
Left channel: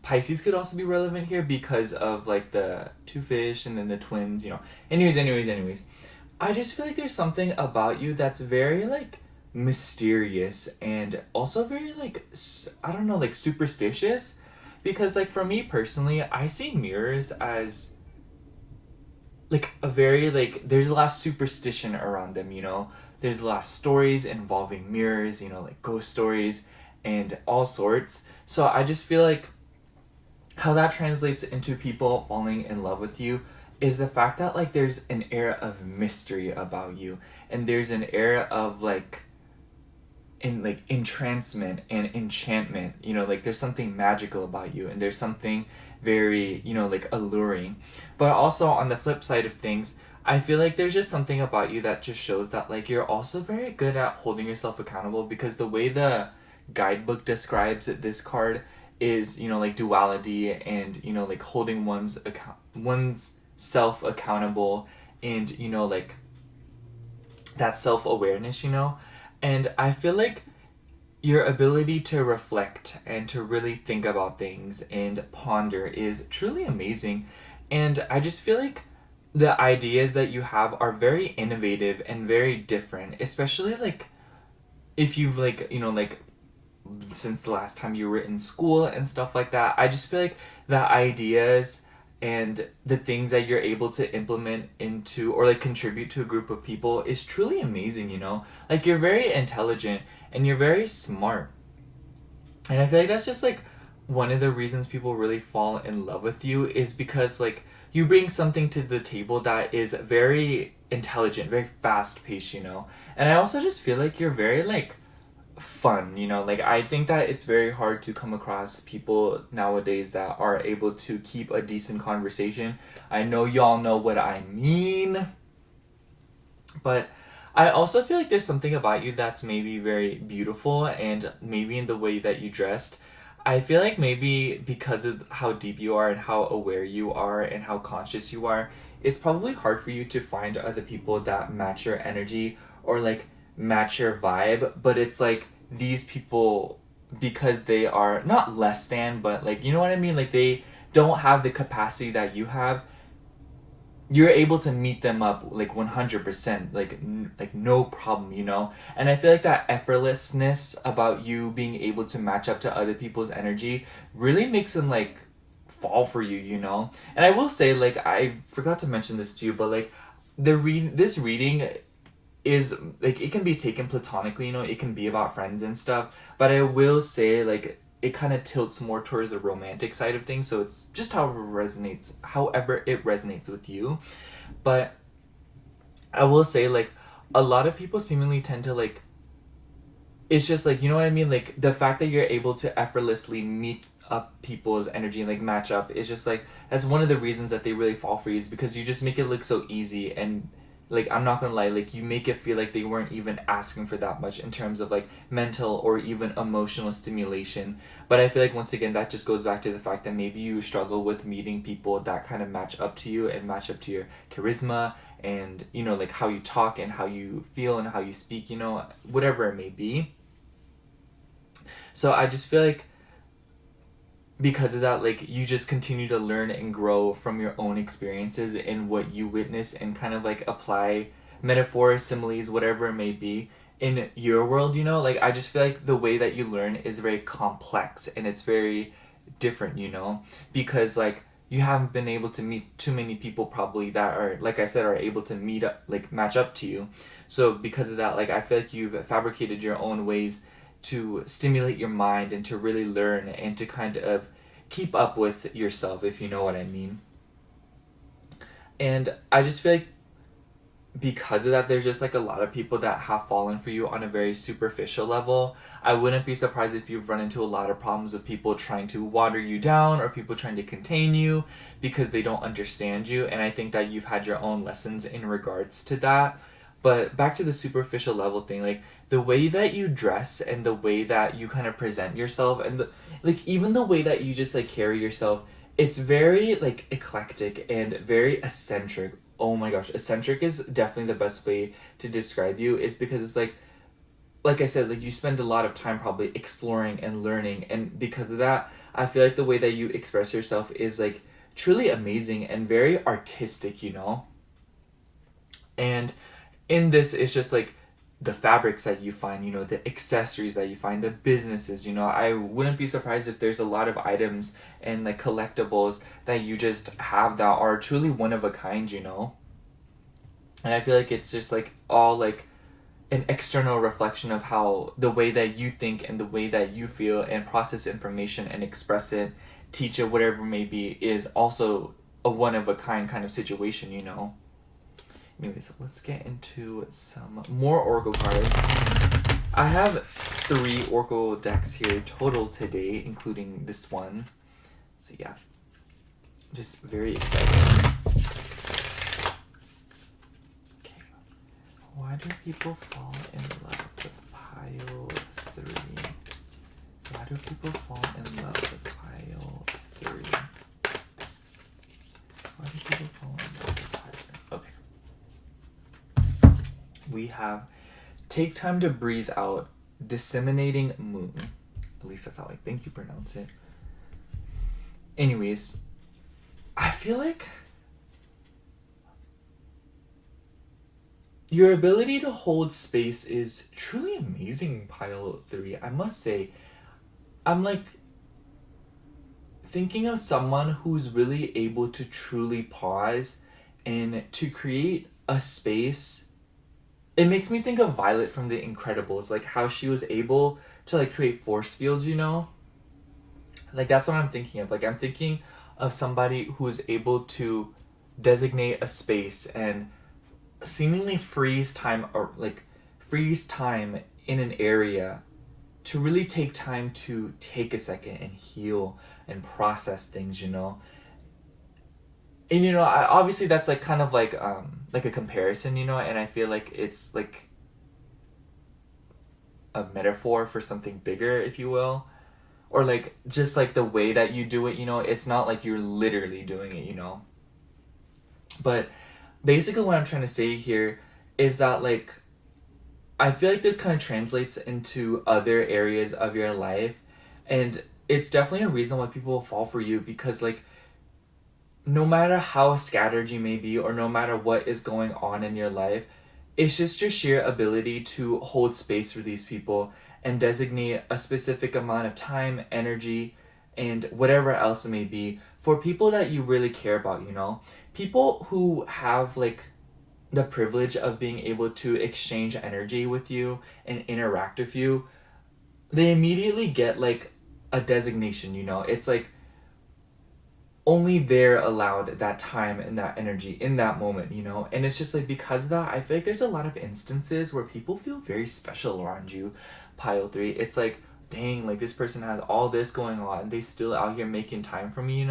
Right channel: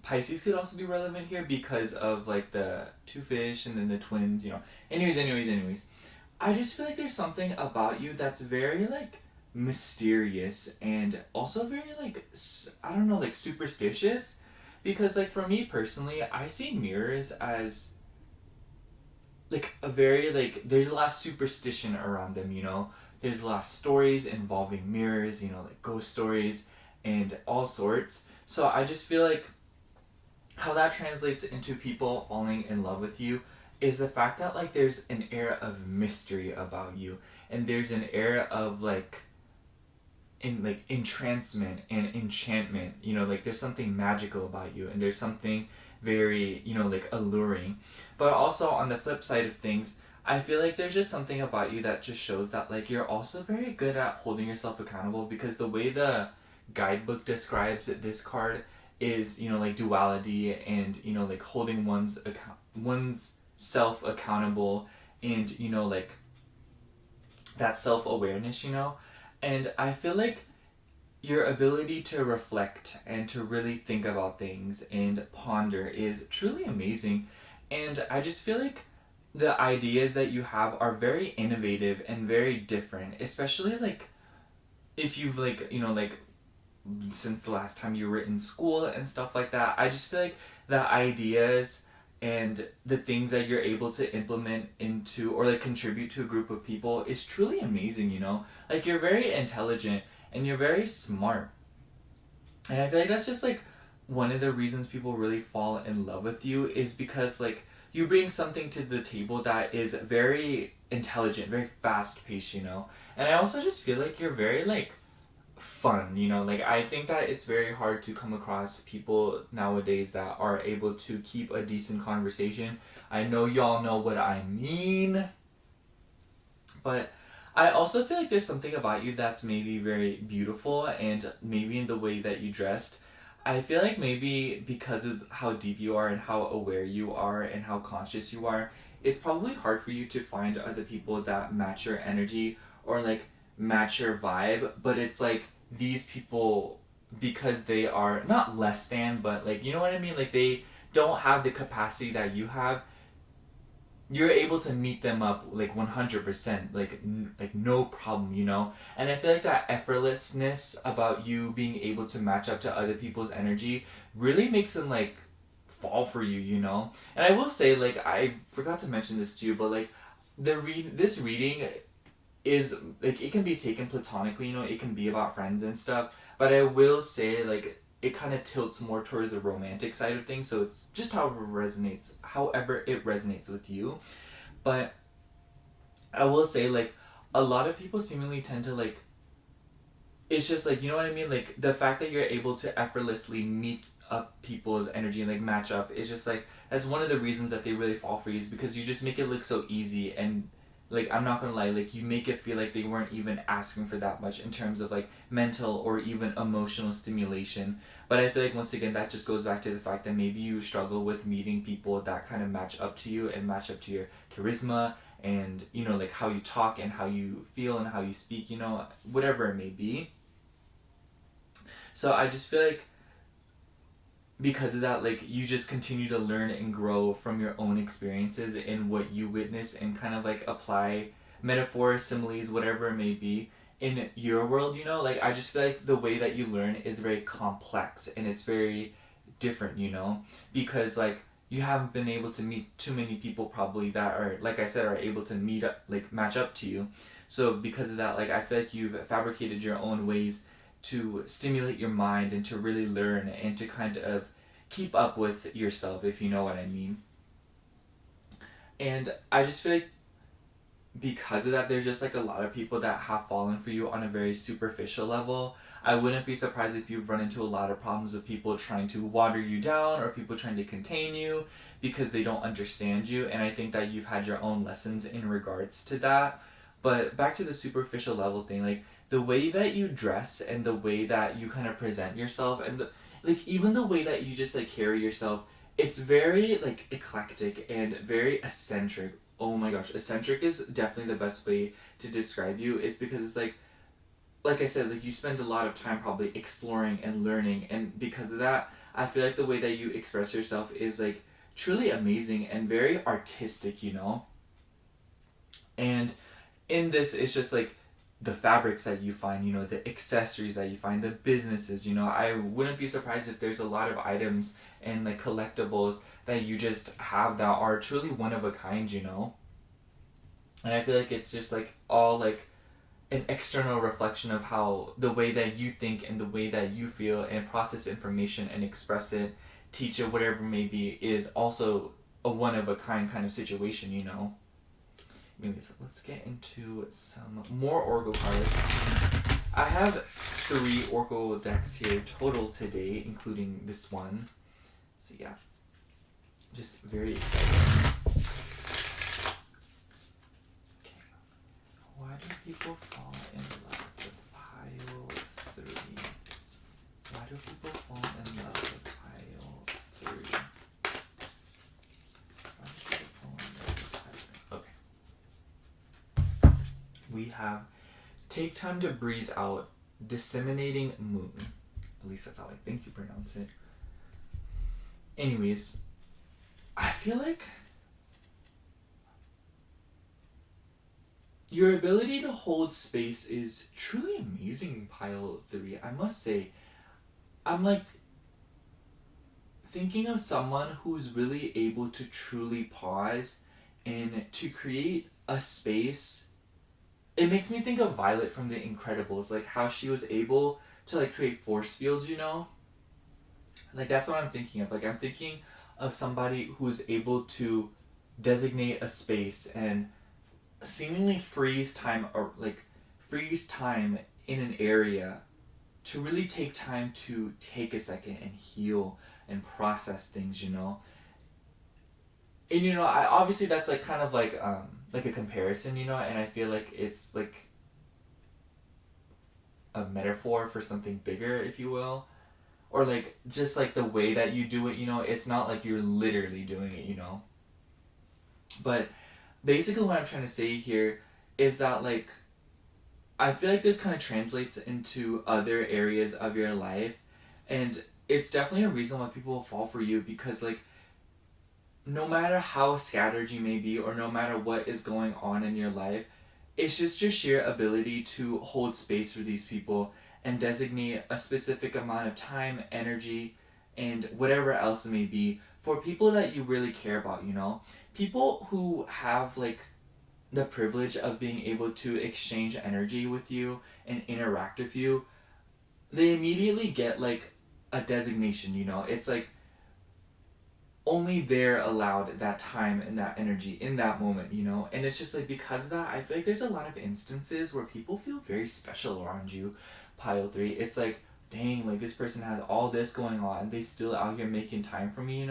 Pisces could also be relevant here because of like the two fish and then the twins, you know. Anyways. I just feel like there's something about you that's very like mysterious and also very like, I don't know, like superstitious. Because like for me personally, I see mirrors as like a very like, there's a lot of superstition around them, you know. There's a lot of stories involving mirrors, you know, like ghost stories and all sorts. So I just feel like how that translates into people falling in love with you is the fact that like there's an air of mystery about you, and there's an air of like entrancement and enchantment, you know, like there's something magical about you, and there's something very, you know, like alluring. But also on the flip side of things, I feel like there's just something about you that just shows that like you're also very good at holding yourself accountable, because the way the guidebook describes this card is, you know, like duality and, you know, like holding one's self accountable, and, you know, like that self-awareness, you know. And I feel like your ability to reflect and to really think about things and ponder is truly amazing. And I just feel like the ideas that you have are very innovative and very different, especially like if you've like, you know, like since the last time you were in school and stuff like that. I just feel like the ideas and the things that you're able to implement into or like contribute to a group of people is truly amazing, you know. Like you're very intelligent and you're very smart, and I feel like that's just like one of the reasons people really fall in love with you, is because like you bring something to the table that is very intelligent, very fast paced, you know. And I also just feel like you're very like fun, you know. Like I think that it's very hard to come across people nowadays that are able to keep a decent conversation. I know y'all know what I mean, But I also feel like there's something about you that's maybe very beautiful, and maybe in the way that you dressed. I feel like maybe because of how deep you are and how aware you are and how conscious you are, it's probably hard for you to find other people that match your energy or like match your vibe. But it's like these people, because they are not less than, but like, you know what I mean? Like they don't have the capacity that you have, you're able to meet them up like 100%, like like no problem, you know. And I feel like that effortlessness about you being able to match up to other people's energy really makes them like fall for you, you know. And I will say, like, I forgot to mention this to you, but like this reading is like, it can be taken platonically, you know, it can be about friends and stuff, but I will say, like, it kind of tilts more towards the romantic side of things, so it's just however it resonates with you. But I will say, like, a lot of people seemingly tend to like, it's just like, you know what I mean, like the fact that you're able to effortlessly meet up people's energy and like match up is just like, that's one of the reasons that they really fall for you, is because you just make it look so easy. And like, I'm not gonna lie, like you make it feel like they weren't even asking for that much in terms of like mental or even emotional stimulation. But I feel like, once again, that just goes back to the fact that maybe you struggle with meeting people that kind of match up to you and match up to your charisma, and you know, like how you talk and how you feel and how you speak, you know, whatever it may be. So I just feel like, because of that, like you just continue to learn and grow from your own experiences and what you witness, and kind of like apply metaphors, similes, whatever it may be in your world, you know. Like I just feel like the way that you learn is very complex and it's very different, you know, because like you haven't been able to meet too many people probably that are, like I said, are able to meet up, like match up to you. So because of that, like I feel like you've fabricated your own ways to stimulate your mind and to really learn and to kind of keep up with yourself, if you know what I mean. And I just feel like, because of that, there's just like a lot of people that have fallen for you on a very superficial level. I wouldn't be surprised if you've run into a lot of problems with people trying to water you down or people trying to contain you because they don't understand you. And I think that you've had your own lessons in regards to that. But back to the superficial level thing, like the way that you dress and the way that you kind of present yourself, and like even the way that you just like carry yourself, it's very like eclectic and very eccentric. Oh my gosh, eccentric is definitely the best way to describe you, is because it's like I said, like you spend a lot of time probably exploring and learning, and because of that, I feel like the way that you express yourself is like truly amazing and very artistic, you know. And in this, it's just like the fabrics that you find, you know, the accessories that you find, the businesses, you know. I wouldn't be surprised if there's a lot of items and like collectibles that you just have that are truly one of a kind, you know. And I feel like it's just like all like an external reflection of how the way that you think and the way that you feel and process information and express it, teach it, whatever it may be, is also a one of a kind of situation, you know. Anyways, let's get into some more Oracle cards. I have 3 Oracle decks here total today, including this one. So yeah, just very excited. Okay. Why do people fall in love with pile 3? Why do people fall in love with pile 3? Why do people fall in love with pile 3? Okay. We have take time to breathe out, disseminating moon. At least that's how I think you pronounce it. Anyways, I feel like your ability to hold space is truly amazing, pile 3. I must say, I'm like thinking of someone who's really able to truly pause and to create a space. It makes me think of Violet from The Incredibles, like how she was able to like create force fields, you know? Like that's what I'm thinking of. Like I'm thinking of somebody who's able to designate a space and seemingly freeze time, or like freeze time in an area to really take time to take a second and heal and process things, you know? And obviously that's like kind of like a comparison, and I feel like it's like a metaphor for something bigger, if you will. Or like just like the way that you do it, it's not like you're literally doing it. But basically what I'm trying to say here is that like I feel like this kind of translates into other areas of your life, and it's definitely a reason why people will fall for you, because like no matter how scattered you may be or no matter what is going on in your life, it's just your sheer ability to hold space for these people and designate a specific amount of time, energy, and whatever else it may be for people that you really care about. People who have like the privilege of being able to exchange energy with you and interact with you, they immediately get like a designation. It's like only they're allowed that time and that energy in that moment. And it's just like because of that, I feel like there's a lot of instances where people feel very special around you. Pile 3, it's like, dang, like this person has all this going on and they still out here making time for me.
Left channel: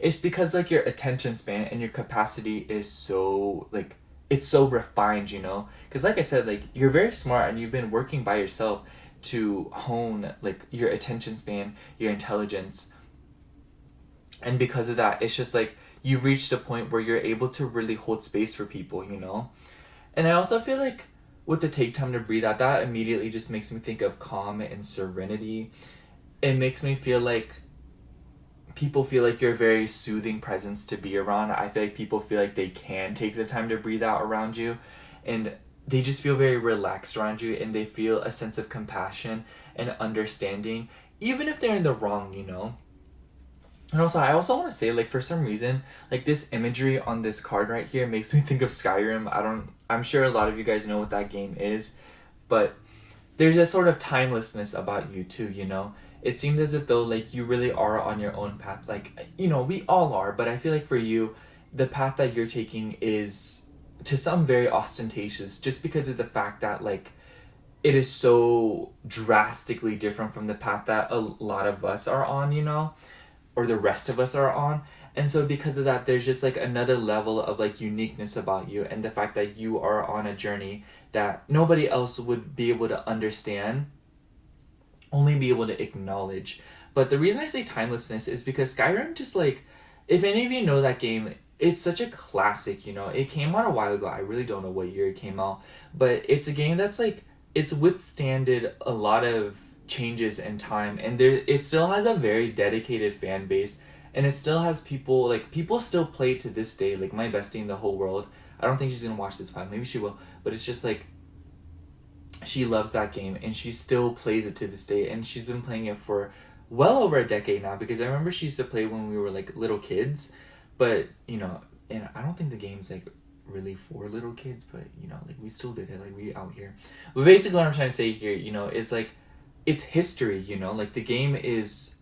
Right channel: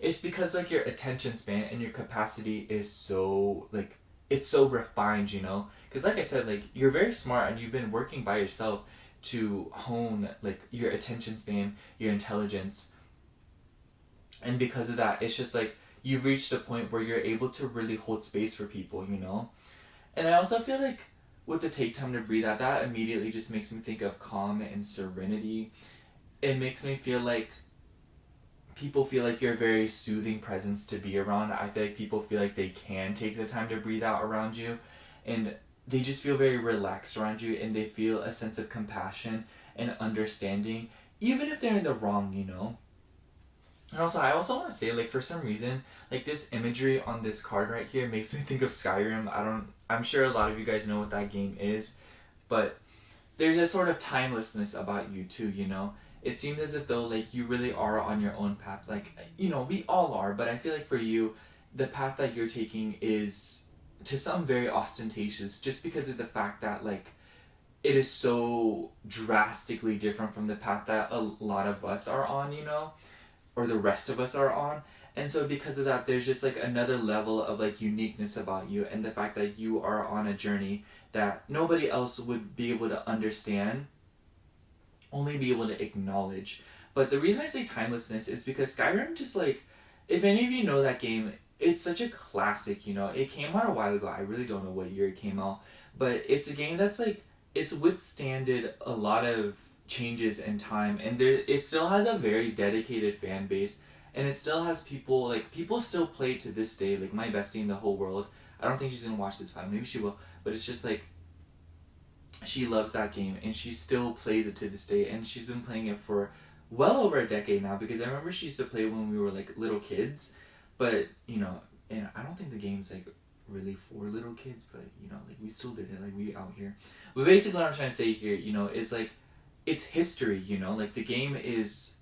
It's because like your attention span and your capacity is so like it's so refined. Because like I said, like you're very smart and you've been working by yourself to hone like your attention span, your intelligence, and because of that, it's just like you've reached a point where you're able to really hold space for people. And I also feel like with the take time to breathe out, that immediately just makes me think of calm and serenity. It makes me feel like people feel like you're a very soothing presence to be around. I feel like people feel like they can take the time to breathe out around you, and they just feel very relaxed around you, and they feel a sense of compassion and understanding, even if they're in the wrong. And also, I also want to say, like, for some reason, like, this imagery on this card right here makes me think of Skyrim. I'm sure a lot of you guys know what that game is, but there's a sort of timelessness about you too. It seems as if though, like, you really are on your own path. Like, we all are, but I feel like for you, the path that you're taking is, to some, very ostentatious, just because of the fact that, like, it is so drastically different from the path that a lot of us are on. Or the rest of us are on. And so because of that, there's just like another level of like uniqueness about you, and the fact that you are on a journey that nobody else would be able to understand, only be able to acknowledge. But the reason I say timelessness is because Skyrim, just like, if any of you know that game, it's such a classic. It came out a while ago. I really don't know what year it came out, but it's a game that's like, it's withstanded a lot of changes in time, and it still has a very dedicated fan base, and it still has people, like, people still play to this day. Like, my bestie in the whole world, I don't think she's gonna watch this pod, maybe she will, but it's just like she loves that game and she still plays it to this day, and she's been playing it for well over a decade now, because I remember she used to play when we were like little kids, but and I don't think the game's like really for little kids, but like we still did it, like we out here. But basically what I'm trying to say here, is like it's history. Like the game is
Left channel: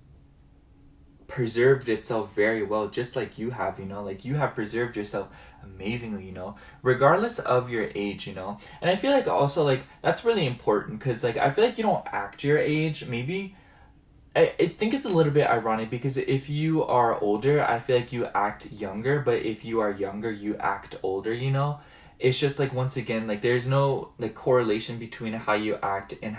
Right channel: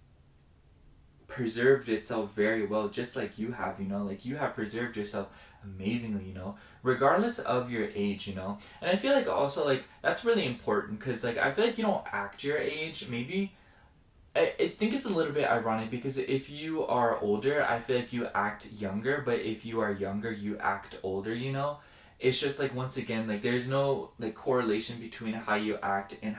preserved itself very well, just like you have. Like you have preserved yourself amazingly, regardless of your age. And I feel like also, like, that's really important, because like I feel like you don't act your age. Maybe I think it's a little bit ironic, because if you are older, I feel like you act younger, but if you are younger, you act older. It's just like, once again, like there's no like correlation between how you act and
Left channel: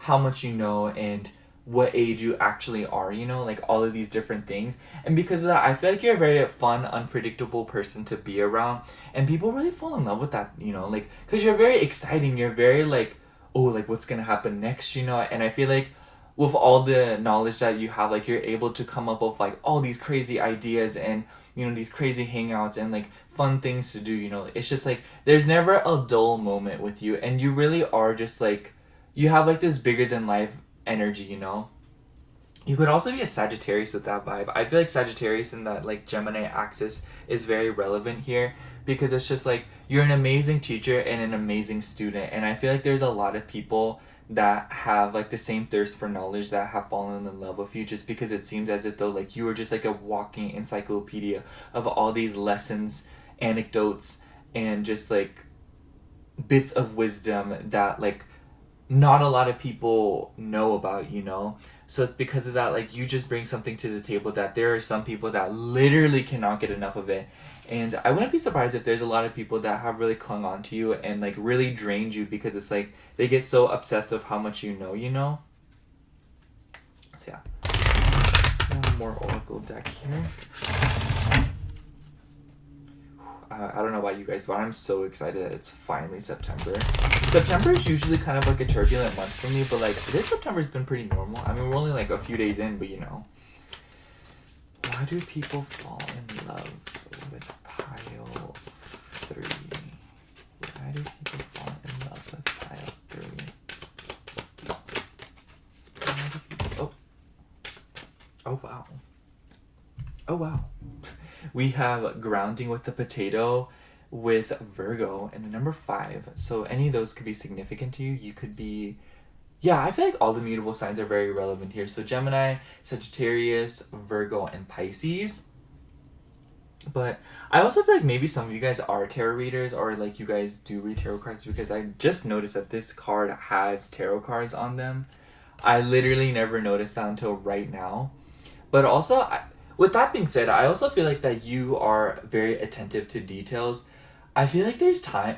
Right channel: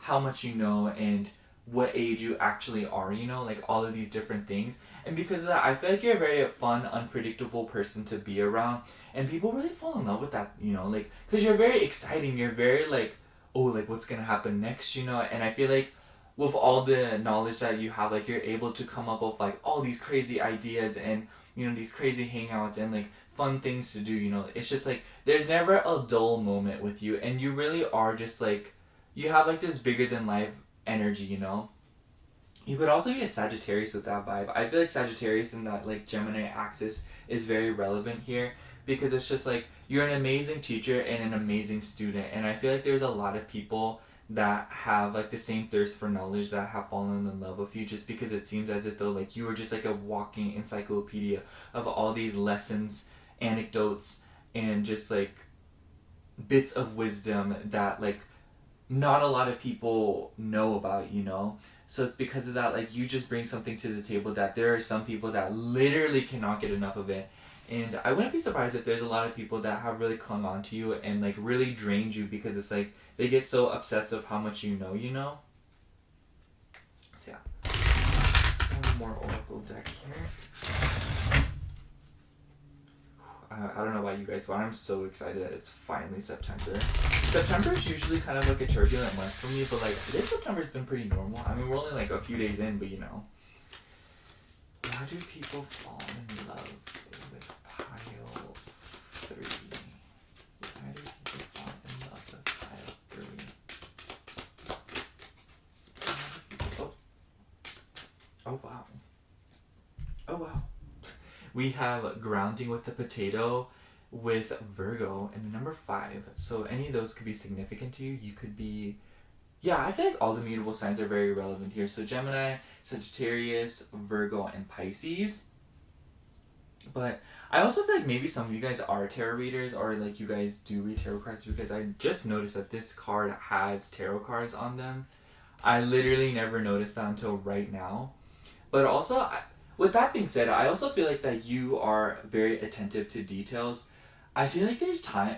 how much and what age you actually are, like all of these different things. And because of that, I feel like you're a very fun, unpredictable person to be around, and people really fall in love with that, like, because you're very exciting, you're very like, oh, like what's gonna happen next, and I feel like with all the knowledge that you have, like you're able to come up with like all these crazy ideas and these crazy hangouts and like fun things to do. It's just like there's never a dull moment with you, and you really are just like, you have like this bigger than life energy. You could also be a Sagittarius with that vibe. I feel like Sagittarius and that like Gemini axis is very relevant here, because it's just like you're an amazing teacher and an amazing student, and I feel like there's a lot of people that have like the same thirst for knowledge that have fallen in love with you, just because it seems as if though like you are just like a walking encyclopedia of all these lessons, anecdotes, and just like bits of wisdom that like not a lot of people know about. So it's because of that, like, you just bring something to the table that there are some people that literally cannot get enough of it. And I wouldn't be surprised if there's a lot of people that have really clung on to you and, like, really drained you because it's like they get so obsessed with how much you know. So yeah. One more Oracle deck here. I don't know about you guys, but I'm so excited that it's finally September. September is usually kind of like a turbulent month for me, but like this September's been pretty normal. I mean, we're only like a few days in, but you know. Why do people fall in love with pile 3? Why do people fall in love with pile 3? Why do people... Oh wow. Oh wow. We have grounding with the potato with Virgo and the number 5. So any of those could be significant to you. You could be... Yeah, I feel like all the mutable signs are very relevant here. So Gemini, Sagittarius, Virgo, and Pisces. But I also feel like maybe some of you guys are tarot readers or like you guys do read tarot cards because I just noticed that this card has tarot cards on them. I literally never noticed that until right now. But also... with that being said, I also feel like that you are very attentive to details. I feel like there's time...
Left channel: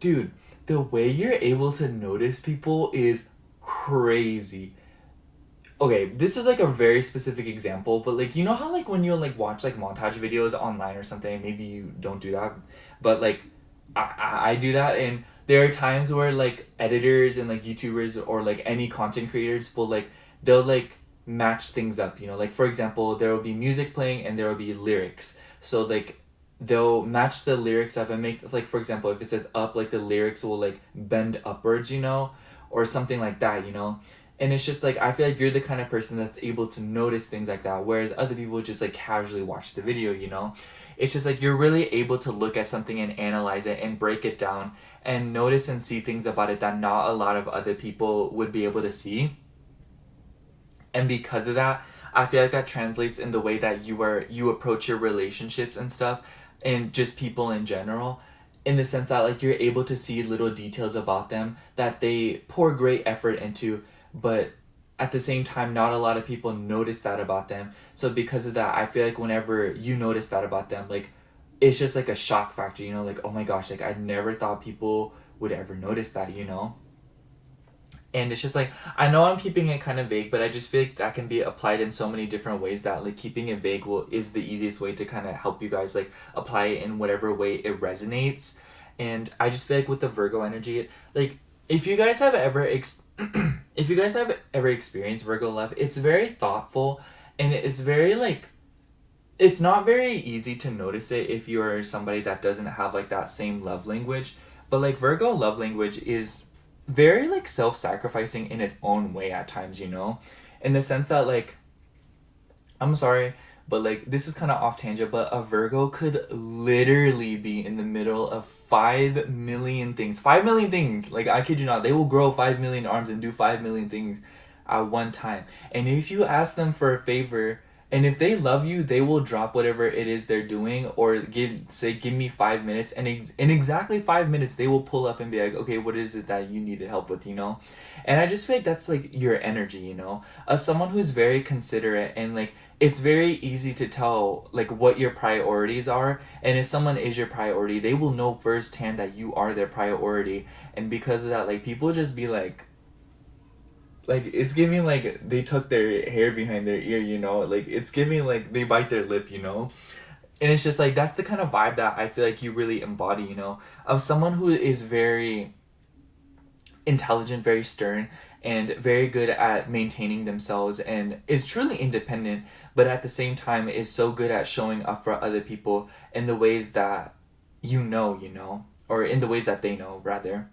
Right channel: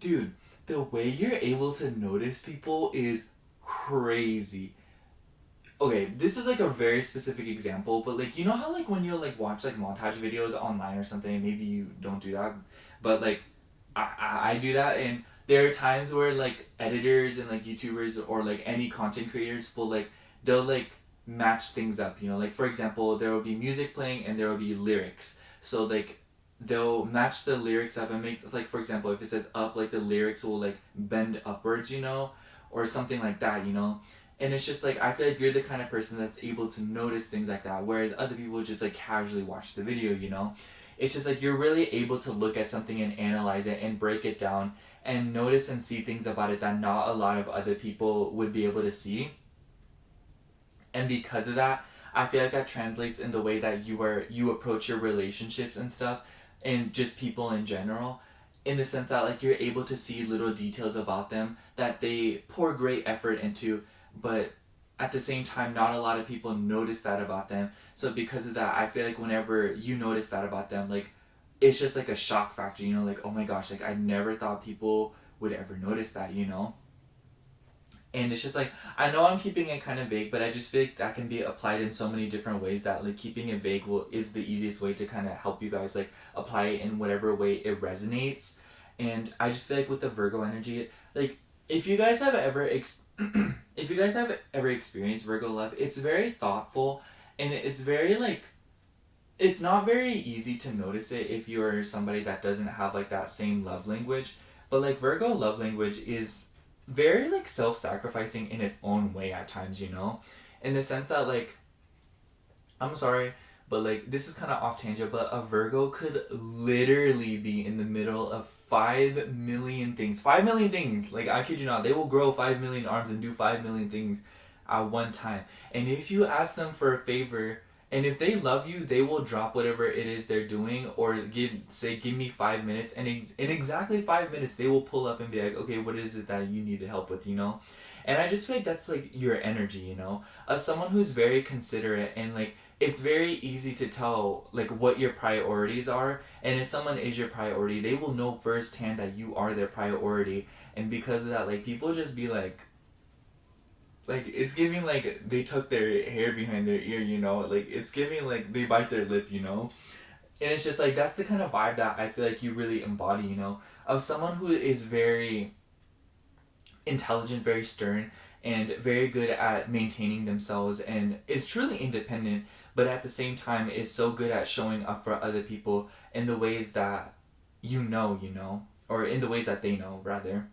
Dude, the way you're able to notice people is crazy. Okay, this is like a very specific example, but like, you know how like when you like watch like montage videos online or something, maybe you don't do that, but like, I do that, and there are times where like editors and like YouTubers or like any content creators will like, they'll like match things up, you know, like for example there will be music playing and there will be lyrics, so like they'll match the lyrics up and make, like for example if it says up, like the lyrics will like bend upwards, you know, or something like that, you know. And it's just like I feel like you're the kind of person that's able to notice things like that, whereas other people just like casually watch the video, you know. It's just like you're really able to look at something and analyze it and break it down and notice and see things about it that not a lot of other people would be able to see. And because of that, I feel like that translates in the way that you approach your relationships and stuff, and just people in general, in the sense that like you're able to see little details about them that they pour great effort into, but at the same time not a lot of people notice that about them. So because of that, I feel like whenever you notice that about them, like it's just like a shock factor, you know, like oh my gosh, like I never thought people would ever notice that, you know. And it's just like, I know I'm keeping it kind of vague, but I just feel like that can be applied in so many different ways that like keeping it vague is the easiest way to kind of help you guys like apply it in whatever way it resonates. And I just feel like with the Virgo energy, like if you guys have ever if you guys have ever experienced Virgo love, it's very thoughtful, and it's very like, it's not very easy to notice it if you're somebody that doesn't have like that same love language. But like Virgo love language is very like self-sacrificing in its own way at times, you know, in the sense that like, I'm sorry, but like this is kind of off tangent, but a Virgo could literally be in the middle of 5 million things. Like I kid you not, they will grow 5 million arms and do 5 million things at one time. And if you ask them for a favor, and if they love you, they will drop whatever it is they're doing, or give me 5 minutes, and in exactly 5 minutes they will pull up and be like, okay, what is it that you needed help with, you know? And I just feel like that's like your energy, you know, as someone who's very considerate, and like it's very easy to tell like what your priorities are, and if someone is your priority, they will know firsthand that you are their priority. And because of that, like people just be like it's giving like they tuck their hair behind their ear, you know, like it's giving like they bite their lip, you know. And it's just like that's the kind of vibe that I feel like you really embody, you know, of someone who is very intelligent, very stern, and very good at maintaining themselves, and is truly independent, but at the same time is so good at showing up for other people in the ways that you know, or in the ways that they know, rather.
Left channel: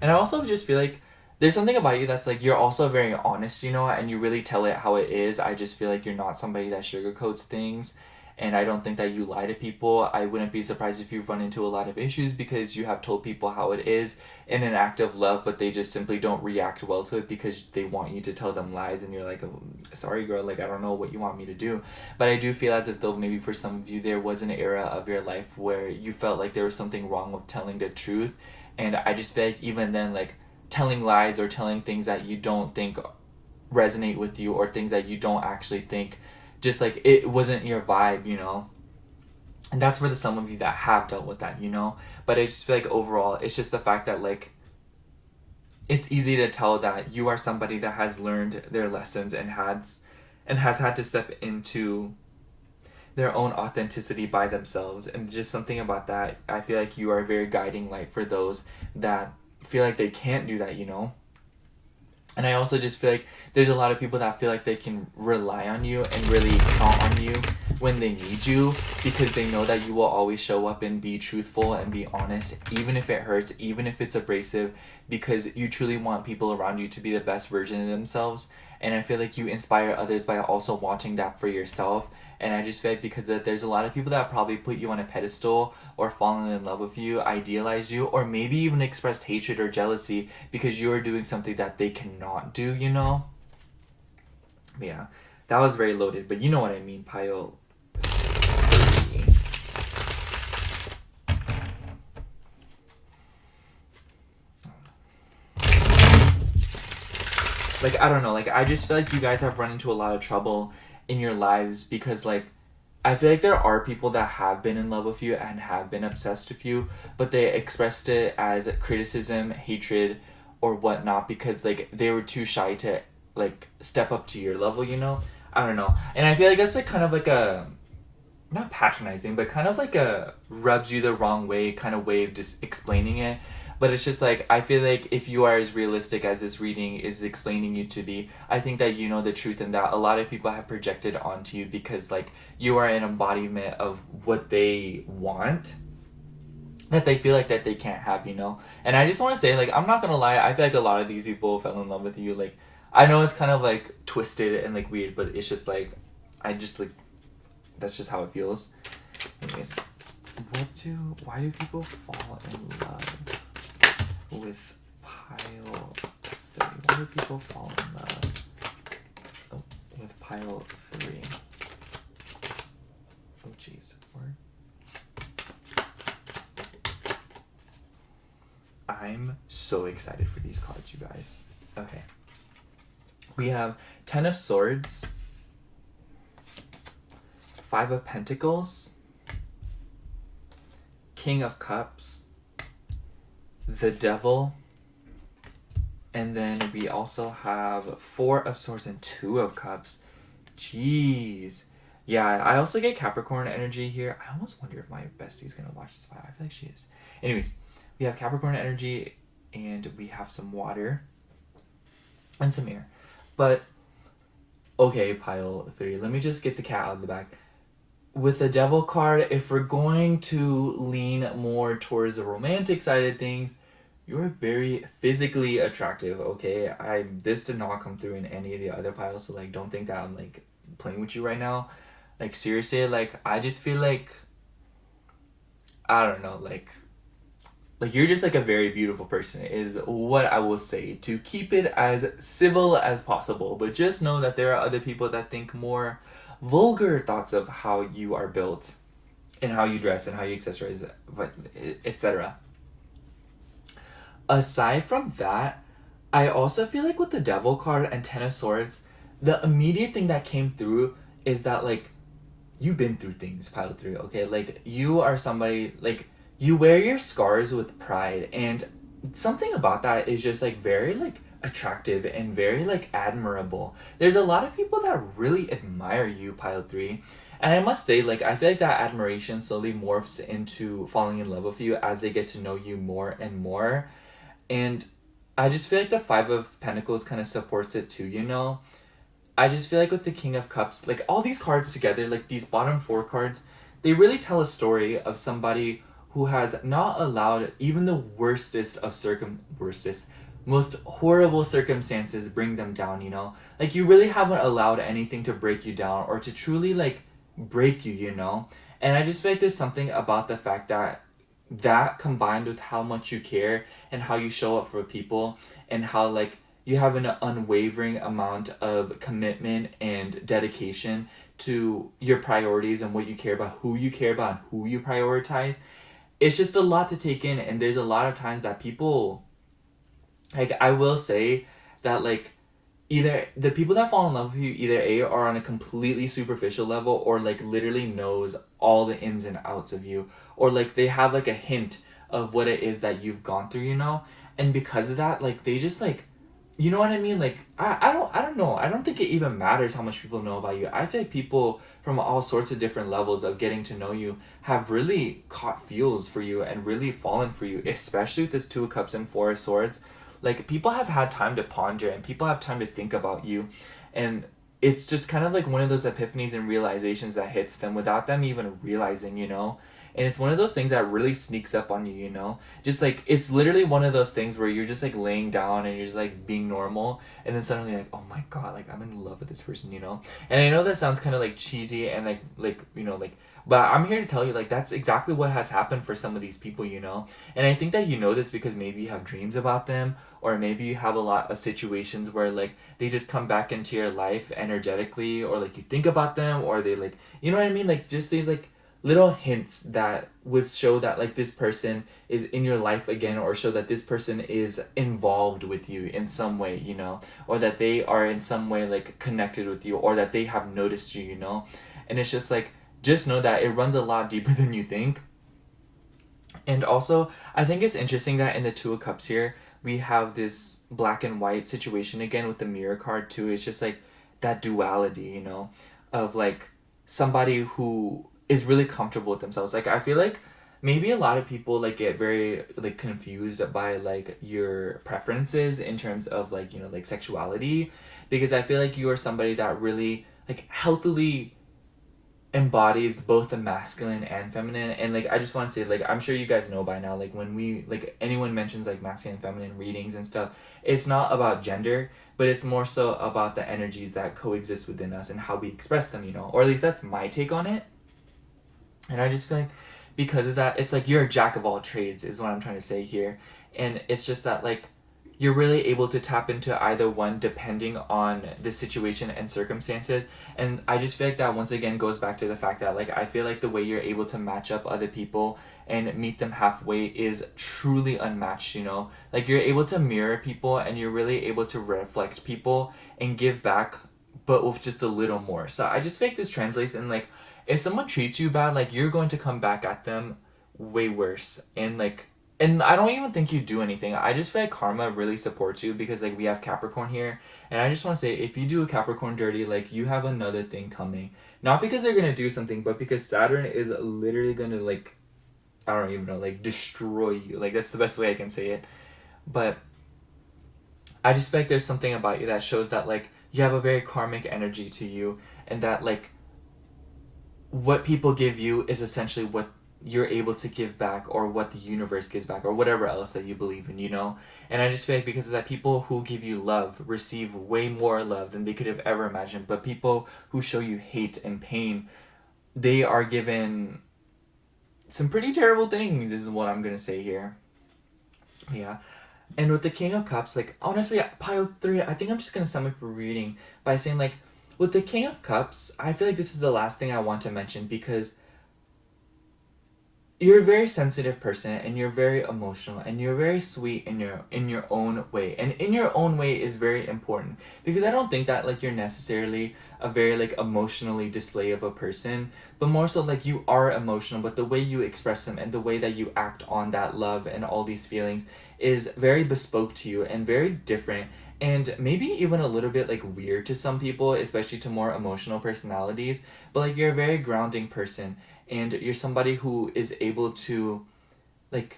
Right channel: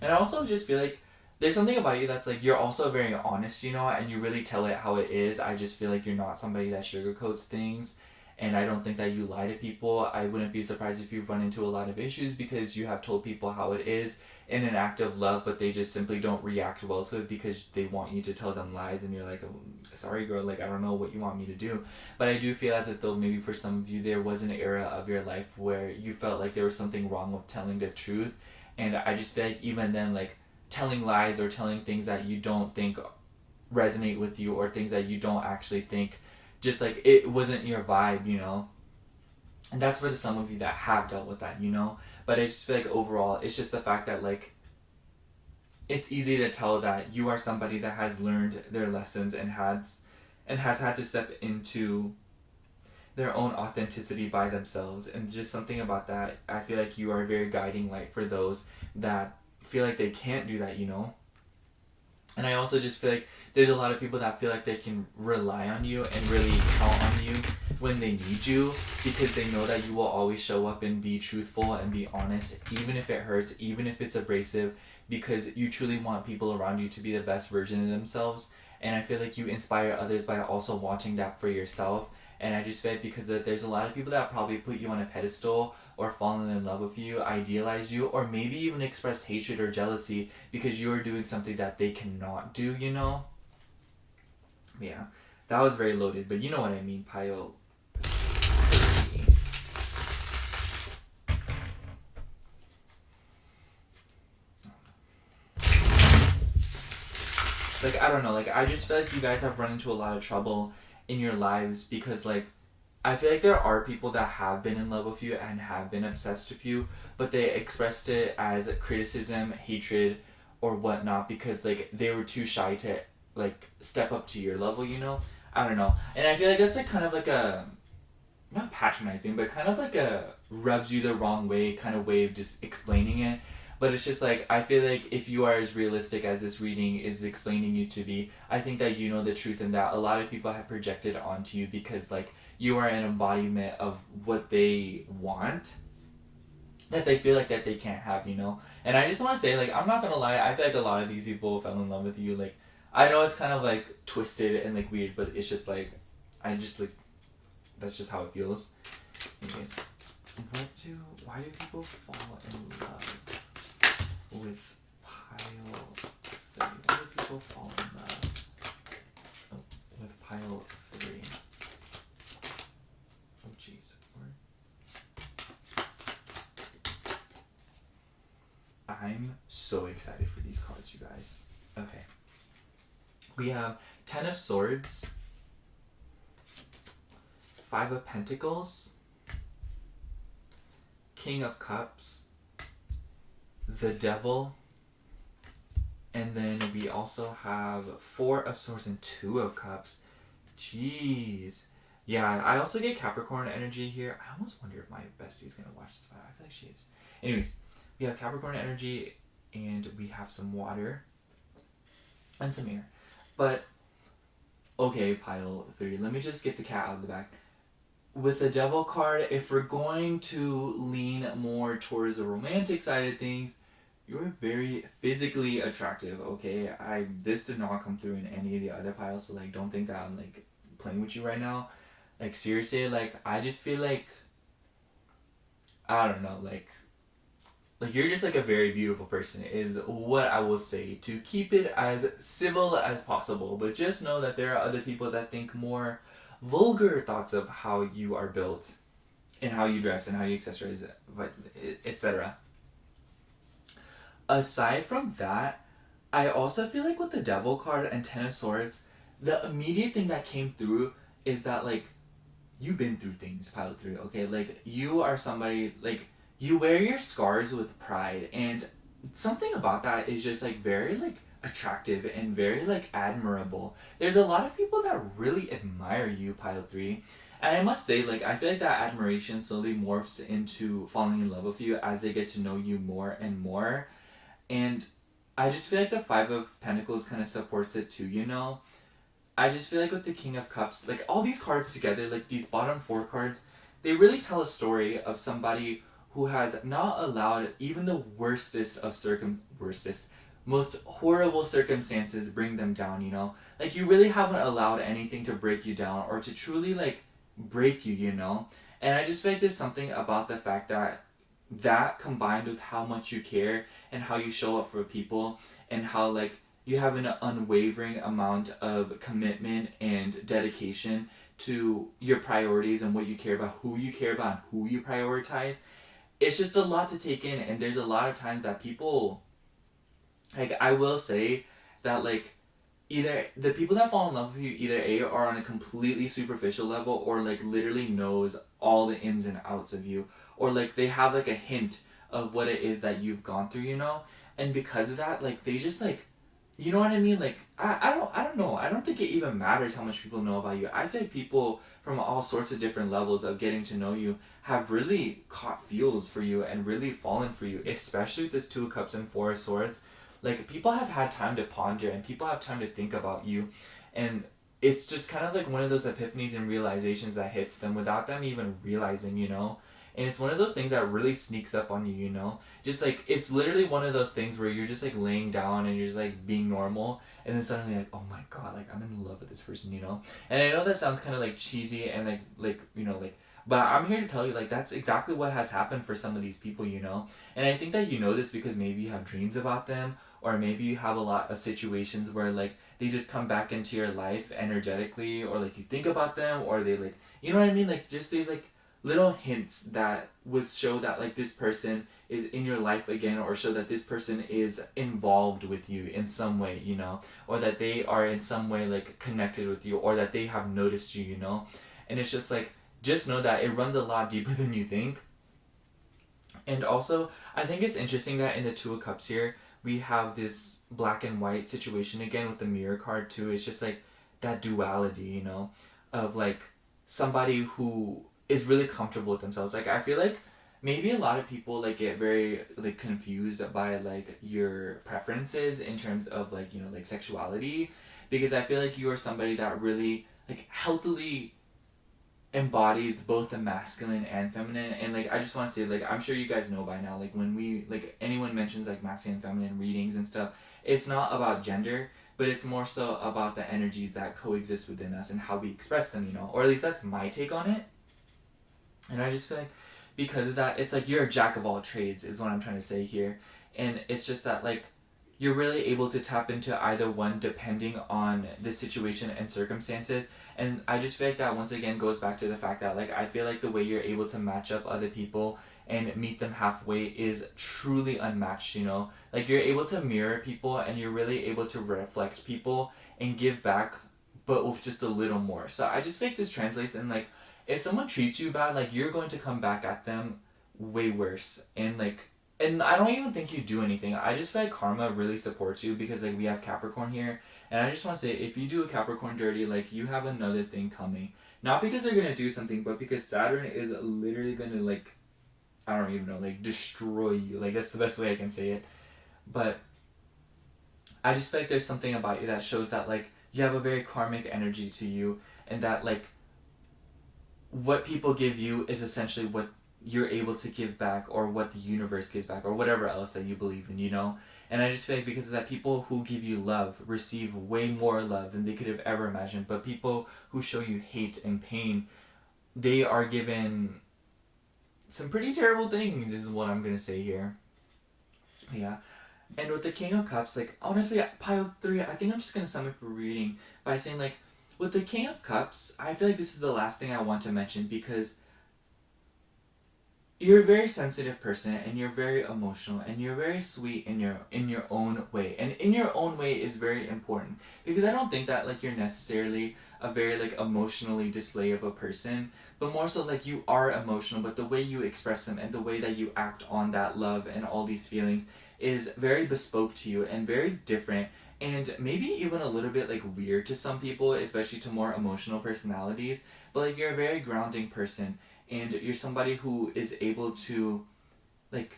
And I also just feel like there's something about you that's like, you're also very honest, you know, and you really tell it how it is. I just feel like you're not somebody that sugarcoats things, and I don't think that you lie to people. I wouldn't be surprised if you've run into a lot of issues because you have told people how it is in an act of love, but they just simply don't react well to it because they want you to tell them lies, and you're like, oh, sorry girl, like I don't know what you want me to do. But I do feel as if though maybe for some of you there was an era of your life where you felt like there was something wrong with telling the truth, and I just feel like even then, like telling lies or telling things that you don't think resonate with you, or things that you don't actually think, just like it wasn't your vibe, you know. And that's for the some of you that have dealt with that, you know. But I just feel like overall, it's just the fact that like it's easy to tell that you are somebody that has learned their lessons and has had to step into their own authenticity by themselves. And just something about that, I feel like you are a very guiding light for those that feel like they can't do that, you know. And I also just feel like there's a lot of people that feel like they can rely on you and really count on you when they need you, because they know that you will always show up and be truthful and be honest, even if it hurts, even if it's abrasive, because you truly want people around you to be the best version of themselves. And I feel like you inspire others by also wanting that for yourself. And I just feel like because there's a lot of people that probably put you on a pedestal or fallen in love with you, idealize you, or maybe even expressed hatred or jealousy because you are doing something that they cannot do, you know? Yeah, that was very loaded, but you know what I mean, pile. Like, I don't know, like, I just feel like you guys have run into a lot of trouble in your lives because, like, I feel like there are people that have been in love with you and have been obsessed with you, but they expressed it as criticism, hatred, or whatnot because, like, they were too shy to, like, step up to your level, you know? I don't know. And I feel like that's, like, kind of like a, not patronizing, but kind of like a rubs you the wrong way kind of way of just explaining it. But it's just like, I feel like if you are as realistic as this reading is explaining you to be, I think that you know the truth and that a lot of people have projected onto you because, like, you are an embodiment of what they want that they feel like that they can't have, you know? And I just want to say, like, I'm not gonna lie, I feel like a lot of these people fell in love with you. Like, I know it's kind of, like, twisted and, like, weird, but it's just, like, I just, like, that's just how it feels. Anyways, why do people fall in love with pile 3? Why do people fall in love with pile 3? Oh jeez, I'm so excited for these cards, you guys. Okay. We have 10 of Swords, 5 of Pentacles, King of Cups, the Devil, and then we also have 4 of Swords and 2 of Cups. Jeez. Yeah, I also get Capricorn energy here. I almost wonder if my bestie's gonna watch this file. I feel like she is. Anyways, we have Capricorn energy, and we have some water and some air. But, okay, pile 3. Let me just get the cat out of the bag. With the Devil card, if we're going to lean more towards the romantic side of things, you're very physically attractive, okay? This did not come through in any of the other piles, so, like, don't think that I'm, like, playing with you right now. Like, seriously, like, I just feel like, I don't know, like you're just, like, a very beautiful person is what I will say, to keep it as civil as possible. But just know that there are other people that think more vulgar thoughts of how you are built and how you dress and how you accessorize, etc. Aside from that, I also feel like with the Devil card and 10 of Swords, the immediate thing that came through is that, like, you've been through things, pile 3, okay? Like, you are somebody, like, you wear your scars with pride, and something about that is just, like, very, like, attractive and very, like, admirable. There's a lot of people that really admire you, pile 3, and I must say, like, I feel like that admiration slowly morphs into falling in love with you as they get to know you more and more. And I just feel like the 5 of Pentacles kind of supports it too, you know? I just feel like with the King of Cups, like, all these cards together, like, these bottom 4 cards, they really tell a story of somebody who has not allowed even the worstest of most horrible circumstances bring them down, you know? Like, you really haven't allowed anything to break you down or to truly, like, break you, you know? And I just feel like there's something about the fact that combined with how much you care and how you show up for people and how, like, you have an unwavering amount of commitment and dedication to your priorities and what you care about, who you care about, and who you prioritize. It's just a lot to take in, and there's a lot of times that people, like, I will say that, like, either the people that fall in love with you either A, are on a completely superficial level, or like literally knows all the ins and outs of you, or like they have like a hint of what it is that you've gone through, you know. And because of that, like they just like, you know what I mean? Like I don't know. I don't think it even matters how much people know about you. I think people from all sorts of different levels of getting to know you have really caught feels for you and really fallen for you, especially with this Two of Cups and Four of Swords. Like people have had time to ponder and people have time to think about you, and it's just kind of like one of those epiphanies and realizations that hits them without them even realizing, you know. And it's one of those things that really sneaks up on you, you know. Just like it's literally one of those things where you're just like laying down and you're just like being normal, and then suddenly like, oh my god, like I'm in love with this person, you know. And I know that sounds kind of like cheesy and like you know like, but I'm here to tell you like that's exactly what has happened for some of these people, you know. And I think that you know this because maybe you have dreams about them, or maybe you have a lot of situations where like they just come back into your life energetically, or like you think about them, or they like, you know what I mean, like just these like little hints that would show that like this person is in your life again, or show that this person is involved with you in some way, you know, or that they are in some way like connected with you, or that they have noticed you, you know. And it's just like, just know that it runs a lot deeper than you think. And also, I think it's interesting that in the Two of Cups here, we have this black and white situation again with the mirror card too. It's just like that duality, you know, of like somebody who is really comfortable with themselves. Like I feel like maybe a lot of people like get very like confused by like your preferences in terms of like, you know, like sexuality, because I feel like you are somebody that really like healthily embodies both the masculine and feminine. And like I just want to say, like I'm sure you guys know by now, like when we like anyone mentions like masculine and feminine readings and stuff, it's not about gender, but it's more so about the energies that coexist within us and how we express them, you know. Or at least that's my take on it. And I just feel like because of that, it's like you're a jack of all trades is what I'm trying to say here. And it's just that like you're really able to tap into either one depending on the situation and circumstances. And I just feel like that once again goes back to the fact that like I feel like the way you're able to match up other people and meet them halfway is truly unmatched, you know. Like you're able to mirror people and you're really able to reflect people and give back, but with just a little more. So I just feel like this translates in like if someone treats you bad, like you're going to come back at them way worse. And like, and I don't even think you do anything. I just feel like karma really supports you because like we have Capricorn here, and I just want to say if you do a Capricorn dirty, like you have another thing coming. Not because they're gonna do something, but because Saturn is literally gonna like, I don't even know, like destroy you. Like that's the best way I can say it. But I just feel like there's something about you that shows that like you have a very karmic energy to you, and that like what people give you is essentially what you're able to give back, or what the universe gives back, or whatever else that you believe in, you know. And I just feel like because of that, people who give you love receive way more love than they could have ever imagined, but people who show you hate and pain, they are given some pretty terrible things is what I'm gonna say here. Yeah. And with the King of Cups, like honestly, pile 3, I think I'm just gonna sum up a reading by saying like with the King of Cups, I feel like this is the last thing I want to mention because you're a very sensitive person and you're very emotional and you're very sweet in your own way. And in your own way is very important because I don't think that like you're necessarily a very like emotionally display of a person, but more so like you are emotional, but the way you express them and the way that you act on that love and all these feelings is very bespoke to you and very different, and maybe even a little bit like weird to some people, especially to more emotional personalities. But like you're a very grounding person, and you're somebody who is able to like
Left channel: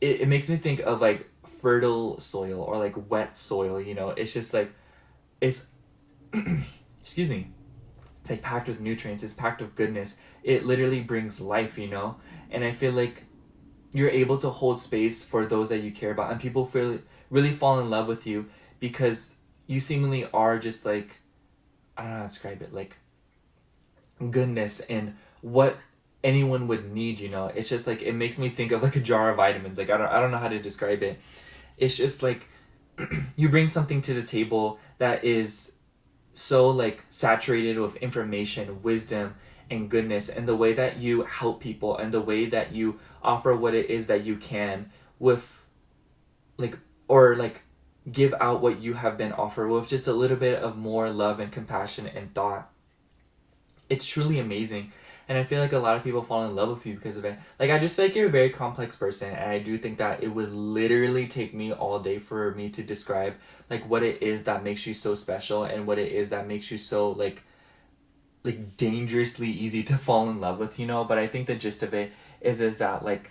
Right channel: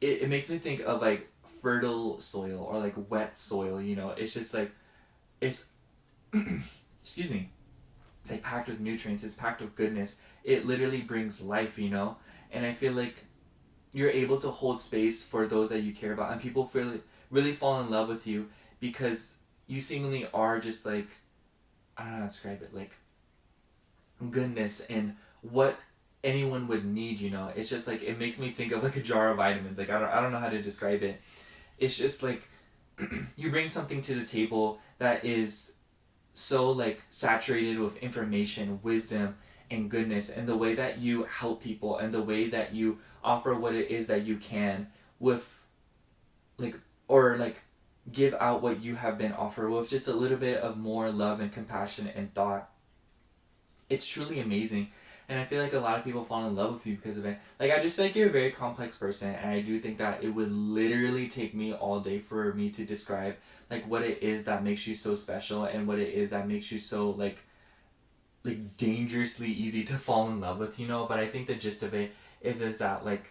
it makes me think of like fertile soil or like wet soil, you know. It's just like it's excuse me, it's like packed with nutrients, it's packed with goodness, it literally brings life, you know. And I feel like you're able to hold space for those that you care about, and people feel really fall in love with you because you seemingly are just like, I don't know how to describe it, like goodness and what anyone would need, you know. It's just like it makes me think of like a jar of vitamins. Like I don't know how to describe it. It's just like you bring something to the table that is so like saturated with information, wisdom, and goodness, and the way that you help people and the way that you offer what it is that you can with like, or like give out what you have been offered with just a little bit of more love and compassion and thought. It's truly amazing. And I feel like a lot of people fall in love with you because of it. Like, I just feel like you're a very complex person, and I do think that it would literally take me all day for me to describe, like, what it is that makes you so special and what it is that makes you so, like dangerously easy to fall in love with, you know? But I think the gist of it is that, like,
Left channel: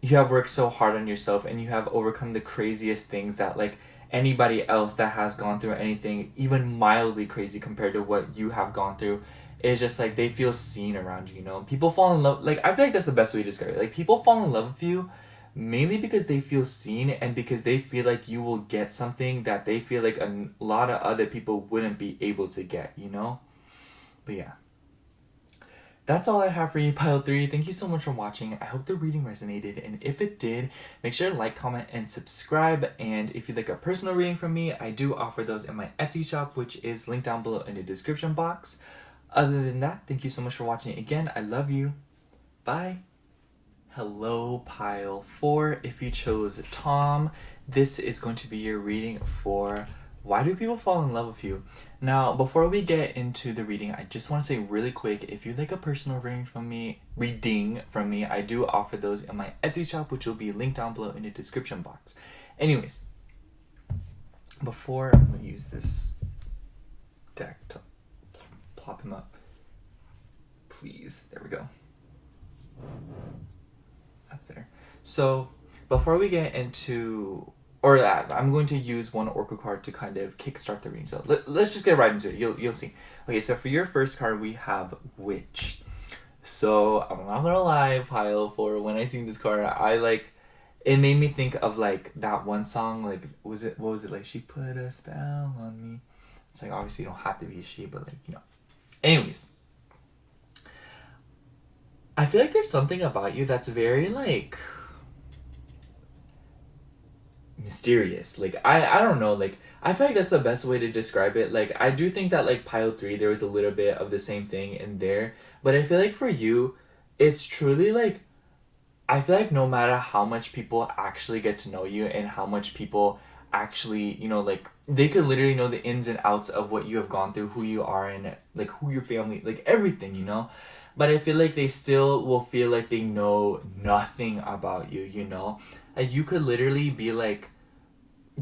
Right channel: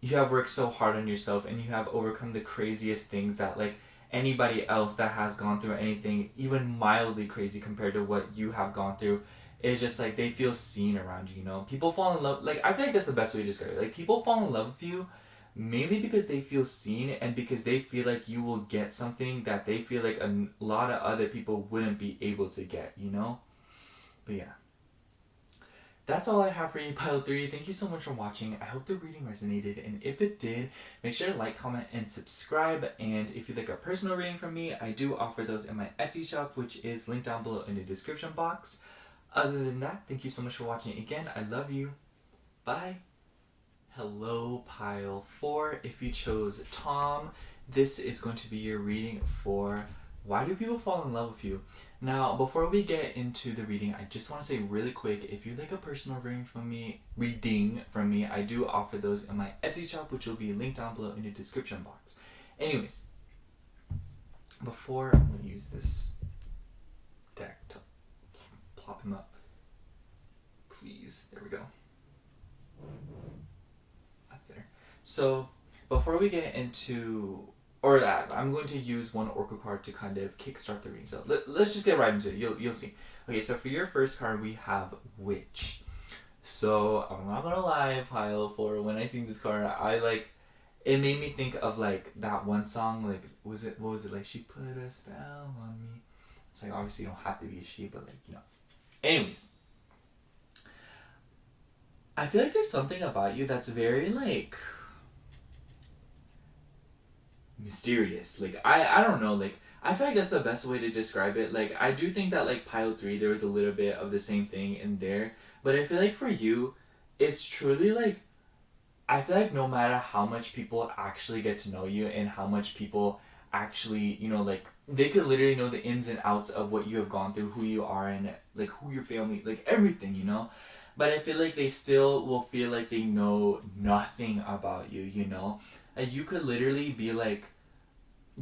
you have worked so hard on yourself and you have overcome the craziest things that, like, anybody else that has gone through anything even mildly crazy compared to what you have gone through is just like they feel seen around you, you know? People fall in love, like, I feel like that's the best way to describe it. Like, people fall in love with you mainly because they feel seen and because they feel like you will get something that they feel like a lot of other people wouldn't be able to get, you know? But yeah. That's all I have for you, Pile 3. Thank you so much for watching. I hope the reading resonated, and if it did, make sure to like, comment, and subscribe. And if you'd like a personal reading from me, I do offer those in my Etsy shop, which is linked down below in the description box. Other than that, thank you so much for watching again. I love you. Bye. Hello, Pile 4. If you chose Tom, this is going to be your reading for why do people fall in love with you? Now, before we get into the reading, I just want to say really quick, if you'd like a personal reading from me, I do offer those in my Etsy shop, which will be linked down below in the description box. Anyways, before I'm going to use this deck to plop him up. Please, there we go. That's better. So, before we get into... I'm going to use one Oracle card to kind of kickstart the reading. So let's just get right into it. You'll see. Okay, so for your first card, we have Witch. So I'm not gonna lie, Pile 4. When I seen this card, it made me think of like that one song. Like, what was it like? She put a spell on me. It's like, obviously you don't have to be a she, but like, you know. Anyways, I feel like there's something about you that's very like mysterious. Like, I don't know, like, I feel like that's the best way to describe it. Like, I do think that like Pile 3 there was a little bit of the same thing in there, but I feel like for you it's truly like, I feel like no matter how much people actually get to know you and how much people actually, you know, like, they could literally know the ins and outs of what you have gone through, who you are, and like who your family, like everything, you know, but I feel like they still will feel like they know nothing about you, you know? Like, you could literally be like,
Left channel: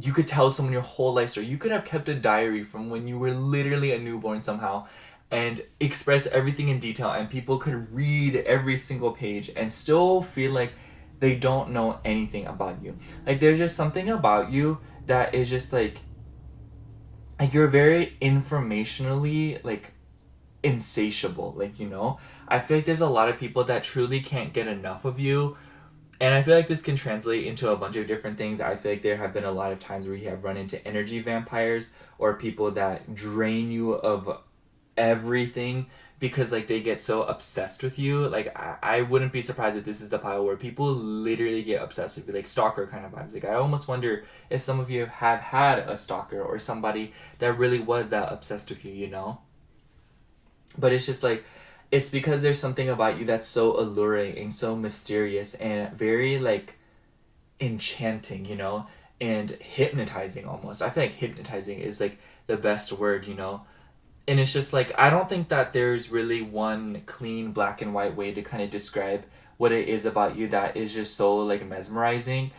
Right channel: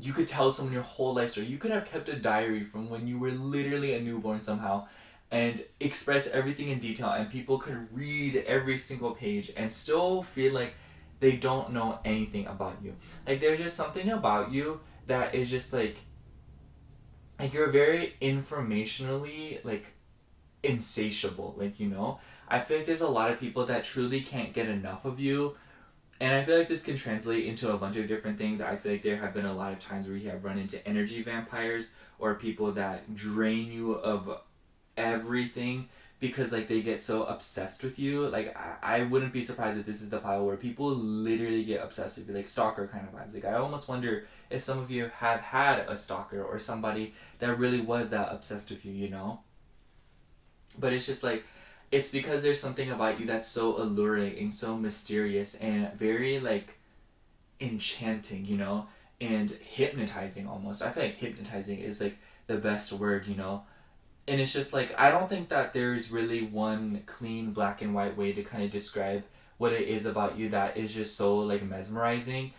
you could tell someone your whole life story. You could have kept a diary from when you were literally a newborn somehow and express everything in detail, and people could read every single page and still feel like they don't know anything about you. Like, there's just something about you that is just like you're very informationally like insatiable, like, you know? I feel like there's a lot of people that truly can't get enough of you. And I feel like this can translate into a bunch of different things. I feel like there have been a lot of times where you have run into energy vampires or people that drain you of everything because like they get so obsessed with you. Like, I wouldn't be surprised if this is the pile where people literally get obsessed with you, like stalker kind of vibes. Like, I almost wonder if some of you have had a stalker or somebody that really was that obsessed with you, you know? But it's just like, it's because there's something about you that's so alluring and so mysterious and very like enchanting, you know, and hypnotizing almost. I feel like hypnotizing is like the best word, you know. And it's just like, I don't think that there's really one clean black and white way to kind of describe what it is about you that is just so like mesmerizing.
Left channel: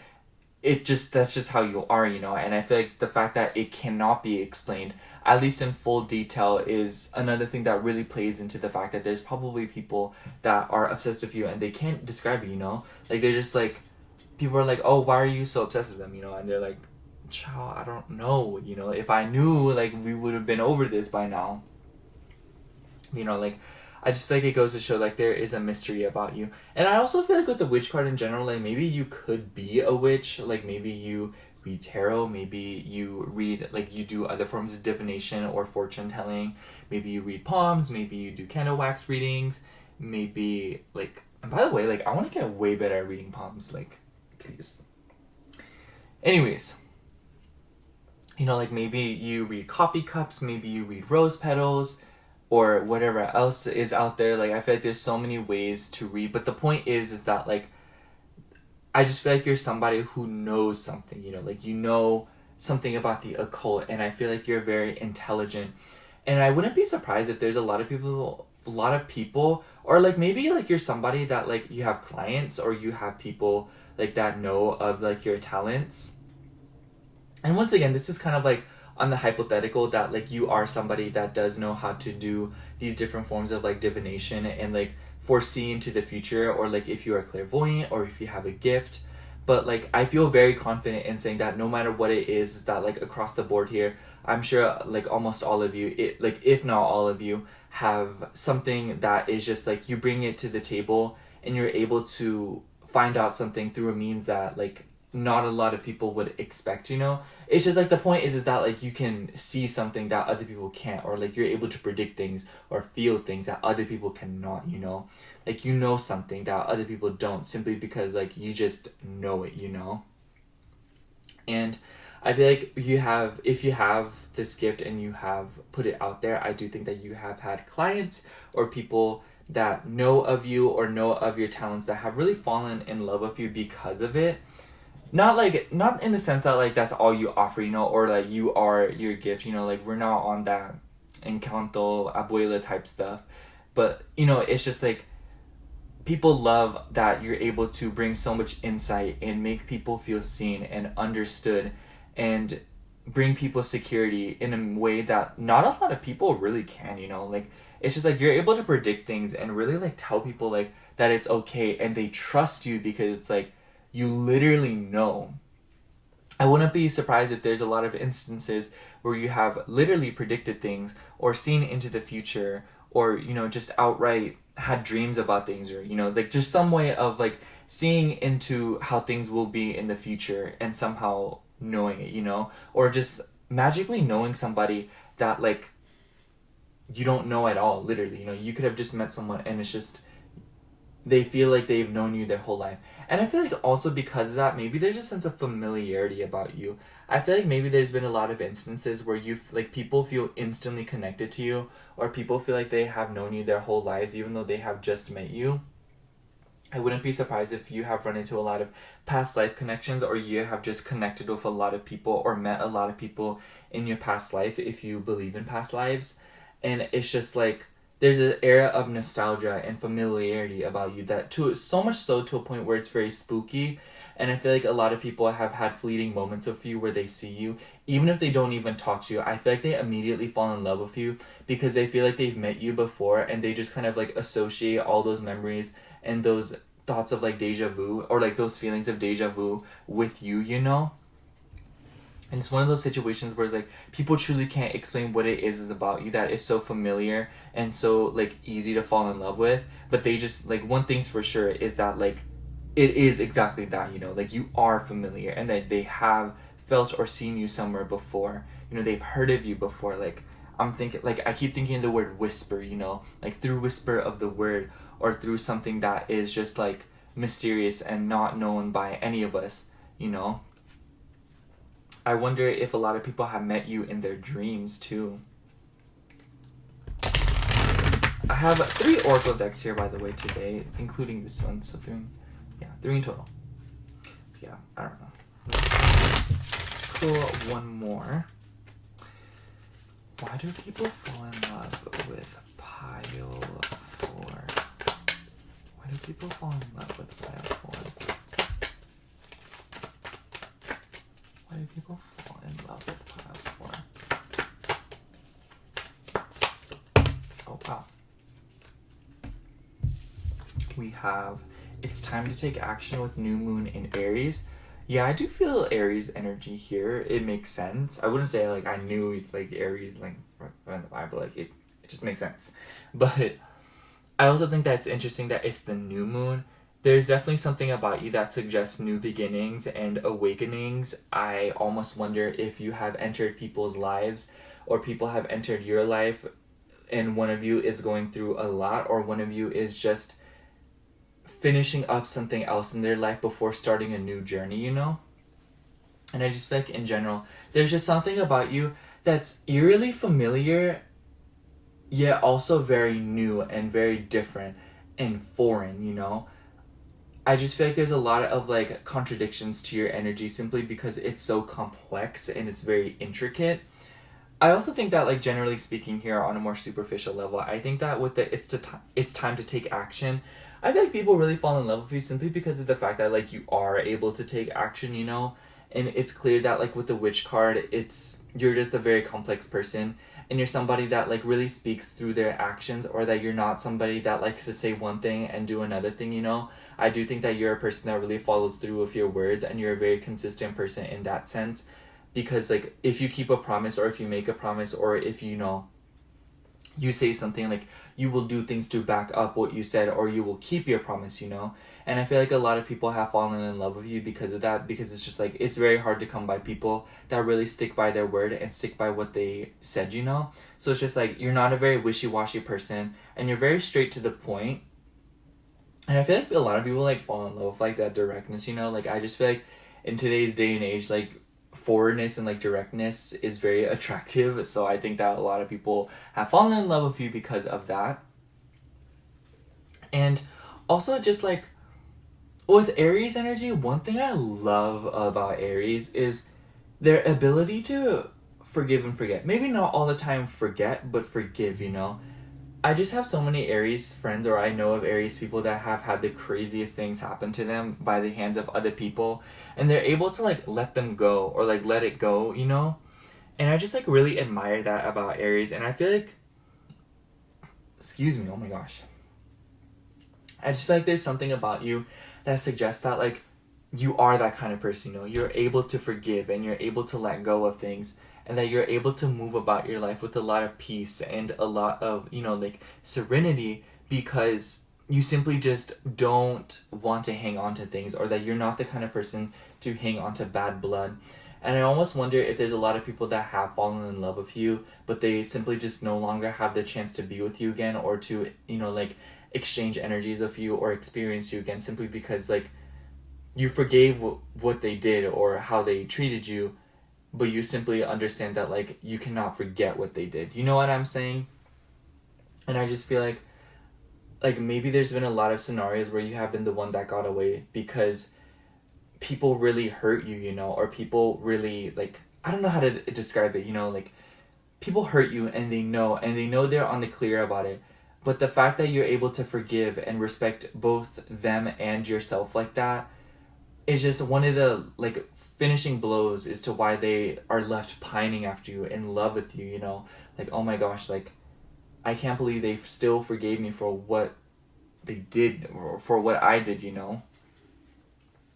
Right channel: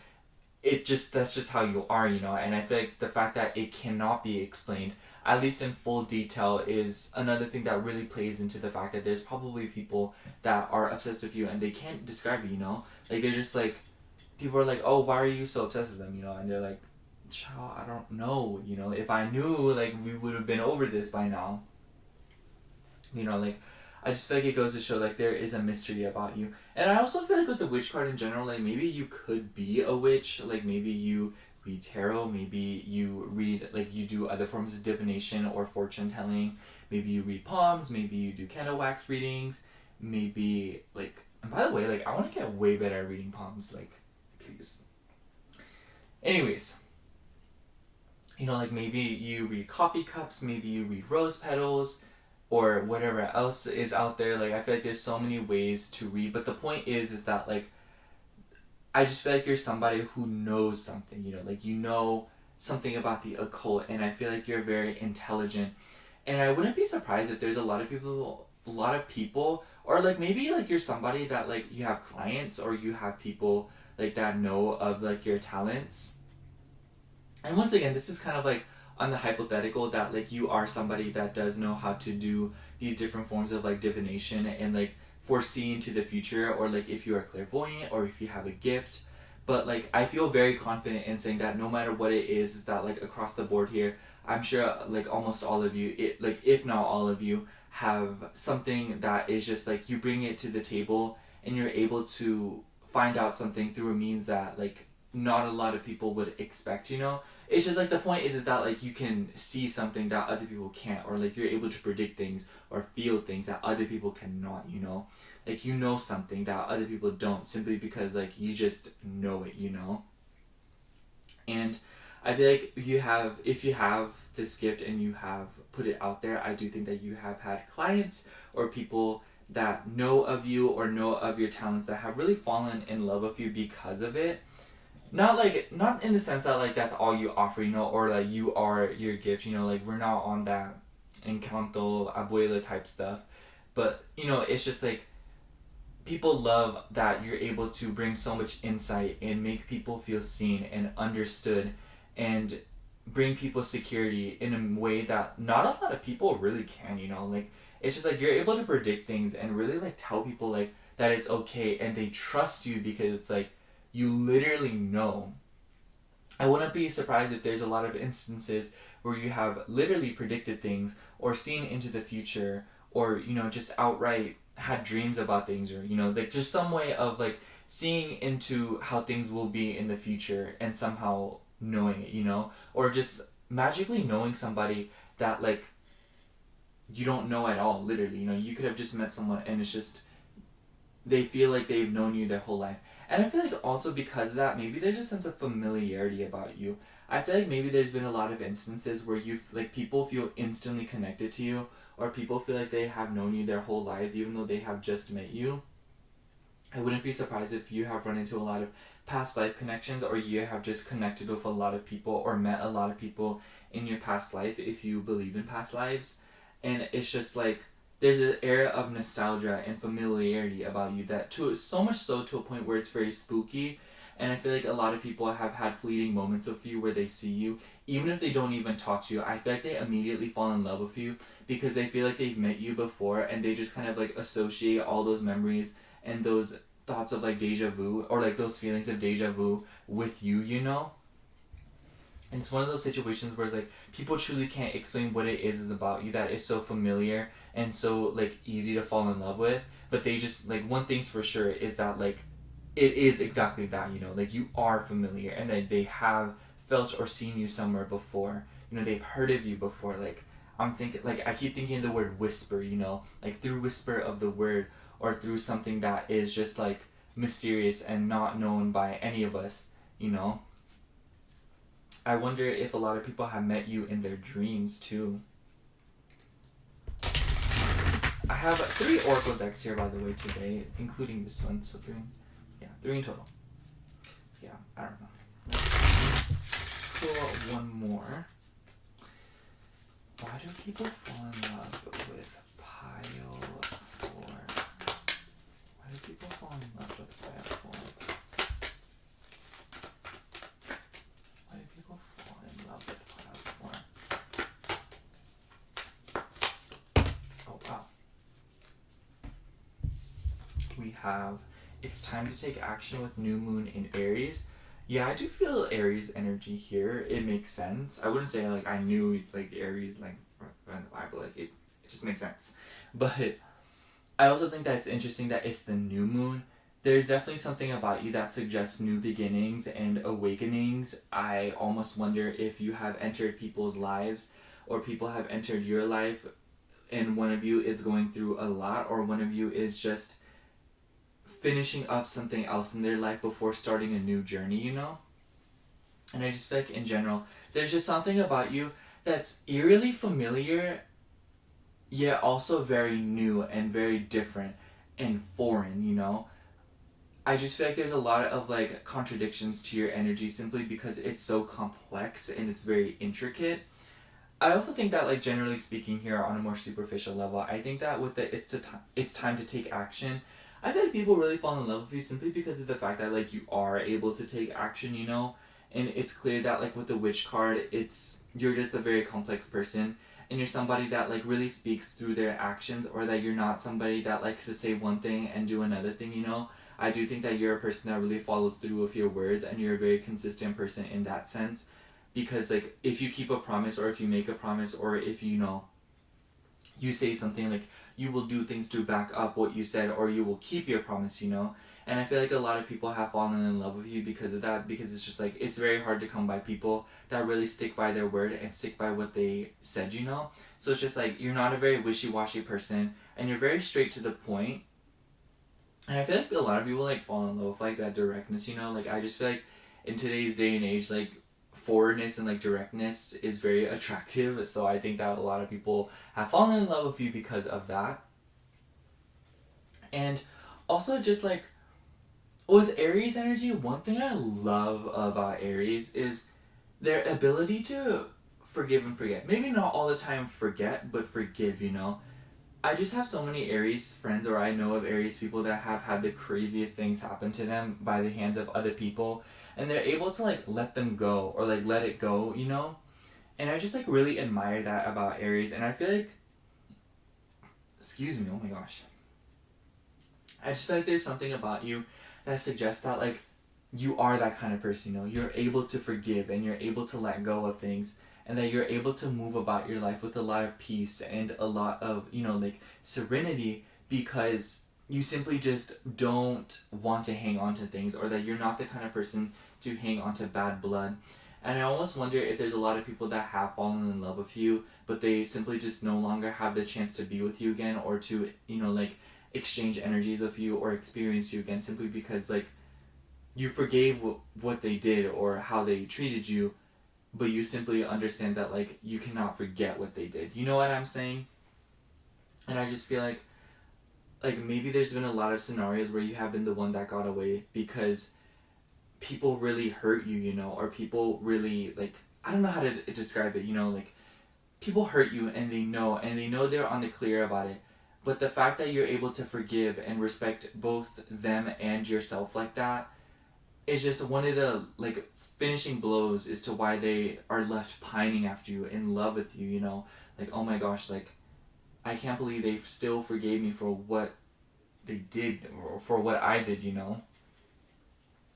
That's just how you are, you know. And I feel like the fact that it cannot be explained, at least in full detail, is another thing that really plays into the fact that there's probably people that are obsessed with you and they can't describe it, you know? Like, they're just like, people are like, oh, why are you so obsessed with them, you know? And they're like, child, I don't know, you know? If I knew, like, we would have been over this by now. You know, like, I just feel like it goes to show, like, there is a mystery about you. And I also feel like with the witch card in general, like, maybe you could be a witch. Like, maybe you read tarot, maybe you read, like, you do other forms of divination or fortune telling, maybe you read palms, maybe you do candle wax readings, maybe, like, and by the way, like, I want to get way better at reading palms, like, please. Anyways, you know, like, maybe you read coffee cups, maybe you read rose petals, or whatever else is out there. Like, I feel like there's so many ways to read, but the point is that, like, I just feel like you're somebody who knows something, like you know something about the occult, and I feel like you're very intelligent. And I wouldn't be surprised if there's a lot of people, or like maybe like you're somebody that like you have clients or you have people like that know of like your talents. And once again, this is kind of like on the hypothetical that like you are somebody that does know how to do these different forms of like divination and like foresee into the future, or like if you are clairvoyant or if you have a gift. But like I feel very confident in saying that no matter what it is that like across the board here, I'm sure like almost all of you, it like if not all of you, have something that is just like you bring it to the table and you're able to find out something through a means that like not a lot of people would expect, It's just like the point is that like you can see something that other people can't, or like you're able to predict things or feel things that other people cannot. Like you know something that other people don't, simply because like you just know it. And I feel like if you have this gift and you have put it out there, I do think that you have had clients or people that know of you or know of your talents that have really fallen in love with you because of it. Not in the sense that like that's all you offer, or like you are your gift, like we're not on that Encanto Abuela type stuff. But it's just like people love that you're able to bring so much insight and make people feel seen and understood, and bring people security in a way that not a lot of people really can. Like it's just like you're able to predict things and really like tell people like that it's okay, and they trust you because it's like you literally know. I wouldn't be surprised if there's a lot of instances where you have literally predicted things or seen into the future, or just outright had dreams about things, or like just some way of like seeing into how things will be in the future and somehow knowing it, or just magically knowing somebody that like you don't know at all. Literally, you could have just met someone and it's just they feel like they've known you their whole life. And I feel like also because of that, maybe there's a sense of familiarity about you. I feel like maybe there's been a lot of instances where you like people feel instantly connected to you, or people feel like they have known you their whole lives even though they have just met you. I wouldn't be surprised if you have run into a lot of past life connections, or you have just connected with a lot of people or met a lot of people in your past life if you believe in past lives. And it's just like there's an era of nostalgia and familiarity about you that to so much so to a point where it's very spooky. And I feel like a lot of people have had fleeting moments with you where they see you, even if they don't even talk to you. I feel like they immediately fall in love with you because they feel like they've met you before, and they just kind of like associate all those memories and those thoughts of like deja vu, or like those feelings of deja vu with you. And it's one of those situations where it's like people truly can't explain what it is about you that is so familiar and so like easy to fall in love with. But they just like, one thing's for sure is that like it is exactly that, like you are familiar, and that they have felt or seen you somewhere before. They've heard of you before. Like I'm thinking, like I keep thinking the word whisper, like through whisper of the word, or through something that is just like mysterious and not known by any of us. I wonder if a lot of people have met you in their dreams too. I have 3 Oracle decks here, by the way, today, including this one. So 3 in total. Yeah, I don't know. Let's pull one more. Why do people fall in love with Pile 4? Why do people fall in love with Pile 4? Why do people fall in love with Pile 4? Oh, wow. We have, it's time to take action with new moon in Aries. Yeah, I do feel Aries energy here. It makes sense. I wouldn't say like I knew like Aries like from the Bible, like it just makes sense. But I also think that it's interesting that it's the new moon. There's definitely something about you that suggests new beginnings and awakenings. I almost wonder if you have entered people's lives, or people have entered your life, and one of you is going through a lot, or one of you is just finishing up something else in their life before starting a new journey. And I just feel like in general, there's just something about you that's eerily familiar, yet also very new and very different and foreign. I just feel like there's a lot of like contradictions to your energy simply because it's so complex and it's very intricate. I also think that, like, generally speaking here on a more superficial level, I think that with the it's time to take action, I feel like people really fall in love with you simply because of the fact that, like, you are able to take action, you know? And it's clear that, like, with the witch card, you're just a very complex person, and you're somebody that, like, really speaks through their actions, or that you're not somebody that likes to say one thing and do another thing, you know? I do think that you're a person that really follows through with your words, and you're a very consistent person in that sense. Because, like, if you keep a promise, or if you make a promise, or if you know you say something, like, you will do things to back up what you said, or you will keep your promise, you know. And I feel like a lot of people have fallen in love with you because of that, because it's just like, it's very hard to come by people that really stick by their word and stick by what they said, you know. So it's just like, you're not a very wishy-washy person, and you're very straight to the point. And I feel like a lot of people, like, fall in love with, like, that directness, you know. Like, I just feel like in today's day and age, like, forwardness and, like, directness is very attractive. So I think that a lot of people have fallen in love with you because of that. And also, just like, with Aries energy, one thing I love about Aries is their ability to forgive and forget. Maybe not all the time forget, but forgive, you know. I just have so many Aries friends, or I know of Aries people that have had the craziest things happen to them by the hands of other people, and they're able to, like, let them go, or, like, let it go, you know. And I just, like, really admire that about Aries. And I feel like, excuse me, oh my gosh, I just feel like there's something about you that suggests that, like, you are that kind of person, you know. You're able to forgive, and you're able to let go of things, and that you're able to move about your life with a lot of peace and a lot of, you know, like, serenity, because you simply just don't want to hang on to things, or that you're not the kind of person to hang on to bad blood. And I almost wonder if there's a lot of people that have fallen in love with you, but they simply just no longer have the chance to be with you again, or to, you know, like, exchange energies with you or experience you again, simply because, like, you forgave what they did or how they treated you, but you simply understand that, like, you cannot forget what they did. You know what I'm saying? And I just feel like maybe there's been a lot of scenarios where you have been the one that got away because people really hurt you, you know, or people really, like, I don't know how to describe it, you know, like, people hurt you, and they know they're on the clear about it. But the fact that you're able to forgive and respect both them and yourself like that is just one of the, like, finishing blows as to why they are left pining after you, in love with you, you know. Like, oh my gosh, like, I can't believe they still forgave me for what they did, or for what I did, you know.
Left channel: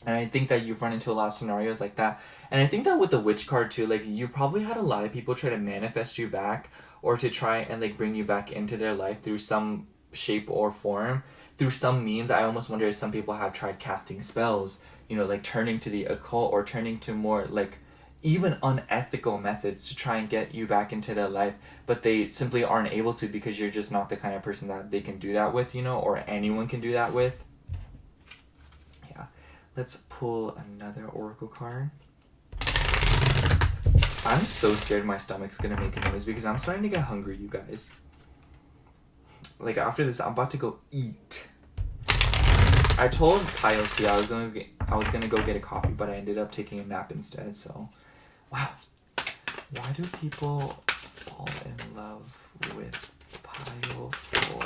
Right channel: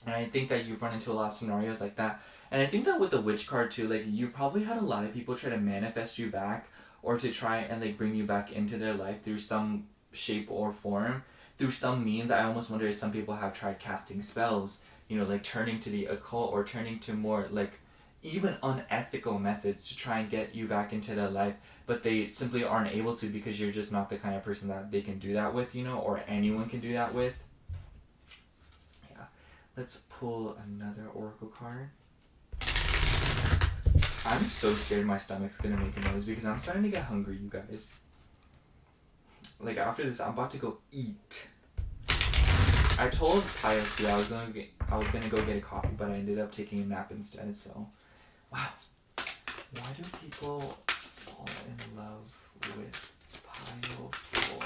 And I think that you've run into a lot of scenarios like that. And I think that with the witch card too, like, you've probably had a lot of people try to manifest you back, or to try and, like, bring you back into their life through some shape or form, through some means. I almost wonder if some people have tried casting spells, you know, like, turning to the occult, or turning to more, like, even unethical methods to try and get you back into their life, but they simply aren't able to, because you're just not the kind of person that they can do that with, you know, or anyone can do that with. Yeah. Let's pull another oracle card. I'm so scared my stomach's gonna make a noise because I'm starting to get hungry, you guys. Like, after this, I'm about to go eat. I told Piloty I was gonna go get a coffee, but I ended up taking a nap instead. So, wow. Why do people fall in love with Pile 4?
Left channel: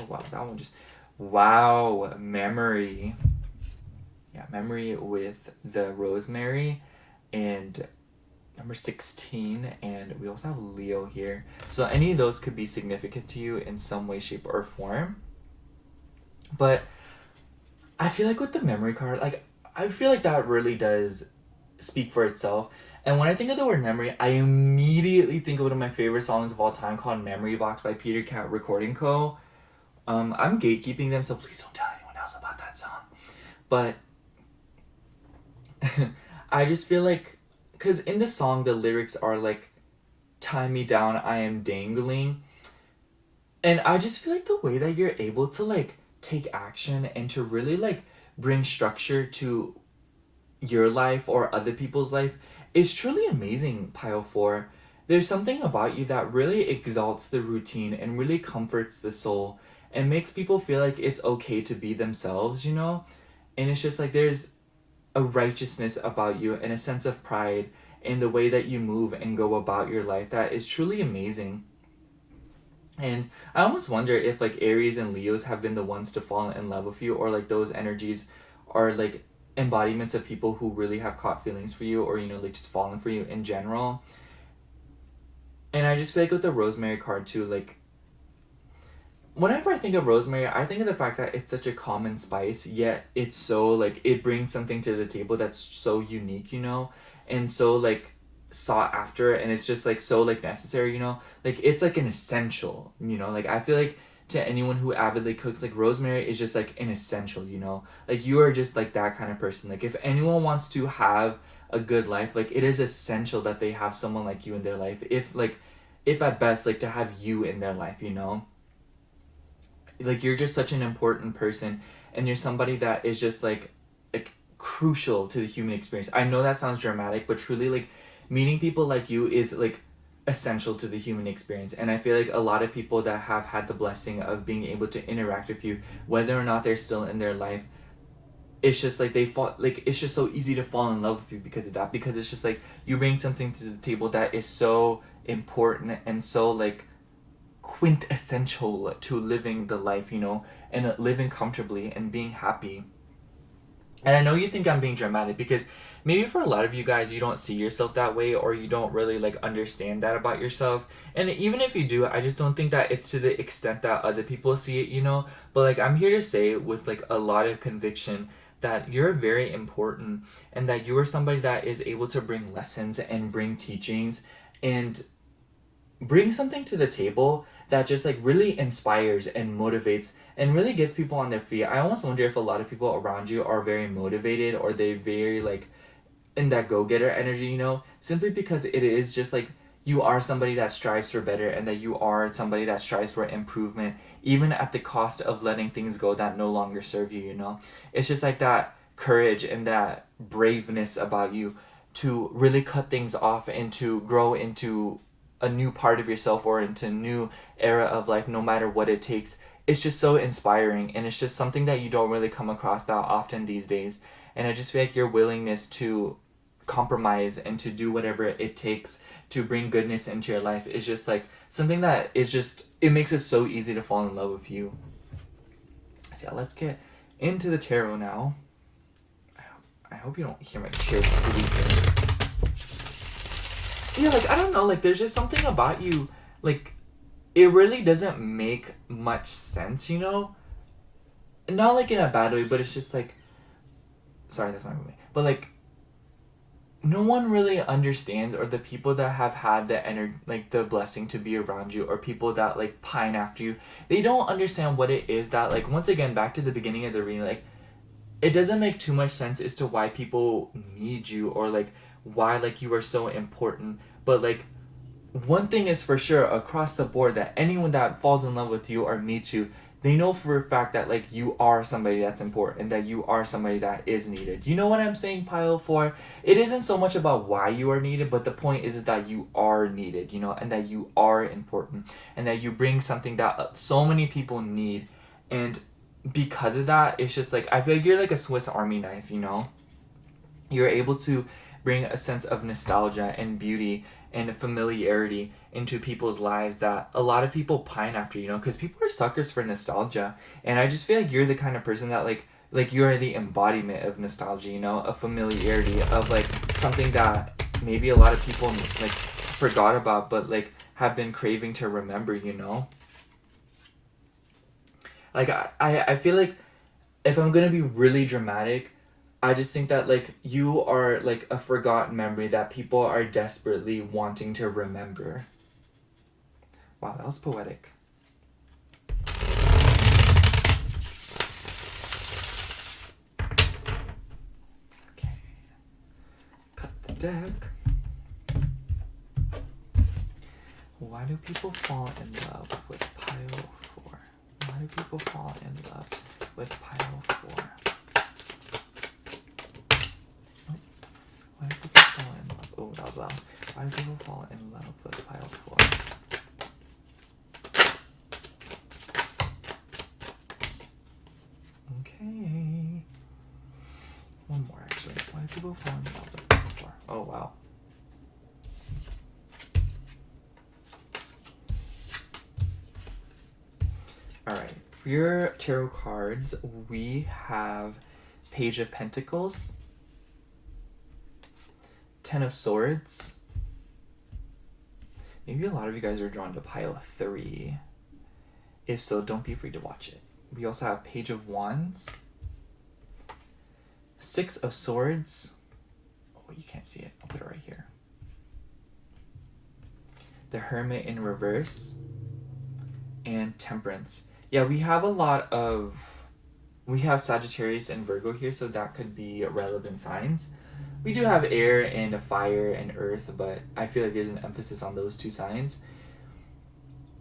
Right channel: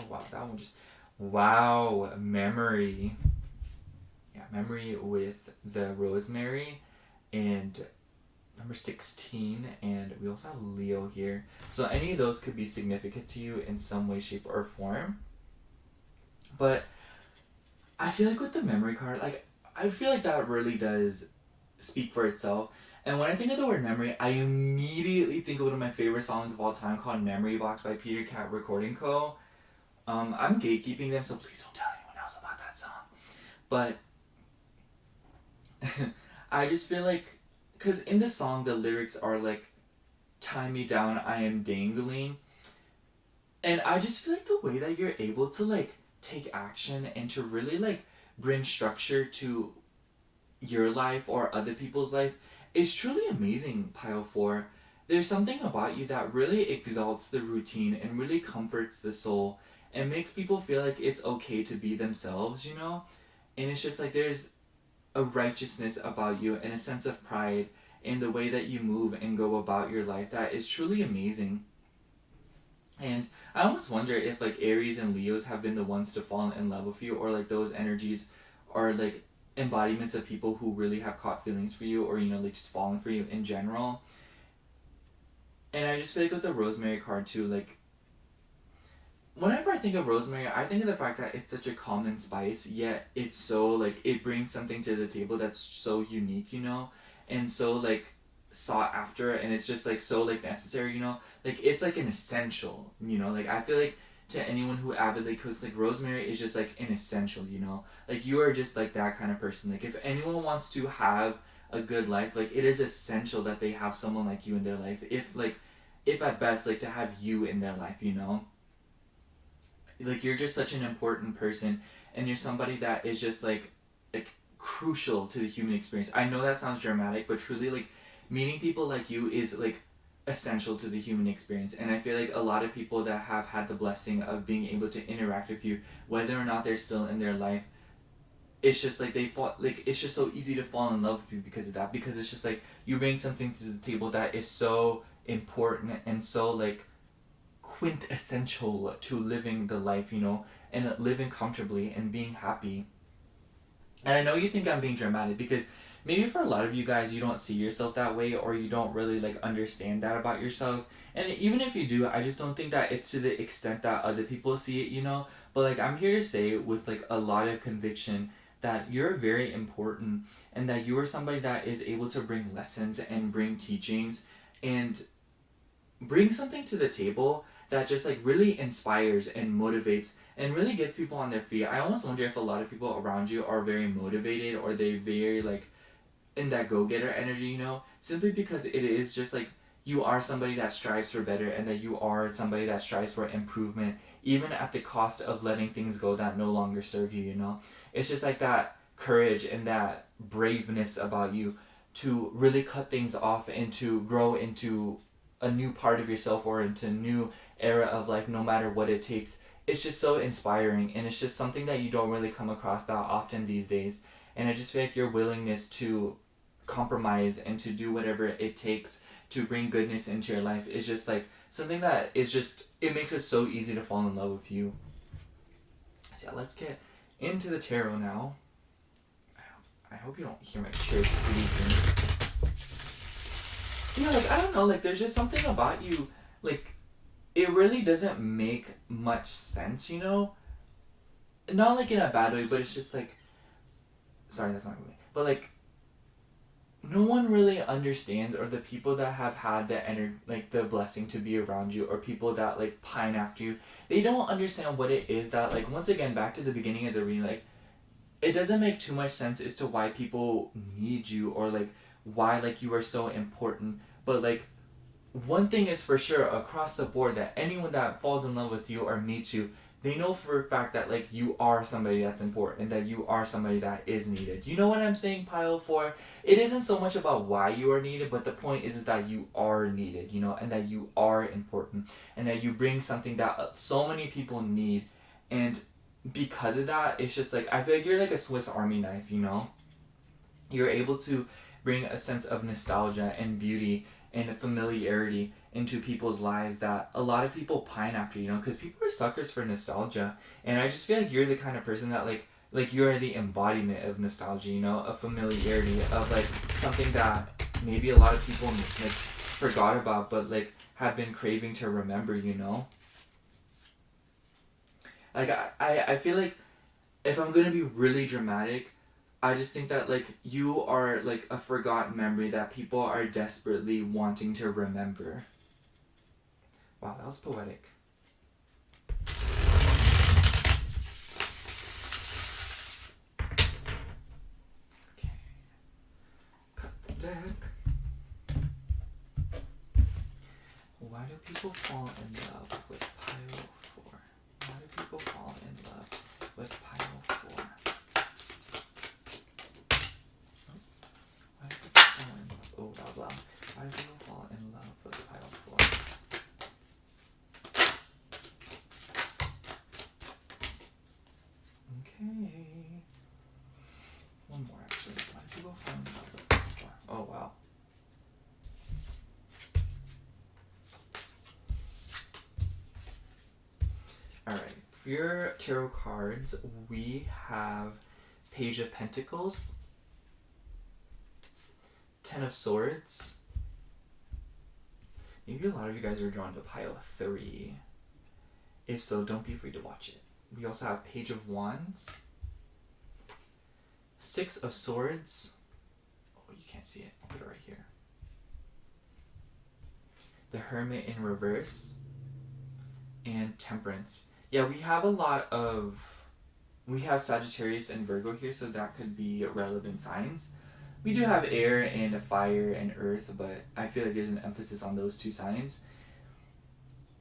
Oh wow, that one just, wow, memory. Yeah, memory with the rosemary and number 16, and we also have Leo here. So any of those could be significant to you in some way, shape, or form. But I feel like with the memory card, like, I feel like that really does speak for itself. And when I think of the word memory, I immediately think of one of my favorite songs of all time called Memory Box by Peter Cat Recording Co. I'm gatekeeping them, so please don't tell anyone else about that song. But I just feel like, because in the song, the lyrics are like, tie me down, I am dangling. And I just feel like the way that you're able to, like, take action and to really, like, bring structure to your life or other people's life is truly amazing, Pile 4. There's something about you that really exalts the routine and really comforts the soul. It makes people feel like it's okay to be themselves, you know? And it's just like there's a righteousness about you and a sense of pride in the way that you move and go about your life that is truly amazing. And I almost wonder if like Aries and Leos have been the ones to fall in love with you, or like those energies are like embodiments of people who really have caught feelings for you, or you know, like just fallen for you in general. And I just feel like with the Rosemary card too, like whenever I think of rosemary, I think of the fact that it's such a common spice, yet it's so like it brings something to the table that's so unique, you know, and so like sought after, and it's just like so like necessary, you know, like it's like an essential, you know, like I feel like to anyone who avidly cooks, like rosemary is just like an essential, you know, like you are just like that kind of person. Like if anyone wants to have a good life, like it is essential that they have someone like you in their life, if at best like to have you in their life, you know. Like you're just such an important person, and you're somebody that is just like crucial to the human experience. I know that sounds dramatic, but truly like meeting people like you is like essential to the human experience. And I feel like a lot of people that have had the blessing of being able to interact with you, whether or not they're still in their life, it's just like they fall, like it's just so easy to fall in love with you because of that, because it's just like you bring something to the table that is so important and so like quintessential to living the life, you know, and living comfortably and being happy. And I know you think I'm being dramatic because maybe for a lot of you guys, you don't see yourself that way, or you don't really like understand that about yourself. And even if you do, I just don't think that it's to the extent that other people see it, you know. But like I'm here to say with like a lot of conviction that you're very important, and that you are somebody that is able to bring lessons and bring teachings and bring something to the table that just like really inspires and motivates and really gets people on their feet. I almost wonder if a lot of people around you are very motivated, or they're very like in that go-getter energy, you know, simply because it is just like you are somebody that strives for better, and that you are somebody that strives for improvement, even at the cost of letting things go that no longer serve you, you know. It's just like that courage and that braveness about you to really cut things off and to grow into a new part of yourself, or into a new era of life, no matter what it takes. It's just so inspiring, and it's just something that you don't really come across that often these days. And I just feel like your willingness to compromise and to do whatever it takes to bring goodness into your life is just like something that is just, it makes it so easy to fall in love with you. So yeah, let's get into the tarot now. I hope you don't hear my chair squeaking. Yeah, like, I don't know, like, there's just something about you, like, it really doesn't make much sense, you know? Not, like, in a bad way, but it's just, like, sorry, that's my movie. But, like, no one really understands, or the people that have had the blessing to be around you, or people that, like, pine after you, they don't understand what it is that, like, once again, back to the beginning of the reading, like, it doesn't make too much sense as to why people need you, or, like, why, like, you are so important. But like one thing is for sure across the board, that anyone that falls in love with you or meets you, they know for a fact that like you are somebody that's important, and that you are somebody that is needed. You know what I'm saying, pile 4? It isn't so much about why you are needed, but the point is that you are needed, you know, and that you are important, and that you bring something that so many people need. And because of that, it's just like I feel like you're like a Swiss Army knife, you know. You're able to bring a sense of nostalgia and beauty and familiarity into people's lives that a lot of people pine after, you know, because people are suckers for nostalgia. And I just feel like you're the kind of person that like you're the embodiment of nostalgia, you know, of familiarity, of like something that maybe a lot of people like forgot about, but like have been craving to remember, you know. Like I feel like if I'm gonna be really dramatic, I just think that like you are like a forgotten memory that people are desperately wanting to remember. Wow, that was poetic. Okay. Cut the deck. Why do people fall in love with pile 4? Why do people fall in love with pile 4? Why do people fall in love? Oh, that was loud. Why do people fall in love with pile 4? people fall in love with this far? Oh wow. Alright, for your tarot cards, we have Page of Pentacles, Ten of Swords. Maybe a lot of you guys are drawn to pile 3. If so, don't be afraid to watch it. We also have Page of Wands, Six of Swords. Oh, you can't see it. I'll put it right here. The Hermit in reverse, and Temperance. Yeah, we have Sagittarius and Virgo here, so that could be relevant signs. We do have air and a fire and earth, but I feel like there's an emphasis on those 2 signs.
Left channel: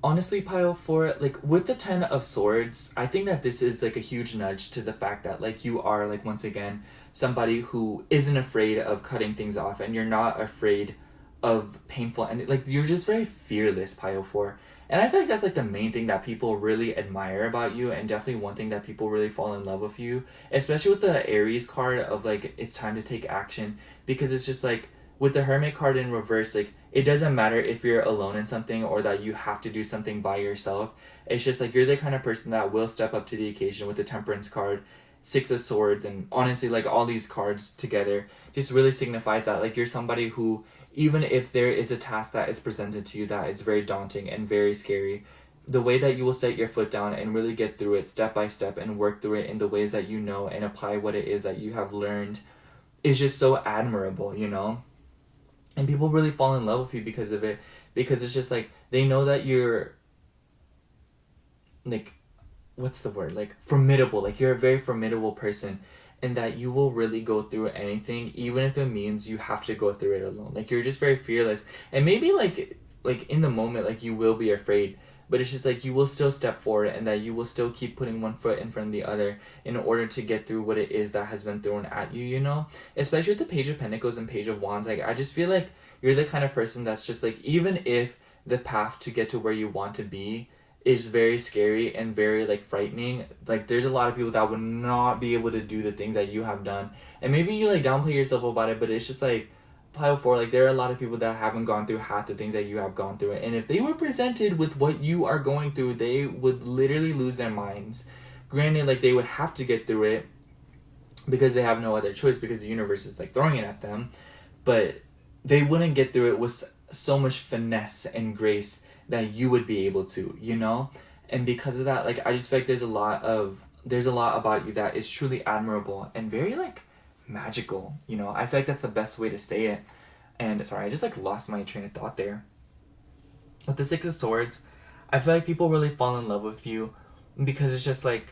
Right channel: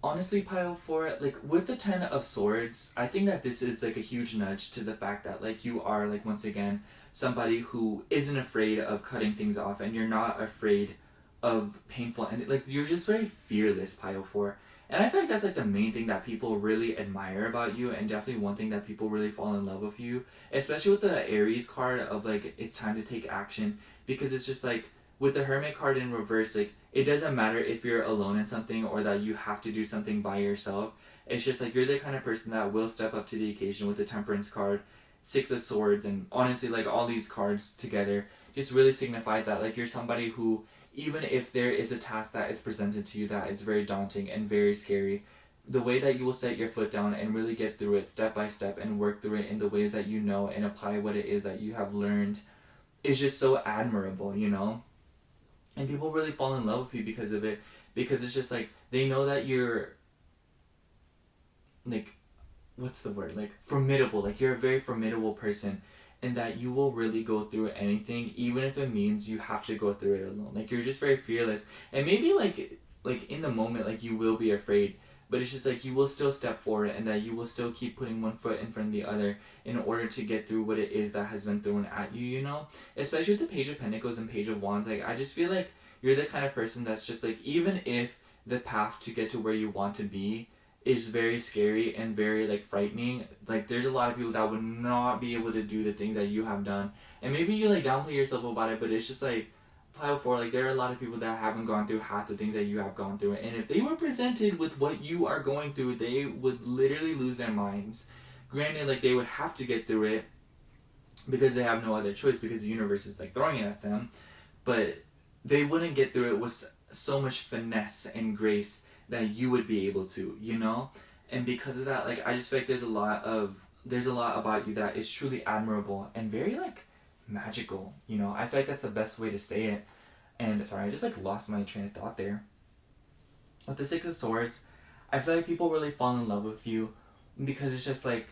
Honestly, pile 4, like with the 10 of Swords, I think that this is like a huge nudge to the fact that like you are like once again somebody who isn't afraid of cutting things off, and you're not afraid of painful, and like you're just very fearless, pile 4. And I feel like that's like the main thing that people really admire about you, and definitely one thing that people really fall in love with you, especially with the Aries card of like it's time to take action, because it's just like with the Hermit card in reverse, like it doesn't matter if you're alone in something or that you have to do something by yourself. It's just like you're the kind of person that will step up to the occasion. With the Temperance card, Six of Swords, and honestly like all these cards together just really signifies that like you're somebody who, even if there is a task that is presented to you that is very daunting and very scary, the way that you will set your foot down and really get through it step by step and work through it in the ways that you know and apply what it is that you have learned is just so admirable, you know? And people really fall in love with you because of it, because it's just like they know that you're like, what's the word? Like formidable, like you're a very formidable person, and that you will really go through anything, even if it means you have to go through it alone. Like you're just very fearless, and maybe like in the moment like you will be afraid, but it's just like you will still step forward, and that you will still keep putting one foot in front of the other in order to get through what it is that has been thrown at you, you know? Especially with the Page of Pentacles and Page of Wands, like I just feel like you're the kind of person that's just like, even if the path to get to where you want to be is very scary and very like frightening, like there's a lot of people that would not be able to do the things that you have done, and maybe you like downplay yourself about it, but it's just like pile 4, like there are a lot of people that haven't gone through half the things that you have gone through, and if they were presented with what you are going through, they would literally lose their minds. Granted, like they would have to get through it because they have no other choice, because the universe is like throwing it at them, but they wouldn't get through it with so much finesse and grace that you would be able to, you know? And because of that, like I just feel like there's a lot about you that is truly admirable and very like magical, you know? I feel like that's the best way to say it. And sorry, I just like lost my train of thought there. With the Six of Swords, I feel like people really fall in love with you because it's just like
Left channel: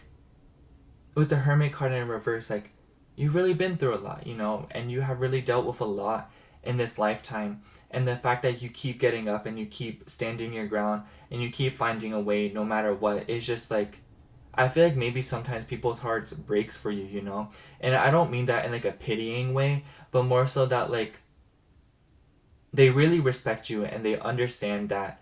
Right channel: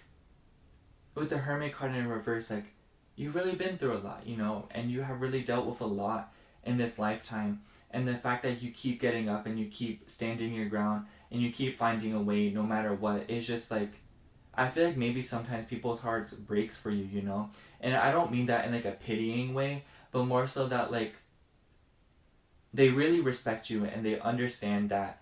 with the Hermit card in reverse, like you've really been through a lot, you know, and you have really dealt with a lot in this lifetime. And the fact that you keep getting up and you keep standing your ground and you keep finding a way no matter what, is just like, I feel like maybe sometimes people's hearts breaks for you, you know? And I don't mean that in like a pitying way, but more so that like they really respect you and they understand that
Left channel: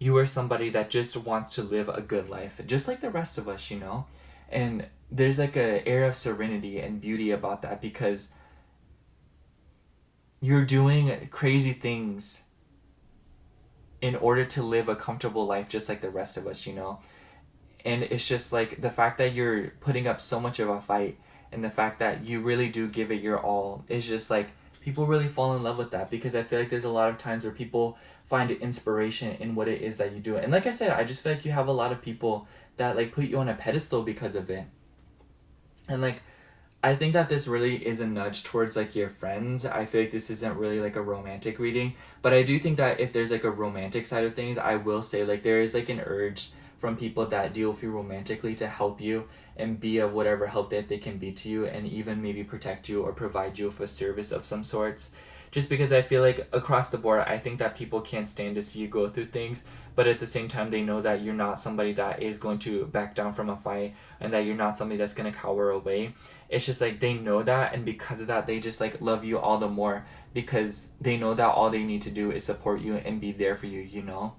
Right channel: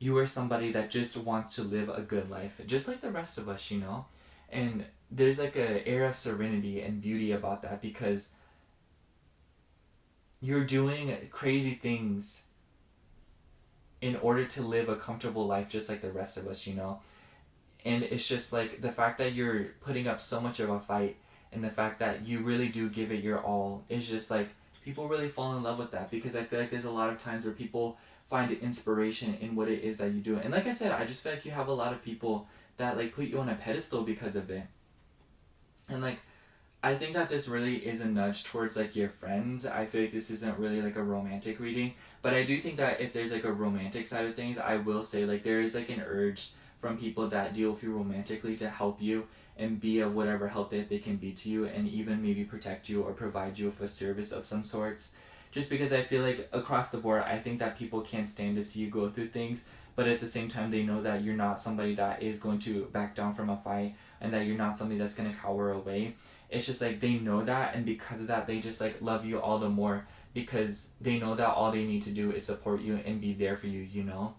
you are somebody that just wants to live a good life, just like the rest of us, you know? And there's like an air of serenity and beauty about that, because you're doing crazy things in order to live a comfortable life just like the rest of us, you know? And it's just like the fact that you're putting up so much of a fight, and the fact that you really do give it your all, is just like people really fall in love with that, because I feel like there's a lot of times where people find inspiration in what it is that you do. And like I said, I just feel like you have a lot of people that like put you on a pedestal because of it. And like I think that this really is a nudge towards like your friends. I feel like this isn't really like a romantic reading, but I do think that if there's like a romantic side of things, I will say like there is like an urge from people that deal with you romantically to help you and be of whatever help that they can be to you, and even maybe protect you or provide you with a service of some sorts. Just because I feel like across the board, I think that people can't stand to see you go through things, but at the same time they know that you're not somebody that is going to back down from a fight, and that you're not somebody that's going to cower away. It's just like they know that, and because of that they just like love you all the more, because they know that all they need to do is support you and be there for you, you know?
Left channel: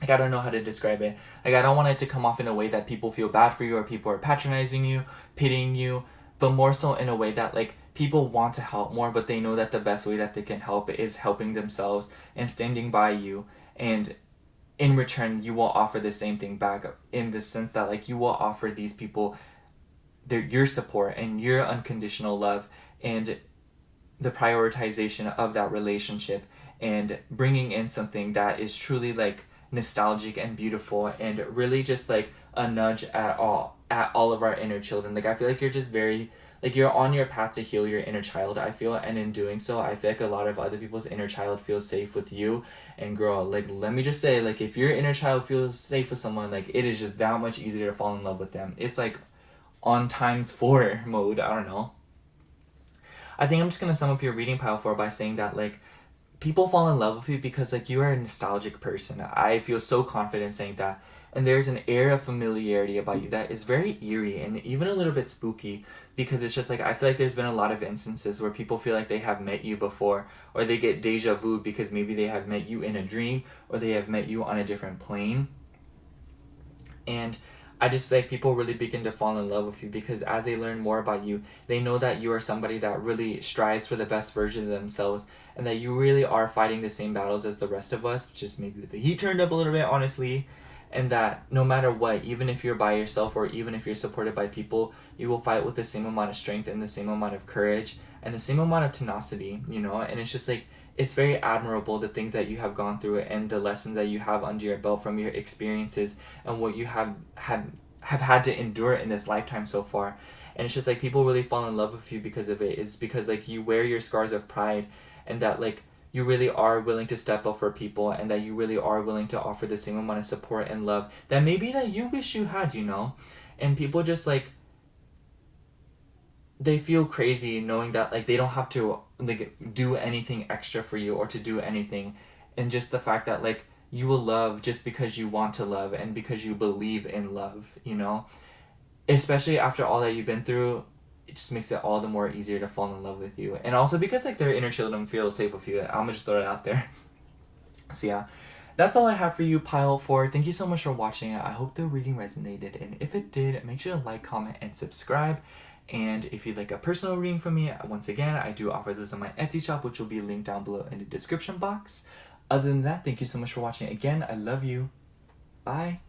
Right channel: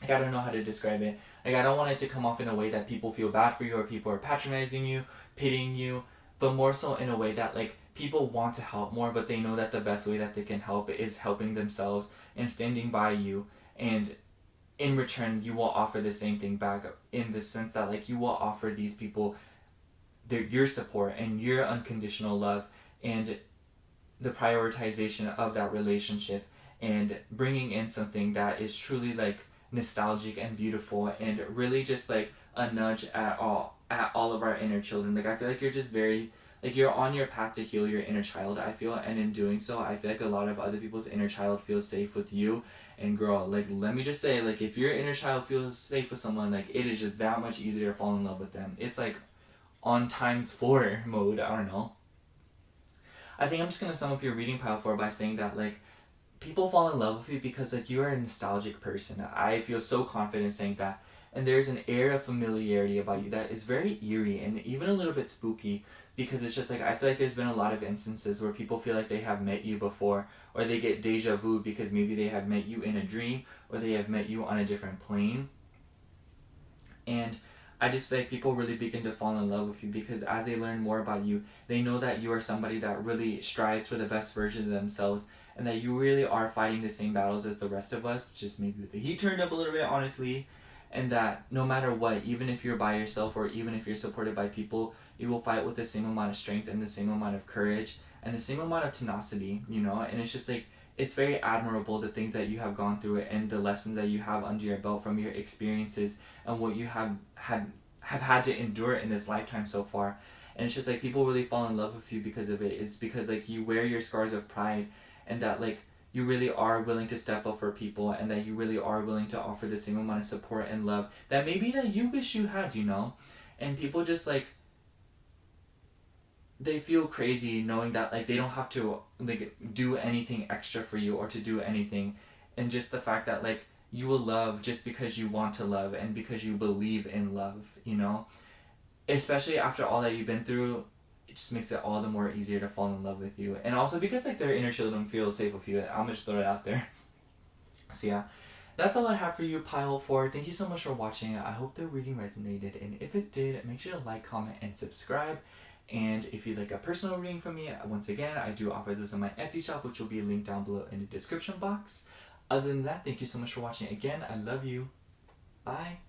Like I don't know how to describe it. Like I don't want it to come off in a way that people feel bad for you or people are patronizing you, pitying you, but more so in a way that like people want to help more, but they know that the best way that they can help is helping themselves and standing by you, and in return you will offer the same thing back, in the sense that like you will offer these people your support and your unconditional love and the prioritization of that relationship, and bringing in something that is truly like nostalgic and beautiful, and really just like a nudge at all of our inner children. Like I feel like you're just very, like you're on your path to heal your inner child, I feel, and in doing so I feel like a lot of other people's inner child feels safe with you. And girl, like let me just say, like if your inner child feels safe with someone, like it is just that much easier to fall in love with them. It's like on times 4 mode, I don't know. I think I'm just gonna sum up your reading pile 4 by saying that like people fall in love with you because like you are a nostalgic person. I feel so confident saying that. And there's an air of familiarity about you that is very eerie and even a little bit spooky, because it's just like I feel like there's been a lot of instances where people feel like they have met you before, or they get deja vu because maybe they have met you in a dream, or they have met you on a different plane. And I just feel like people really begin to fall in love with you because as they learn more about you, they know that you are somebody that really strives for the best version of themselves, and that you really are fighting the same battles as the rest of us, just maybe with the heat turned up a little bit, honestly. And that no matter what, even if you're by yourself or even if you're supported by people, you will fight with the same amount of strength and the same amount of courage and the same amount of tenacity, you know? And it's just like, it's very admirable, the things that you have gone through and the lessons that you have under your belt from your experiences and what you have had to endure in this lifetime so far. And it's just like people really fall in love with you because of it. It's because like you wear your scars of pride, and that like you really are willing to step up for people, and that you really are willing to offer the same amount of support and love that maybe that you wish you had, you know? And people just like, they feel crazy knowing that like they don't have to like do anything extra for you or to do anything, and just the fact that like you will love just because you want to love and because you believe in love, you know? Especially after all that you've been through, it just makes it all the more easier to fall in love with you. And also because like their inner children feel safe with you, I'm gonna just throw it out there. So yeah, that's all I have for you, pile 4. Thank you so much for watching. I hope the reading resonated, and if it did, make sure to like, comment, and subscribe. And if you'd like a personal reading from me, once again, I do offer this on my Etsy shop, which will be linked down below in the description box. Other than that, thank you so much for watching again. I love you. Bye.